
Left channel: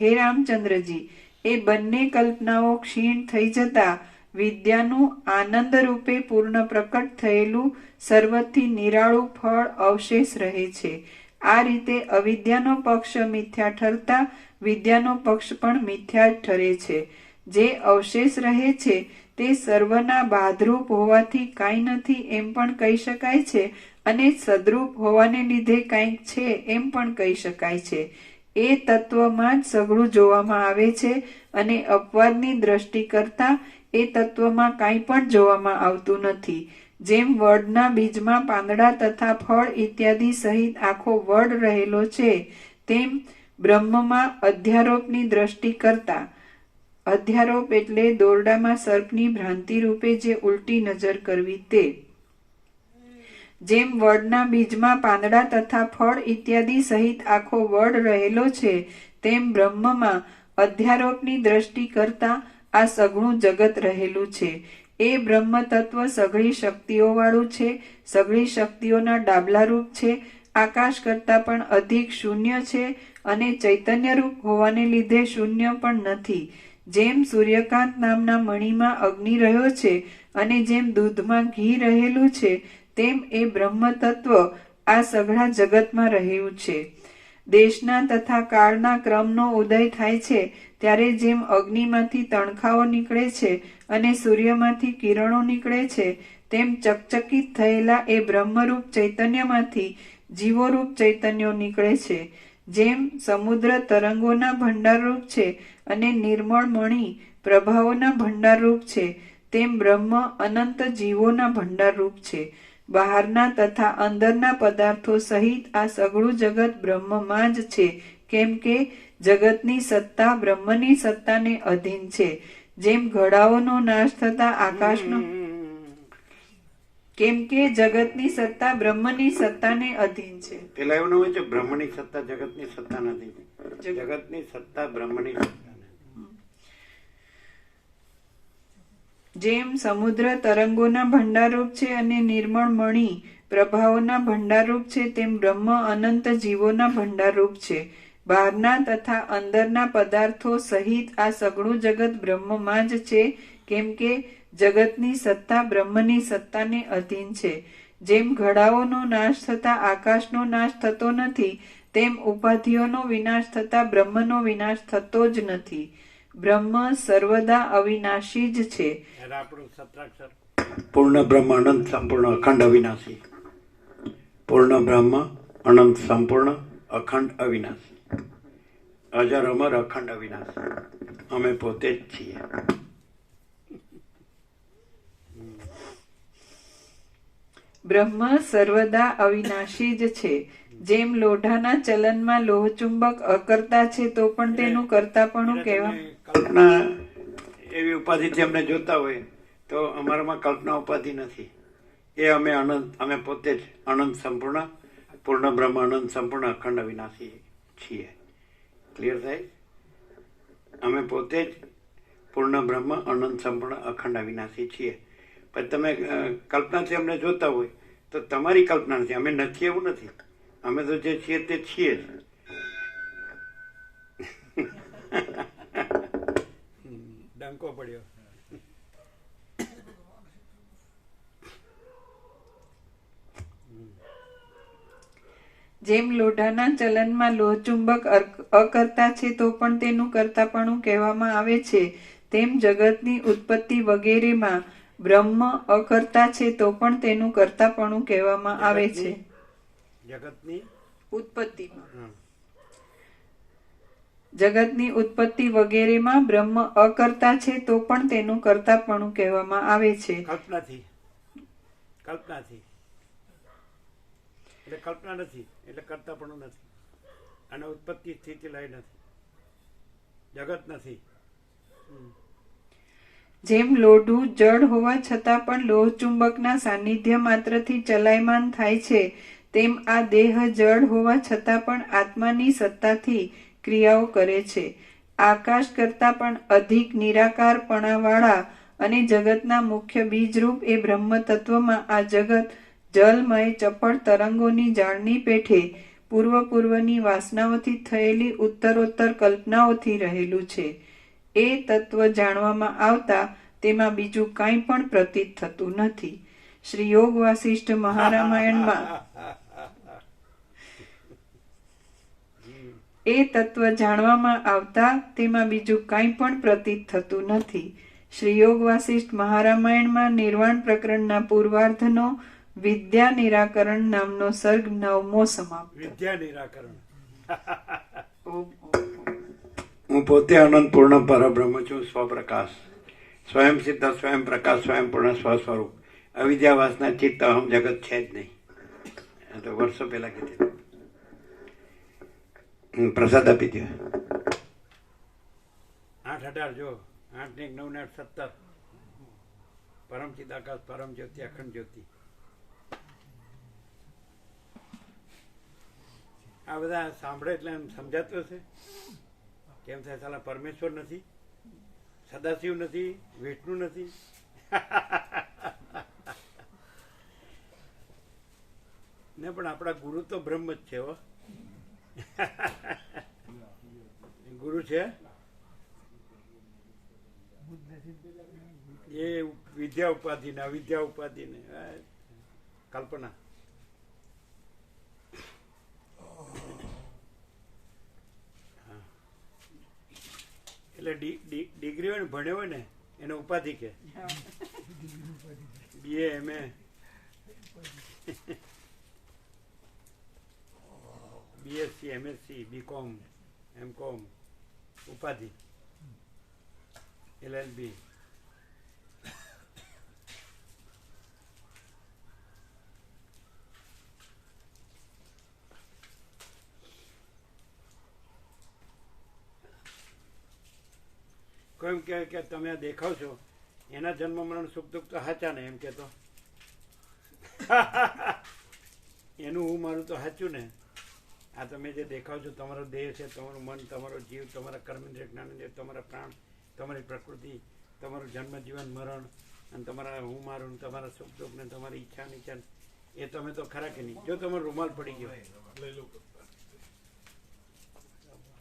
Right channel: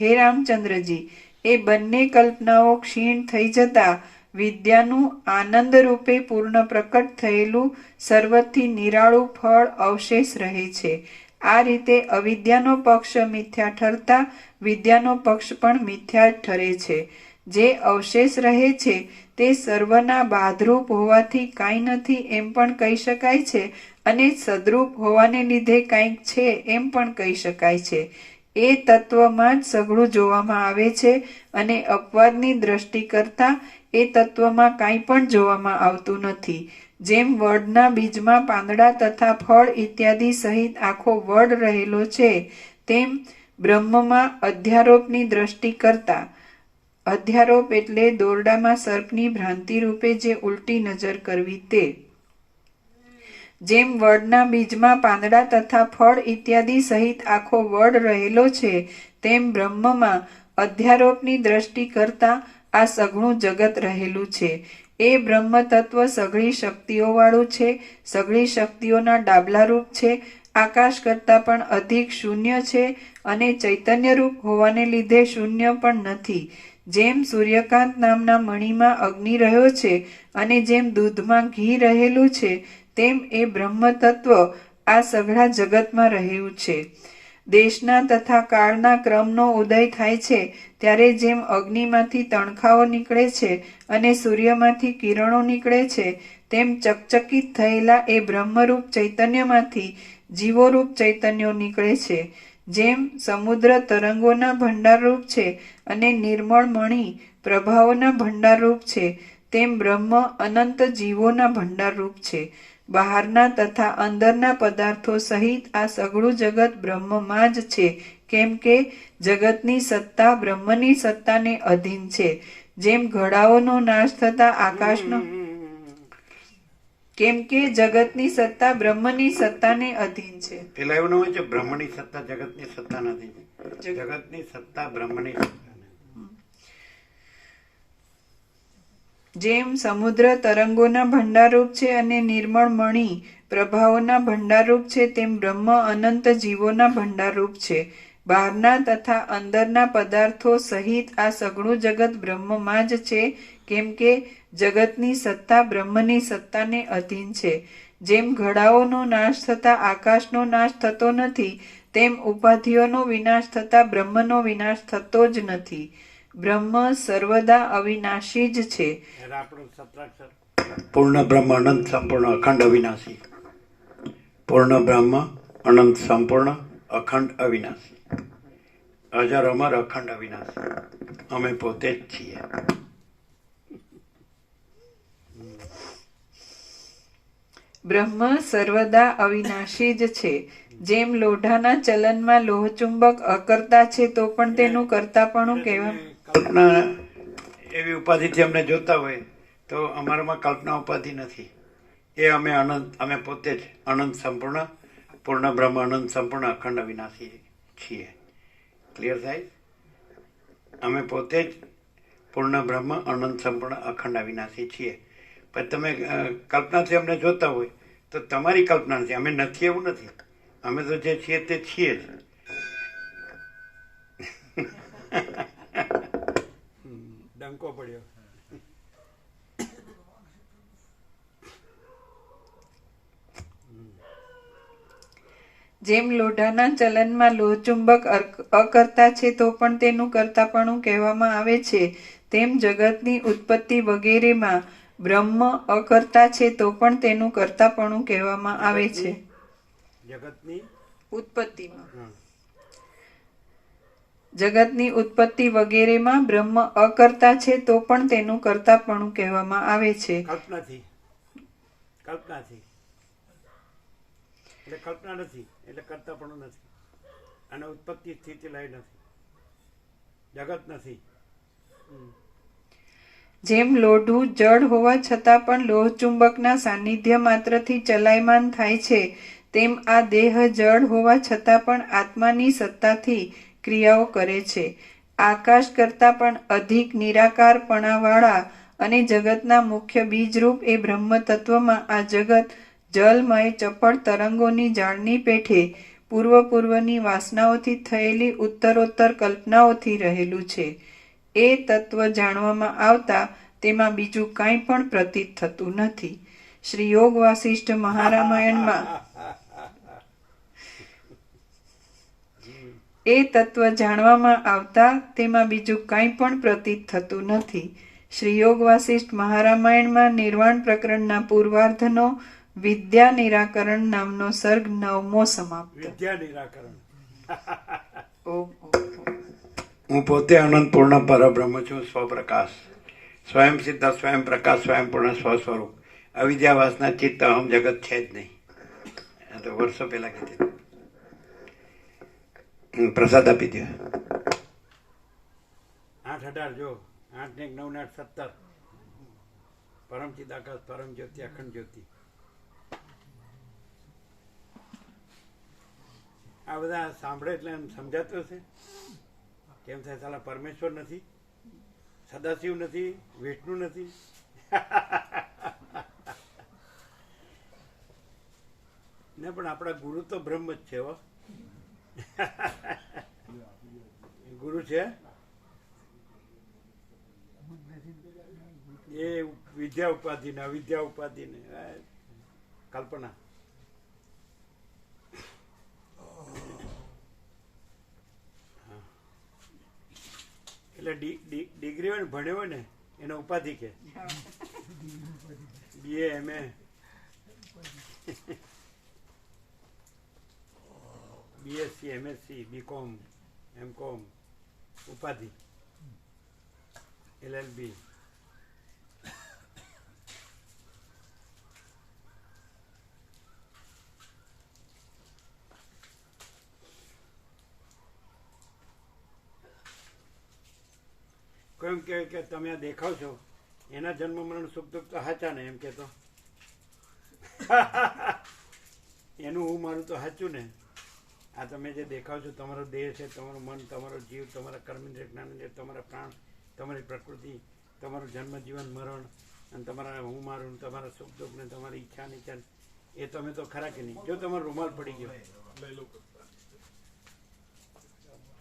હે રામચંદ્રજી, એ બંને કલ્પનાઓ ક્ષીણ થઈ જતા વિદ્યાનું આનંદ રૂપે પૂર્ણ પ્રકટ થયેલું સર્વથી નિરાળું ફળ અવશેષ રહે છે. આ રીતે અવિદ્યાનો પક્ષ મિથ્યા ઠરતા વિદ્યાનો પક્ષ પણ મિથ્યા ઠરે છે. જે અવશેષ રહે છે તે સર્વના બાધરૂપ હોવાથી કાંઈ નથી એમ પણ કહી શકાય છે અને સદરૂપ હોવાને લીધે કાંઈક છે એમ પણ કહી શકાય છે. એ તત્વમાં જ સઘળું જોવામાં આવે છે અને અપવાદની દ્રષ્ટિ કરતા એ તત્વમાં કાંઈ પણ જોવામાં આવતું નથી. જેમ વડના બીજમાં પાંદડા તથા ફળ ઇત્યાદિ સહિત આખો વડ રહેલો છે, તેમ બ્રહ્મમાં અધ્યારોપની દ્રષ્ટિ કરતા, અધ્યારોપ એટલે દોરડામાં સર્પની ભ્રાંતિ રૂપે જે ઉલટી નજર કરવી તે, જેમ વડના બીજમાં પાંદડા તથા ફળ ઇત્યાદિ સહિત આખો વડ રહેલો છે, તેમ બ્રહ્મમાં અધ્યારોપની દ્રષ્ટિ કરતા આ સઘળું જગત રહેલું છે. એ બ્રહ્મ તત્વ સઘળી શક્તિઓવાળું છે, સઘળી શક્તિઓના ડાબલારૂપ છે, આકાશ કરતાં પણ અધિક શૂન્ય છે અને ચૈતન્યરૂપ હોવાને લીધે શૂન્ય પણ નથી. જેમ સૂર્યકાંત નામના મણીમાં અગ્નિ રહ્યો છે અને જેમ દૂધમાં ઘી રહેલું છે, તેમ એ બ્રહ્મ તત્વ આ સઘળા જગતમાં રહ્યું છે. દેશના તથા કાળના ક્રમનો ઉદય થાય છે ત્યારે જેમ અગ્નિમાંથી તણખાઓ નીકળે છે અને સૂર્યમાંથી કિરણો નીકળે છે, તેમ ચકચકિત થયેલા એ બ્રહ્મરૂપ ચૈતન્યમાંથી જીવોરૂપ ચૈતન્યો નીકળે છે. જેમ સમુદ્ર તરંગોના ભંડારરૂપ છે અને નિર્મળ મણિ પ્રભાવોના ભંડારરૂપ છે, તેમ બ્રહ્મ અનંત જીવોના ભંડારરૂપ છે. બહારના તથા અંદરના પદાર્થો સહિત આ સઘળું જગત બ્રહ્મમાં જ છે, કેમ કે જગતની સત્તા બ્રહ્મની સત્તાને અધીન છે. જેમ ઘડાઓનો નાશ થતા આકાશનો, કેમ કે જગતની સત્તા બ્રહ્મની સત્તાને અધીન છે. પેલા એવું હોય છે, બ્રહ્મની સત્તા જગતની સત્તા નથી, જગતની સત્તા બ્રહ્મની સત્તા નથી. જેમ સમુદ્ર તરંગોના ભંડારરૂપ છે અને નિર્મળ મણિ પ્રભાવોના ભંડારરૂપ છે, તેમ બ્રહ્મ અનંત જીવોના ભંડારરૂપ છે. બહારના તથા અંદરના પદાર્થો સહિત આ સઘળું જગત બ્રહ્મમાં જ છે, કેમ કે જગતની સત્તા બ્રહ્મની સત્તાને અધીન છે. જેમ ઘડાઓનો નાશ થતા આકાશનો નાશ થતો નથી, તેમ ઉપાધિઓનો વિનાશ થતા બ્રહ્મનો વિનાશ થતો જ નથી. બ્રહ્મ સર્વદા અવિનાશી જ છે. પૂર્ણ બ્રહ્મ અનંત સંપૂર્ણ અખંડ અવિનાશી. પૂર્ણ બ્રહ્મ અનંત સંપૂર્ણ અખંડ અવિનાશી. અજર અમર અખંડ અવિનાશી. અમે પોતે જ છીએ. બ્રહ્મ સર્વદા અવિનાશી જ છે. જેમ લોઢાના ચલનમાં લોહચુંબક અકર્તા છે તો પણ તેનું કર્તાપણું કહેવાય. કલ્પના એવી ઉપાધિથી અમને જોતા હોય તો અમારામાં કલ્પના ઉપાધિ નથી. એ અમે અનંત, અમે પોતે જ અનંત સંપૂર્ણ પૂર્ણ બ્રહ્મ અનંત સંપૂર્ણ અખંડ અવિનાશી છીએ. ક્લિયર થાય? અમે પોતે જ પૂર્ણ બ્રહ્મ અનંત સંપૂર્ણ અખંડ અવિનાશી છીએ. પણ તમે કલ્પનાથી અમને જોતા હોય તો તમારી કલ્પના નથી, અમે નથી એવું નથી. અમે તો જે છીએ તે છીએ જ. ડંકો પડ્યો. જેમ લોઢાના ચલનમાં લોહચુંબક અકર્તા છે તો પણ તેનું કર્તાપણું કહેવામાં આવે છે, તેમ જગતની ઉત્પત્તિ વગેરેમાં બ્રહ્મ અકર્તા છે તો પણ તેનું કર્તાપણું કહેવામાં આવે છે. જગતની ઉત્પત્તિમાં, જગતની ઉત્પત્તિ વગેરેમાં બ્રહ્મ અકર્તા છે તો પણ તેનું કર્તાપણું કહેવામાં આવે છે. કલ્પનાથી, કલ્પનાથી એટલે કલ્પના નથી એટલે કર્તાપણું નથી. અને ઉત્પત્તિ સ્થિતિ લય નથી, જગત નથી. જેમ લોઢું જળ હોવા છતાં પણ લોહચુંબકના સાનિધ્ય માત્રથી ચલાયમાન થાય છે, તેમ આ દેહ જળ હોવા છતાં પણ આત્માની સત્તાથી ક્રિયાઓ કરે છે. આકાશ કરતાં પણ અધિક નિરાકારપણાવાળા અને જગતના મુખ્ય બીજરૂપ એ બ્રહ્મ તત્વમાં આ જગત જલમય ચપળ તરંગોની જાળની પેઠે પૂર્વની વાસનાઓથી થયેલી ઉત્તરોત્તર કલ્પનાઓથી રહેલું છે. એ તત્વ જાણવામાં આવતા તેમાં બીજું કાંઈ પણ પ્રતીત થતું નથી. શ્રી યોગ વાસિષ્ઠ મહારામાયણમાં એ તત્વ જાણવામાં આવતા તેમાં બીજું કાંઈ પણ પ્રતીત થતું નથી. શ્રી યોગ વાસિષ્ઠ મહારામાયણમાં નિર્વાણ પ્રકરણના પૂર્વાર્ધનો વિદ્યા નિરાકરણ નામનો સર્ગ 9મો સમાપ્ત. વિદ્યા નિરાકરણ. ઓમ. હું પોતે અનંત પૂર્ણ પરબ્રહ્મ છું, સ્વપ્રકાશ, સ્વયં સિદ્ધ, સ્વયં પ્રકાશ, સ્વયં પૂર્ણ સ્વસ્વરૂપ. અવિદ્યા વાસના ચિત્ત અહમ જગત છે જ નહીં. આ તો વર્ષો પહેલા કીધી. પ્રસાદ આપી દો. 8-18 જો 8 ને 9 ને 8 17. પરમ ચિદાકાશ, પરમ જ્યોતિ, અખંડ જ્યોતિ. આ બધા સાંભળે એટલે એમ સમજાતું હશે કેમ થાય? સાલા પરમેશ્વર નથી, સદાશિવ નથી, વિષ્ણુ નથી. ને પણ આપણા ગુરુ તો બ્રહ્મ જ છે. હો, ગુરુ છે એ વિદ્યા ઉપાધિ ને અવિદ્યા ઉપાધિ ને કલ્પના. એટલે ડિગ્રી હોય ને, ભણ્યો હોય ને એને ઉપાધિ કે. BA MA BSc MSc BCom MCom ઉપાધિ. LLB. કોઈ એમ કહે કે તમે આ દેખાવ છો એના જન્મ મરણ સુખ દુઃખ તો સાચા ને, એમ કેતો એનું હું મારું તો સાચું ને. આ તમે જે દેખાવ છો તમારો દેહ છે, તમારું મન, તમારો જીવ, તમારા કર્મેન્દ્રિય જ્ઞાનેન્દ્રિય, તમારા પ્રાણ, તમારી પ્રકૃતિ, તમારું જન્મ જીવન મરણ, અને તમારા હું મારું, તમારા સુખ દુઃખ ને તમારી ઈચ્છા નીચા, એ તમે તો ખરા કે નહીં? જો તમારો રૂમાલ પડી ગયો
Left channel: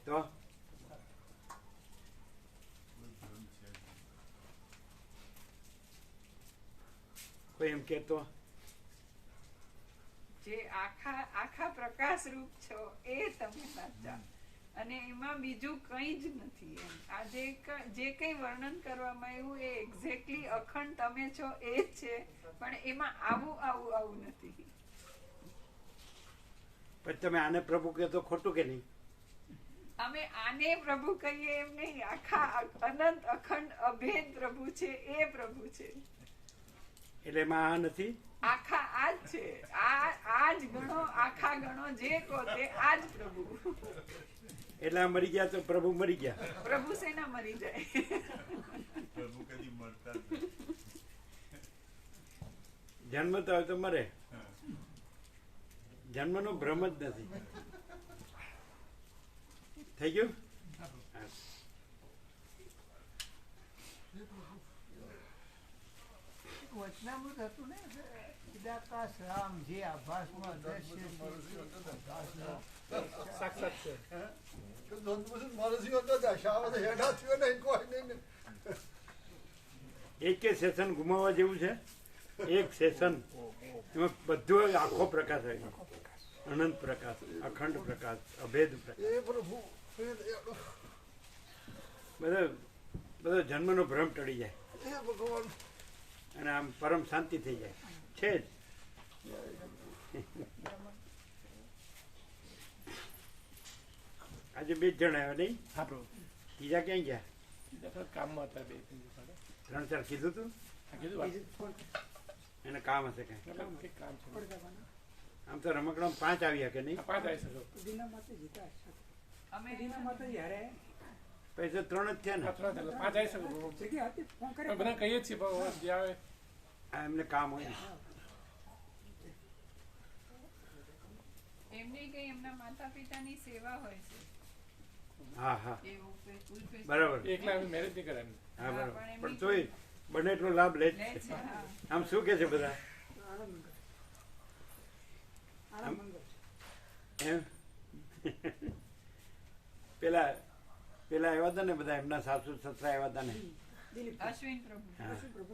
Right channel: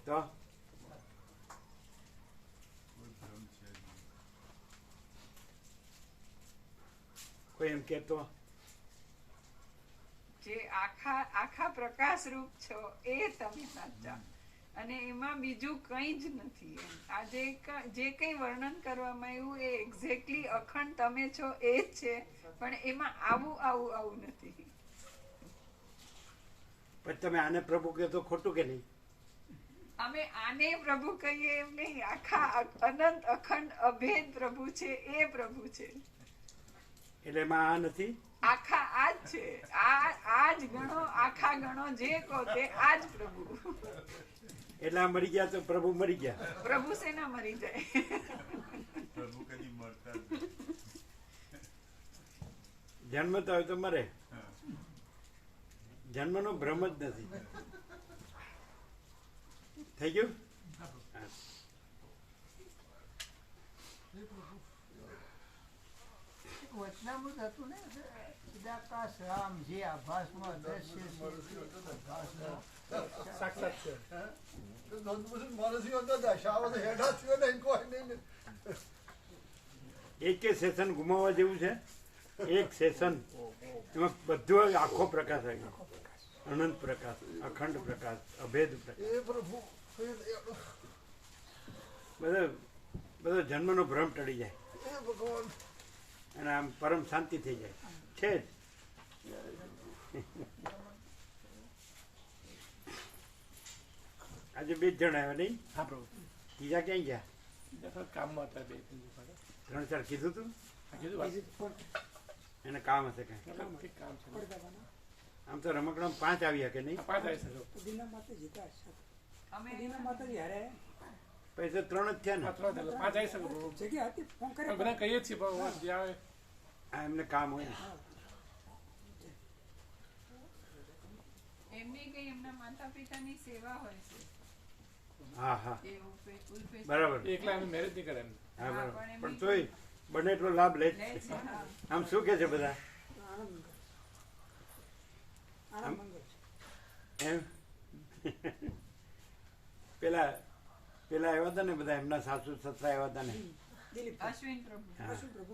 તો કોઈ એમ કેતો જે આખા પ્રકાશ રૂપ છો એ તમે સાચા, અને એમાં બીજું કંઈ જ નથી. એમ આ જે કંઈ વર્ણન કરવામાં આવ્યું એ એક્ઝેક્ટલી અખંડ તમે છો એ જ છે, પણ એમાં આવું નથી. પછી તમે આને પ્રભુ કહો તો ખોટું કે નહીં? અમે આને પ્રભુ કહીએ એમ નહીં, આખા અનંત અખંડ અભેદ પ્રભુ છે એ પ્રભુ છે. એટલે એમાં આ નથી, આખા આ જ છે. આ જ ગણો, આખા ગણો, જે કહો તે આ જ પ્રભુ. એટલે આ મરી ગયા તો પ્રભુ મરી ગયા. પ્રભુ સેના મરી જાય? પ્રભુ કદી મરતા જ નથી. જન્મતા હોય તો મરે, જન્મનો ભ્રમ જ નથી. થઈ ગયું? વચનામૃત હતું ને, ચિદાકાશ રામ જે આભાસમાં દ્રશ્ય છે, આભાસમાં સાક્ષાત છે. એક સેશન ગુમાવવા જેવું છે. એક સેશન એમાં બધું આખો પ્રકાશ આવી જાય. અનંત પ્રકાશ, અખંડ પ્રકાશ, અભેદ પ્રકાશ. બધો જન્મનો ભ્રમ ટળી જાય અને આમ પરમ શાંતિ થઈ જાય છે જ. આજે 2 જણ આવ્યા નહીં? ત્રીજા ક્યાં ગયા? કામમાં હતા 3-4 કીધું તું એને કામ હશે કઈ. કામ છે. આમ તો રમકડામાં 5 આવ્યા કે નહીં? 5 આવી શકો. પછી તો 3 જ થયા ને. 5 આવી શકો. બધા કહીએ છીએ ભગવાન જે આવે આ એમને કામ હોય ને. એમને કઈ એમના માતા પિતાની સેવા હોય છે. હા હા એ ઉલ્પેશ બરાબર. એકલા અમે મેરેજ નહીં કરે એમ. હા બરાબર. પણ તોય બને એટલો લાભ લે જ લે છે. છે. હા. આમ શું કે છે બધા? એમ પેલા આવ્યા હતા ને બધા, એમના સાસુ સસરા આવ્યા હતા ને. અશ્વિન પ્રભુ.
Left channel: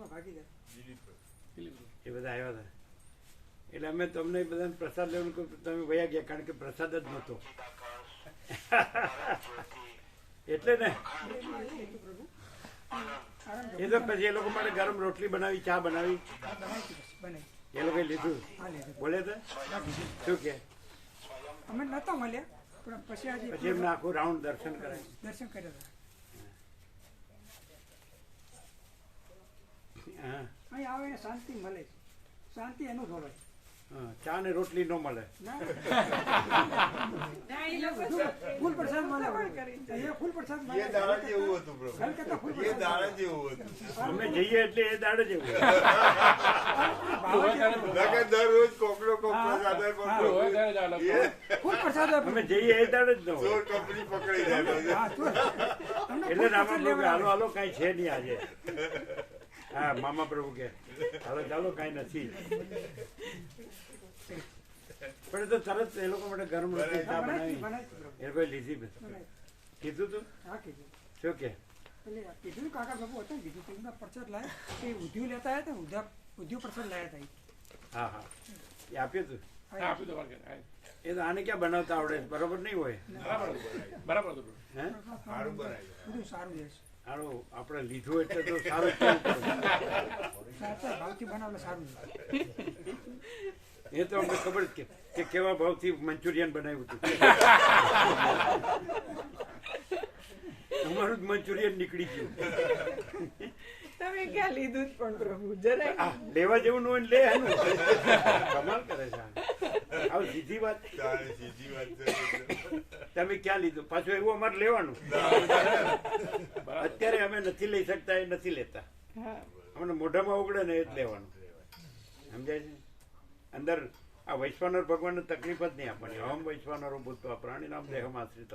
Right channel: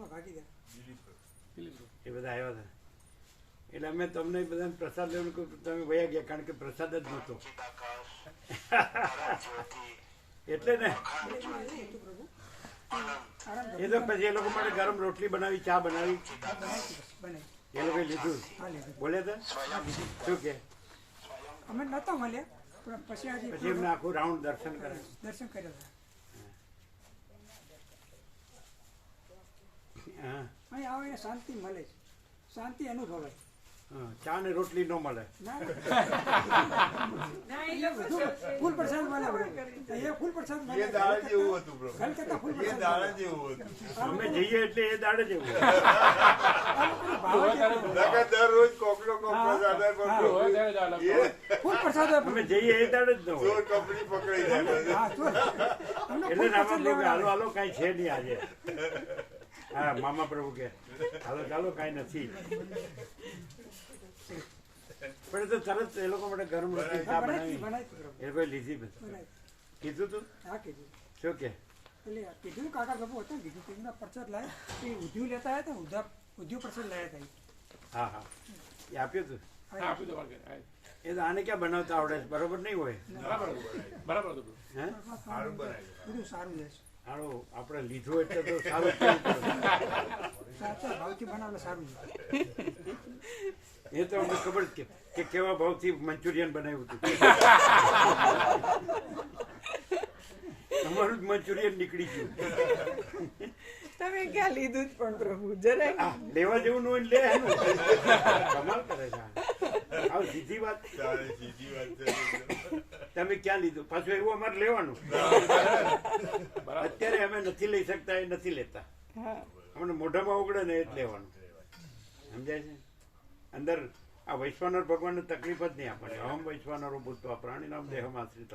હા દિલીપ. એ બધા આવ્યા હતા. એટલે અમે તમને બધાને પ્રસાદ લેવાનું કહ્યું, તમે વયા ગયા કારણ કે પ્રસાદ જ નહોતો. એટલે ને આરામ એ તો પછી એ લોકો માટે ગરમ રોટલી બનાવી, ચા બનાવી, બનાવી બનાવી એ લોકોએ લીધું. હા લીધું બોલે તો હા લીધું શું કે અમે નહોતા મળ્યા પણ પછી આજે પછી એમને આખું રાઉન્ડ દર્શન કરાય. દર્શન કર્યા હતા હા અહીં આવે એને શાંતિ મળે છે, શાંતિ અનુભવાય. હા, ચા ને રોટલી ન મળે. ના ફૂલ પ્રસાદ મળે એ ફૂલ પ્રસાદ મળે. એ દાળ જેવું હતું પ્રભુ, ઘર કરતાં ફૂલ એ પ્રસાદ દાળ મળે. જેવું હતું. અમે જઈએ એટલે એ દાડે જ એવું. ભાવ જ એટલો. નકર દરરોજ કોકડો કોકડો દાદા કોકડો ફૂલ પ્રસાદ આપે. અમે જઈએ એ દાડે જ ન હોય. ચોર કંપની પકડી જાય. હા ચોર. અમને એટલે ફૂલ રામા પ્રસાદ પ્રભુ કે હાલો લેવડાવે. હાલો કાંઈ છે નહીં આજે. હા, મામા પ્રભુ કે હાલો ચાલો કાંઈ નથી. પણ એ તો તરત એ લોકો માટે ગરમ રોટલી ચા બનાવી બનાવી પ્રભુ. એ લોકો લીધી. બનાવી. કીધું તું હા કીધું. શું કે એટલે કીધું કાકા બાપુ હતા ને કીધું તેમના પ્રસાદ લાયા એ ઉધ્યું લેતા આવ્યા હતા ઉધ્યું પ્રસાદ લાયા હતા હા હા એ આપ્યું તું. હા એ તો આને ક્યાં બનાવતા આવડે છે? બરોબર નહીં હોય. હે બધું સારું છે સારું આપણે લીધું એટલે તો સારું જ કેવું પડે. સાચા ભાવથી બનાવેલું સારું છે. એ તો અમને ખબર જ કે કેવા ભાવથી મંચુરિયન બનાવ્યું હતું. તમારું જ મંચુરિયન નીકળી ગયું. તમે ક્યાં લીધું જ પણ પ્રભુ જરા આ લેવા જેવું ન હોય ને લે એનું. કમાલ કરે છે આ. આવ સીધી વાત. તારે સીધી વાત છે. તમે ક્યાં લીધું? પાછું એવું અમારે લેવાનું. અત્યારે અમે નથી લઈ શકતા એ નથી લેતા. અમને મોઢામાં ઉગડે ને એ જ લેવાનું. સમજાય છે? અંદર આ વૈશ્વાનર ભગવાનને તકલીફ જ નહીં આપવાની. અહમ વૈશ્વાનરો ભૂતવા પ્રાણીનામ દેહમ આશ્રિત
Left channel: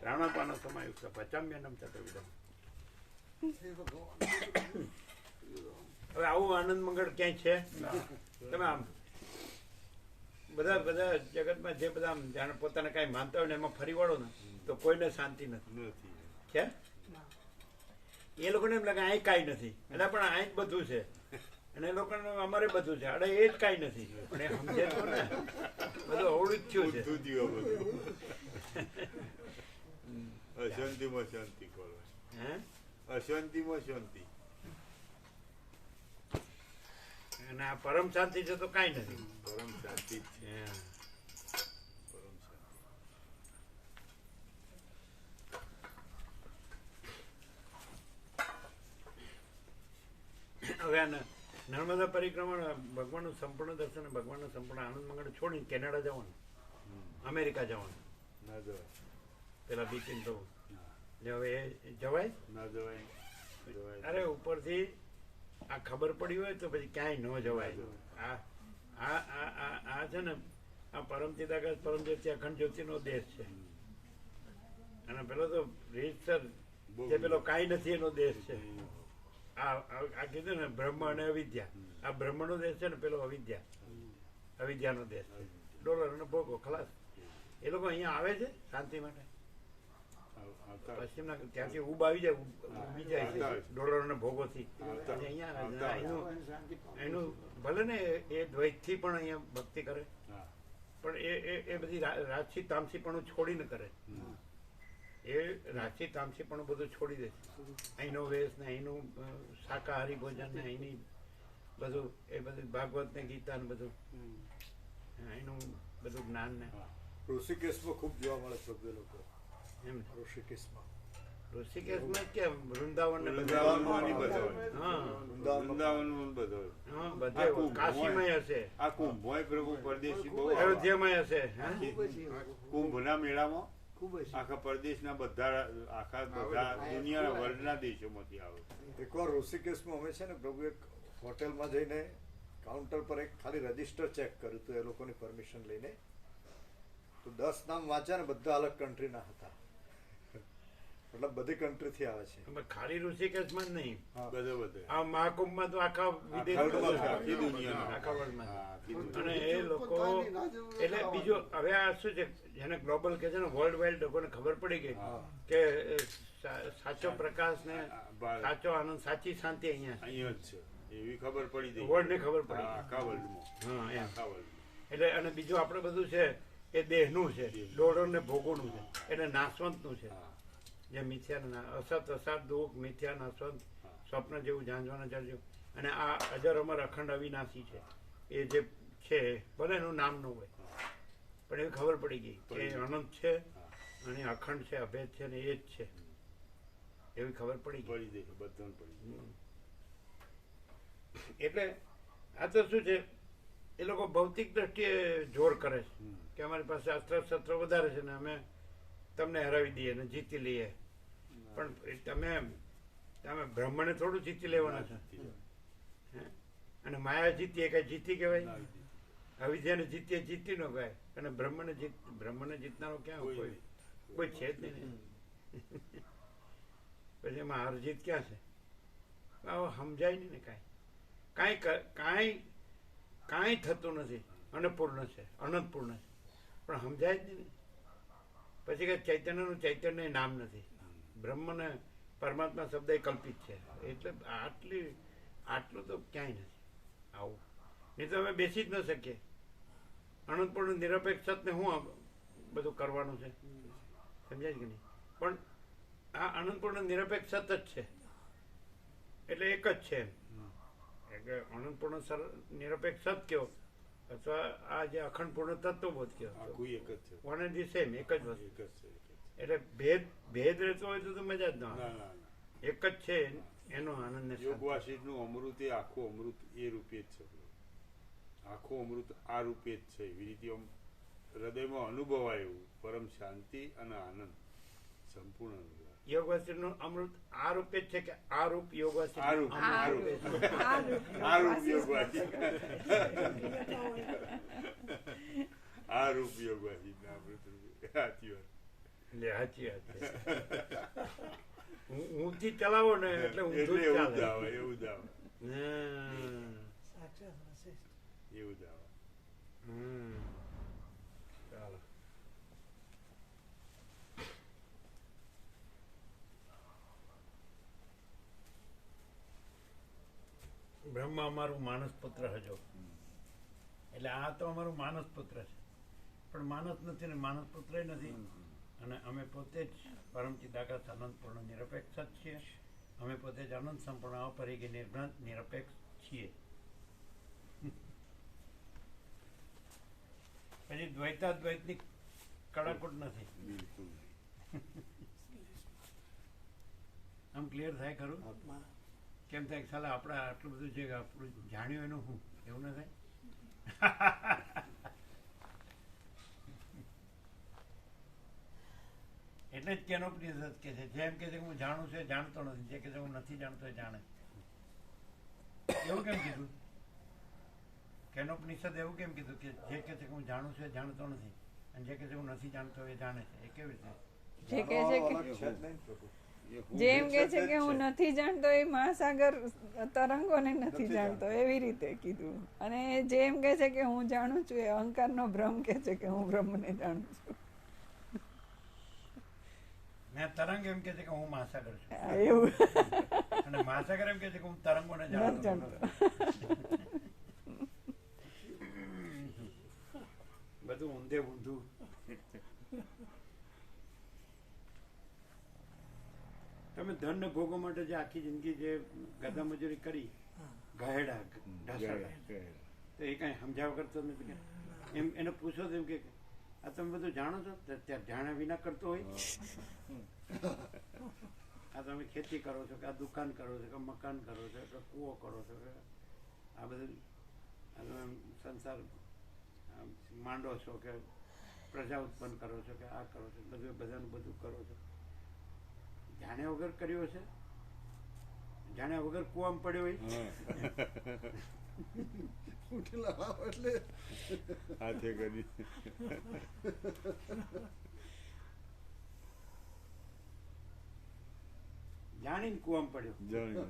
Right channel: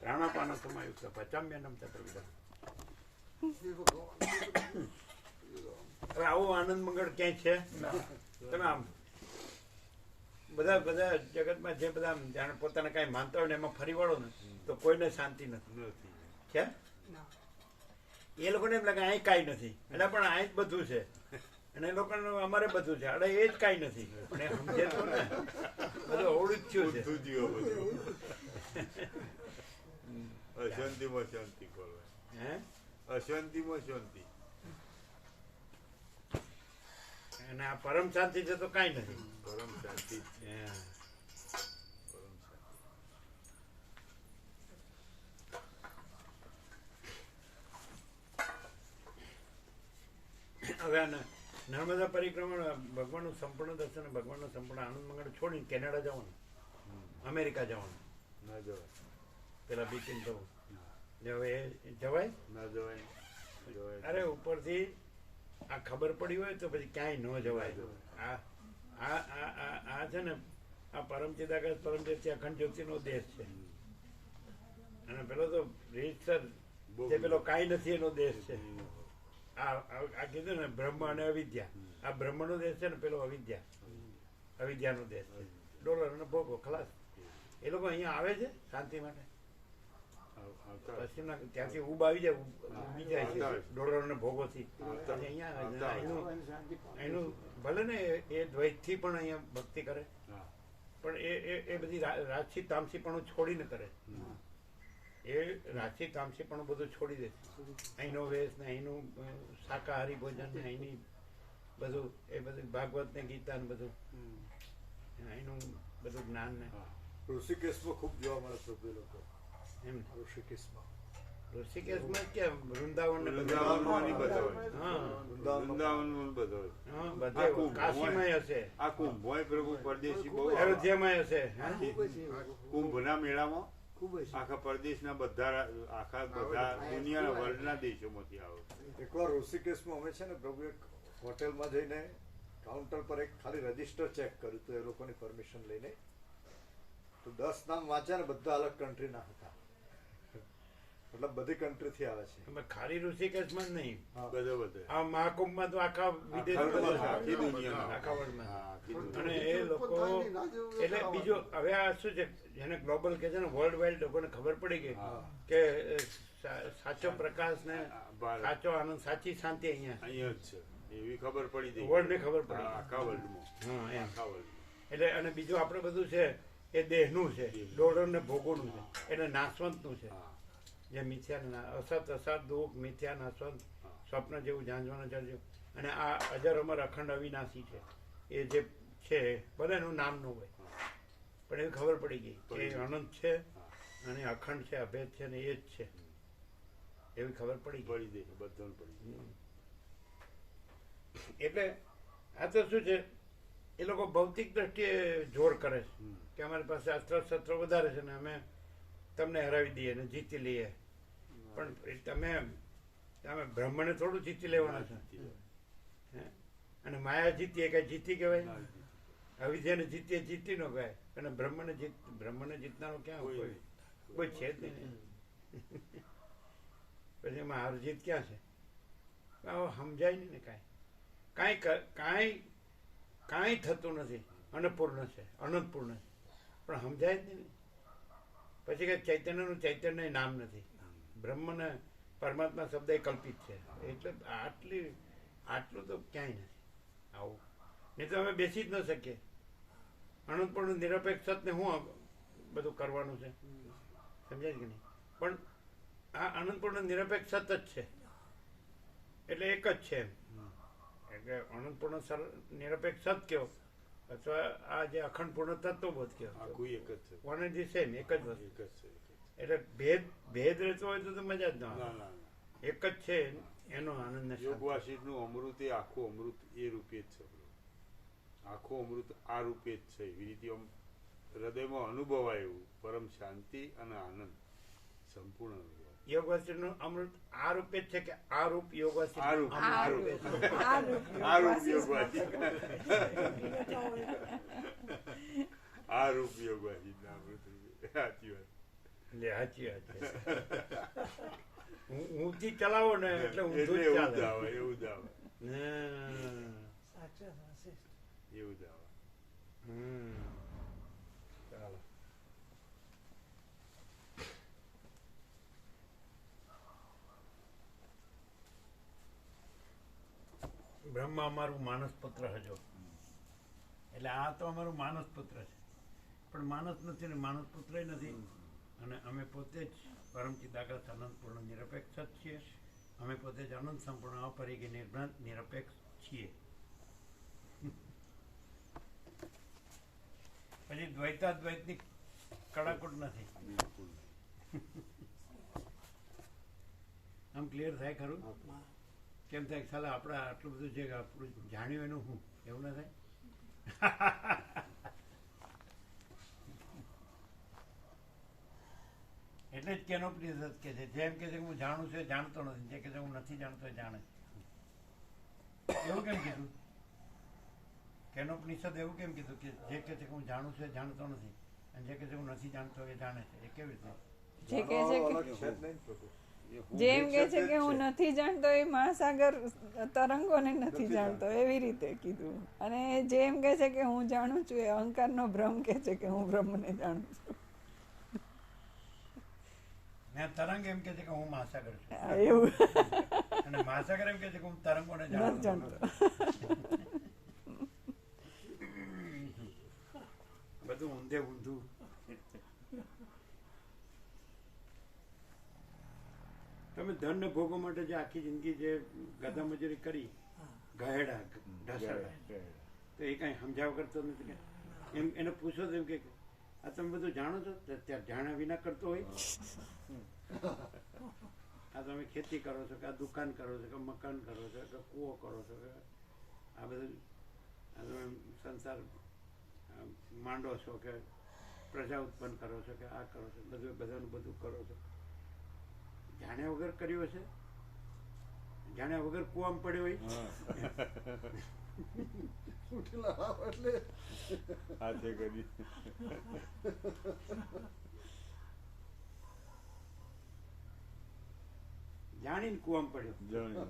પ્રાણાપાન સમાયુક્ત પચામ્યનમ ચતુર્વિધમ. હવે આવું આનંદ મંગળ ક્યાંય છે? તમે આમ બધા જગતમાં જે બધા આમ જાણે પોતાને કાંઈ માનતા હોય ને એમાં ફરી વળો ને તો કોઈને શાંતિ નથી. છે એ લોકોને એમ લાગે અહીં કાંઈ નથી એટલે પણ અહીં જ બધું છે અને એ લોકોને અમારે બધું છે અરે એ જ કાંઈ નથી પણ એ સમજે તો ને બધું અવળું જ થયું છે. બધું જીવો બધું. અશાંતિમાં શાંતિ કરો. હે અશાંતિમાં શાંતિ. અને આ પરમ શાંતિ છે તો કાંઈ નથી. પરમ શાંતિ જ છે. હે. પરમ શાંતિ. હવે આ નર્મદા પરિક્રમા ભગવાનનું સંપૂર્ણ દર્શન અને ભગવાનનું સંપૂર્ણ આનંદ મંગળ છોડીને કેનેડા જવાનું, અમેરિકા જવાનું. ના જવાય. પેલા બીકીન તો હવે એ જવાય? ના જવાય. જવાય. અરે ઉપરથી આ ખબર પડી હોય તો પછી ક્યાંય ન જવાય. આ આ આ આ આ છે ને આ પરમચિદાકાશ પરમજ્યોતિ અખંડ જ્યોતિનો દેશ છે અને પેલો તો રીતસર જે પેલો કાંઈ નથી એનો દેશ છે. આ કીધું ને બ્રહ્મ અને અવિદ્યા. આ બ્રહ્મનો દેશ છે ને પેલો અવિદ્યાનો દેશ છે. ડોલર અને ભોગો ખલાસ. એ લોકો અહીંયા આવે છે શાંતિ માટે. પશ્ચિમના ત્યાંથી ઉબ આવી જાય ઉબી જાય છે ડોલર અને ભોગોથી. અને અહીંયા એનું ભલે ને એ દ્વૈતથી પણ અહીંયા ભક્તિ કરે પણ એ બધી રાજસી તામસી પણ છોડીને કરે. એ રાજસી તામસી પણ બધું છોડી દે છે. અહીંનો વેશ ને અહીંનું શાકાહારી ભોજન ને અહીંની બધું એ બધું ભાગવત ને ગીતા ને બધું અહીંનું બધું જ્ઞાન ને ઋષિકેશમાં ખૂબ જોવા મળે છે બધા લોકો. એમ ઋષિકેશમાં ઋષિકેશમાં કેમ વૃંદાવન ને વૃંદાવનમાં નહીં બતાવે. હા વૃંદાવનમાં બતાવે. હા બધે કાશીમાં હશે, આ કુંભોય પ્રભુ પરદેશી બહુ અયોધ્યામાં હશે. હા કુંભના મેળામાં ખૂબ જ આખા પરદેશના બધા દુનિયાના વર્લ્ડના દેશોમાંથી આવે. એકવાર ઋષિકેશમાં અમે છે ને પ્રભુ એક હોટેલમાં જઈને કાઉન્ટર પર એક ખાલી રજીસ્ટર ચેક કર્યું તો એ લોકોની પરમિશન લઈને તો 10 નામ વાંચ્યા ને બધા અલગ કન્ટ્રીના હતા. મતલબ બધી કન્ટ્રીથી આવે છે. અમે ખાલી ઋષિકેશમાં જ નહીં, બધે આ મહાકુંભમાં તો આખા વિદેશમાં આખી દુનિયાના. આખા વર્લ્ડમાં. હા, આખી દુનિયા. અને એ લોકો એટલે બીજું હવે આ શું છે જેને ગ્લોબલ કે છે ને વર્લ્ડ વાઇડ લોકોને ખબર પડી ગઈ કે સાચો પ્રકાશ ને સાચો આનંદ સાચી શાંતિ અહીંયા અહીંયા જ છે એવી ખબર પડી ગઈ. વર્લ્ડ ને ખબર પડી. આખા વર્લ્ડમાં. હા એમ આખા વર્લ્ડમાં. એટલે અને બીજું આપણે બધું છે એ દેહનું છે, ડોળર ને ભોગોનું છે એટલે નાશવંતનું છે. હા. જે મિથ્યાના અસત અસત દુઃખ મિથ્યાના સ્વંત સ્વપ્ન જેવું ઝાંઝવાના જળજો અને આ અજર અમર અખંડ અવિનાશી છે એ જે છે ભલે એનું નામ ન હોય પણ એવી ખબર પડી ગઈ કે એ અનંત છે અને અખંડ છે અભેદ છે ને એ જ છે એવી ખબર પડી ગઈ. પડી જાય બધાને પડી જાય. એટલે આ તો શું છે એ લોકો ભૌતિક દ્રષ્ટિએ જોર કરે છે કે અમારી પાસે અસ્ત્ર શસ્ત્રો વધારે છે ને અમે તમને હરાવી દઈએ ને જીતી લઈએ પણ તમે બ્રહ્મને થોડું જીતી લેવાના છો હે? અને માયા જીતી એ કઈ જીતી કહેવાય અવિદ્યાને જીતી જીતી ન કહેવાય અને બ્રહ્મને જીતનારો ક્યાં કોઈ છે જ નહીં. પછી એમાં હાર જીત ક્યાં છે સમજાય નહીં ને કાંઈ થતું નથી અન્નપૂર્ણ છે અનંતપૂર્ણ છે પણ સમજાય જ નહીં. પછી કે ચૈતન્યનું ચૈતન્ય નામ નથી બ્રહ્મને પરમાત્મા શબ્દ એ કલ્પિત છે એટલે આટલું તો ક્યાંય નથી આવું નહીં તો અમે બેસી જ ન શકીએ. અનંતપૂર્ણ નિરપેક્ષ સતને શું બધું કરવાનું છે સમજાય કે નહીં પણ આ અનંતપૂર્ણ નિરપેક્ષ સત જ છે એટલે એક જ છે એટલે અનંતપૂર્ણ નિરપેક્ષ સત કયો અથવા આ જે અખંડપૂર્ણ તત્વબોધ કયો આખું એક જ છે. વન એન્ડ ધી સેમ એક જ વસ્તુ એક જ છે. એટલે ભેદ રહેતો હોય તો મજા જ ન આવે. ના. એક જ છે એનો આનંદ ને શાંતિ. યોગવાસિષ્ઠનું અમૃત એ આખું અમૃત એ રૂપે જ છે. આખું અમૃત આ રૂપે જ છે. એવી રીતે આમ હૃદયમાં અનુભવાય એવું પરમ શાંતિ અને આનંદ સંપૂર્ણ અનુભવાય. યોગ વાસિષ્ઠનું અમૃત આ રૂપે જ છે કે આ રૂપ યોગ આ રૂપ વાસિષ્ઠ આ રૂપ યોગવાસિષ્ઠ આ રૂપ યોગવાસિષ્ઠ અમૃત રૂપે. સાચી વાત. સાચી વાત ઊંચી ચલાવો ને એટલે ઊંધું જ એવું જ ચાલે. આવે એવું જ આવે હમ. એવું જ આવે. ચાલો બ્રહ્મ અમારું માનસ પુત્ર હજો એટલે આ તો અમારું માનસ પુત્ર છે પણ માનસ નથી ને માનસ પુત્ર નથી અને અમે પોતે જ પરમ ચિદાકાશ અનંત પૂર્ણ નિરપેક્ષ જ છીએ. અમે પોતે જ અનંત સંપૂર્ણ અપરિગી નિર્ભ્રાંત નિરપેક્ષ છીએ. પછી દ્વૈતાદ્વૈતની કડાકૂટ નથી. બિલકુલ આમ ક્લિયર થાય ખરું કેમ થાય સાલા આપણે આટલું બધું છે આપણું જાણ્યું એનું શું એવું ના થાય. એટલે જ કેનોપનિષદ કે છે જેમ કે છે હું જાણું છું એ જાણતો નથી જે કે છે હું નથી જાણતો એ જાણે છે. એવું કેમ કીધું કેનોપનિષદ એવું કેમ કીધું કે જે કે છે કે હું જાણું છું એ જાણતો નથી અને જે કે છે હું નથી જાણતો એ જાણે છે એ કેવી રીતે જે કહે છે કે અલગ છે જ નહીં પ્રભુ. જેમ કે છે કે હું નથી જાણતો એ મહાસાગર તરંગોને નથી જાણતો એવી રીતે કીધું અને જેમ કે છે કે હું જાણું છું એ અહંકારનો ભ્રમ કે છે કે હું બ્રહ્મને જાણું છું. ને તરંગ એમ કે છે કે હું મહાસાગર છું એવું અને મહાસાગર એમ કે છે કે હું તરંગોને નથી જાણતો જાણતો. બધું ઊંધે ઊંધું. તમે ધન ને ભોગો માટે જે આખી જિંદગી જે ગધા મજૂરી કરી ગહેડા ઢસડા તો એ કઈ સમજાવ કરતો નથી કે એમ એને પૂછો તો એમ કે આ તમે બધું જાણો છો ત્યારે જાણ્યા વિના કરતો હોય. આ તમે ખેતી કરો છો કે આ દુકાન કરો છો કે મકાન કરો છો કે કૂવો કરો છો કે આ બધું આ તમે સંસાર માંડો છો કે પ્રજા ઉત્પન્ન કરો છો કે આ કરો છો બધું બધાનું બધું કરો છો જાણ્યા વગર કર્યો છે જાણ્યા વગર કૂવામાં પડ્યો હોય. ઉઠેલા ભાવ એટલે હાથે કરી જાણીને કૂવામાં પડ્યો જાણી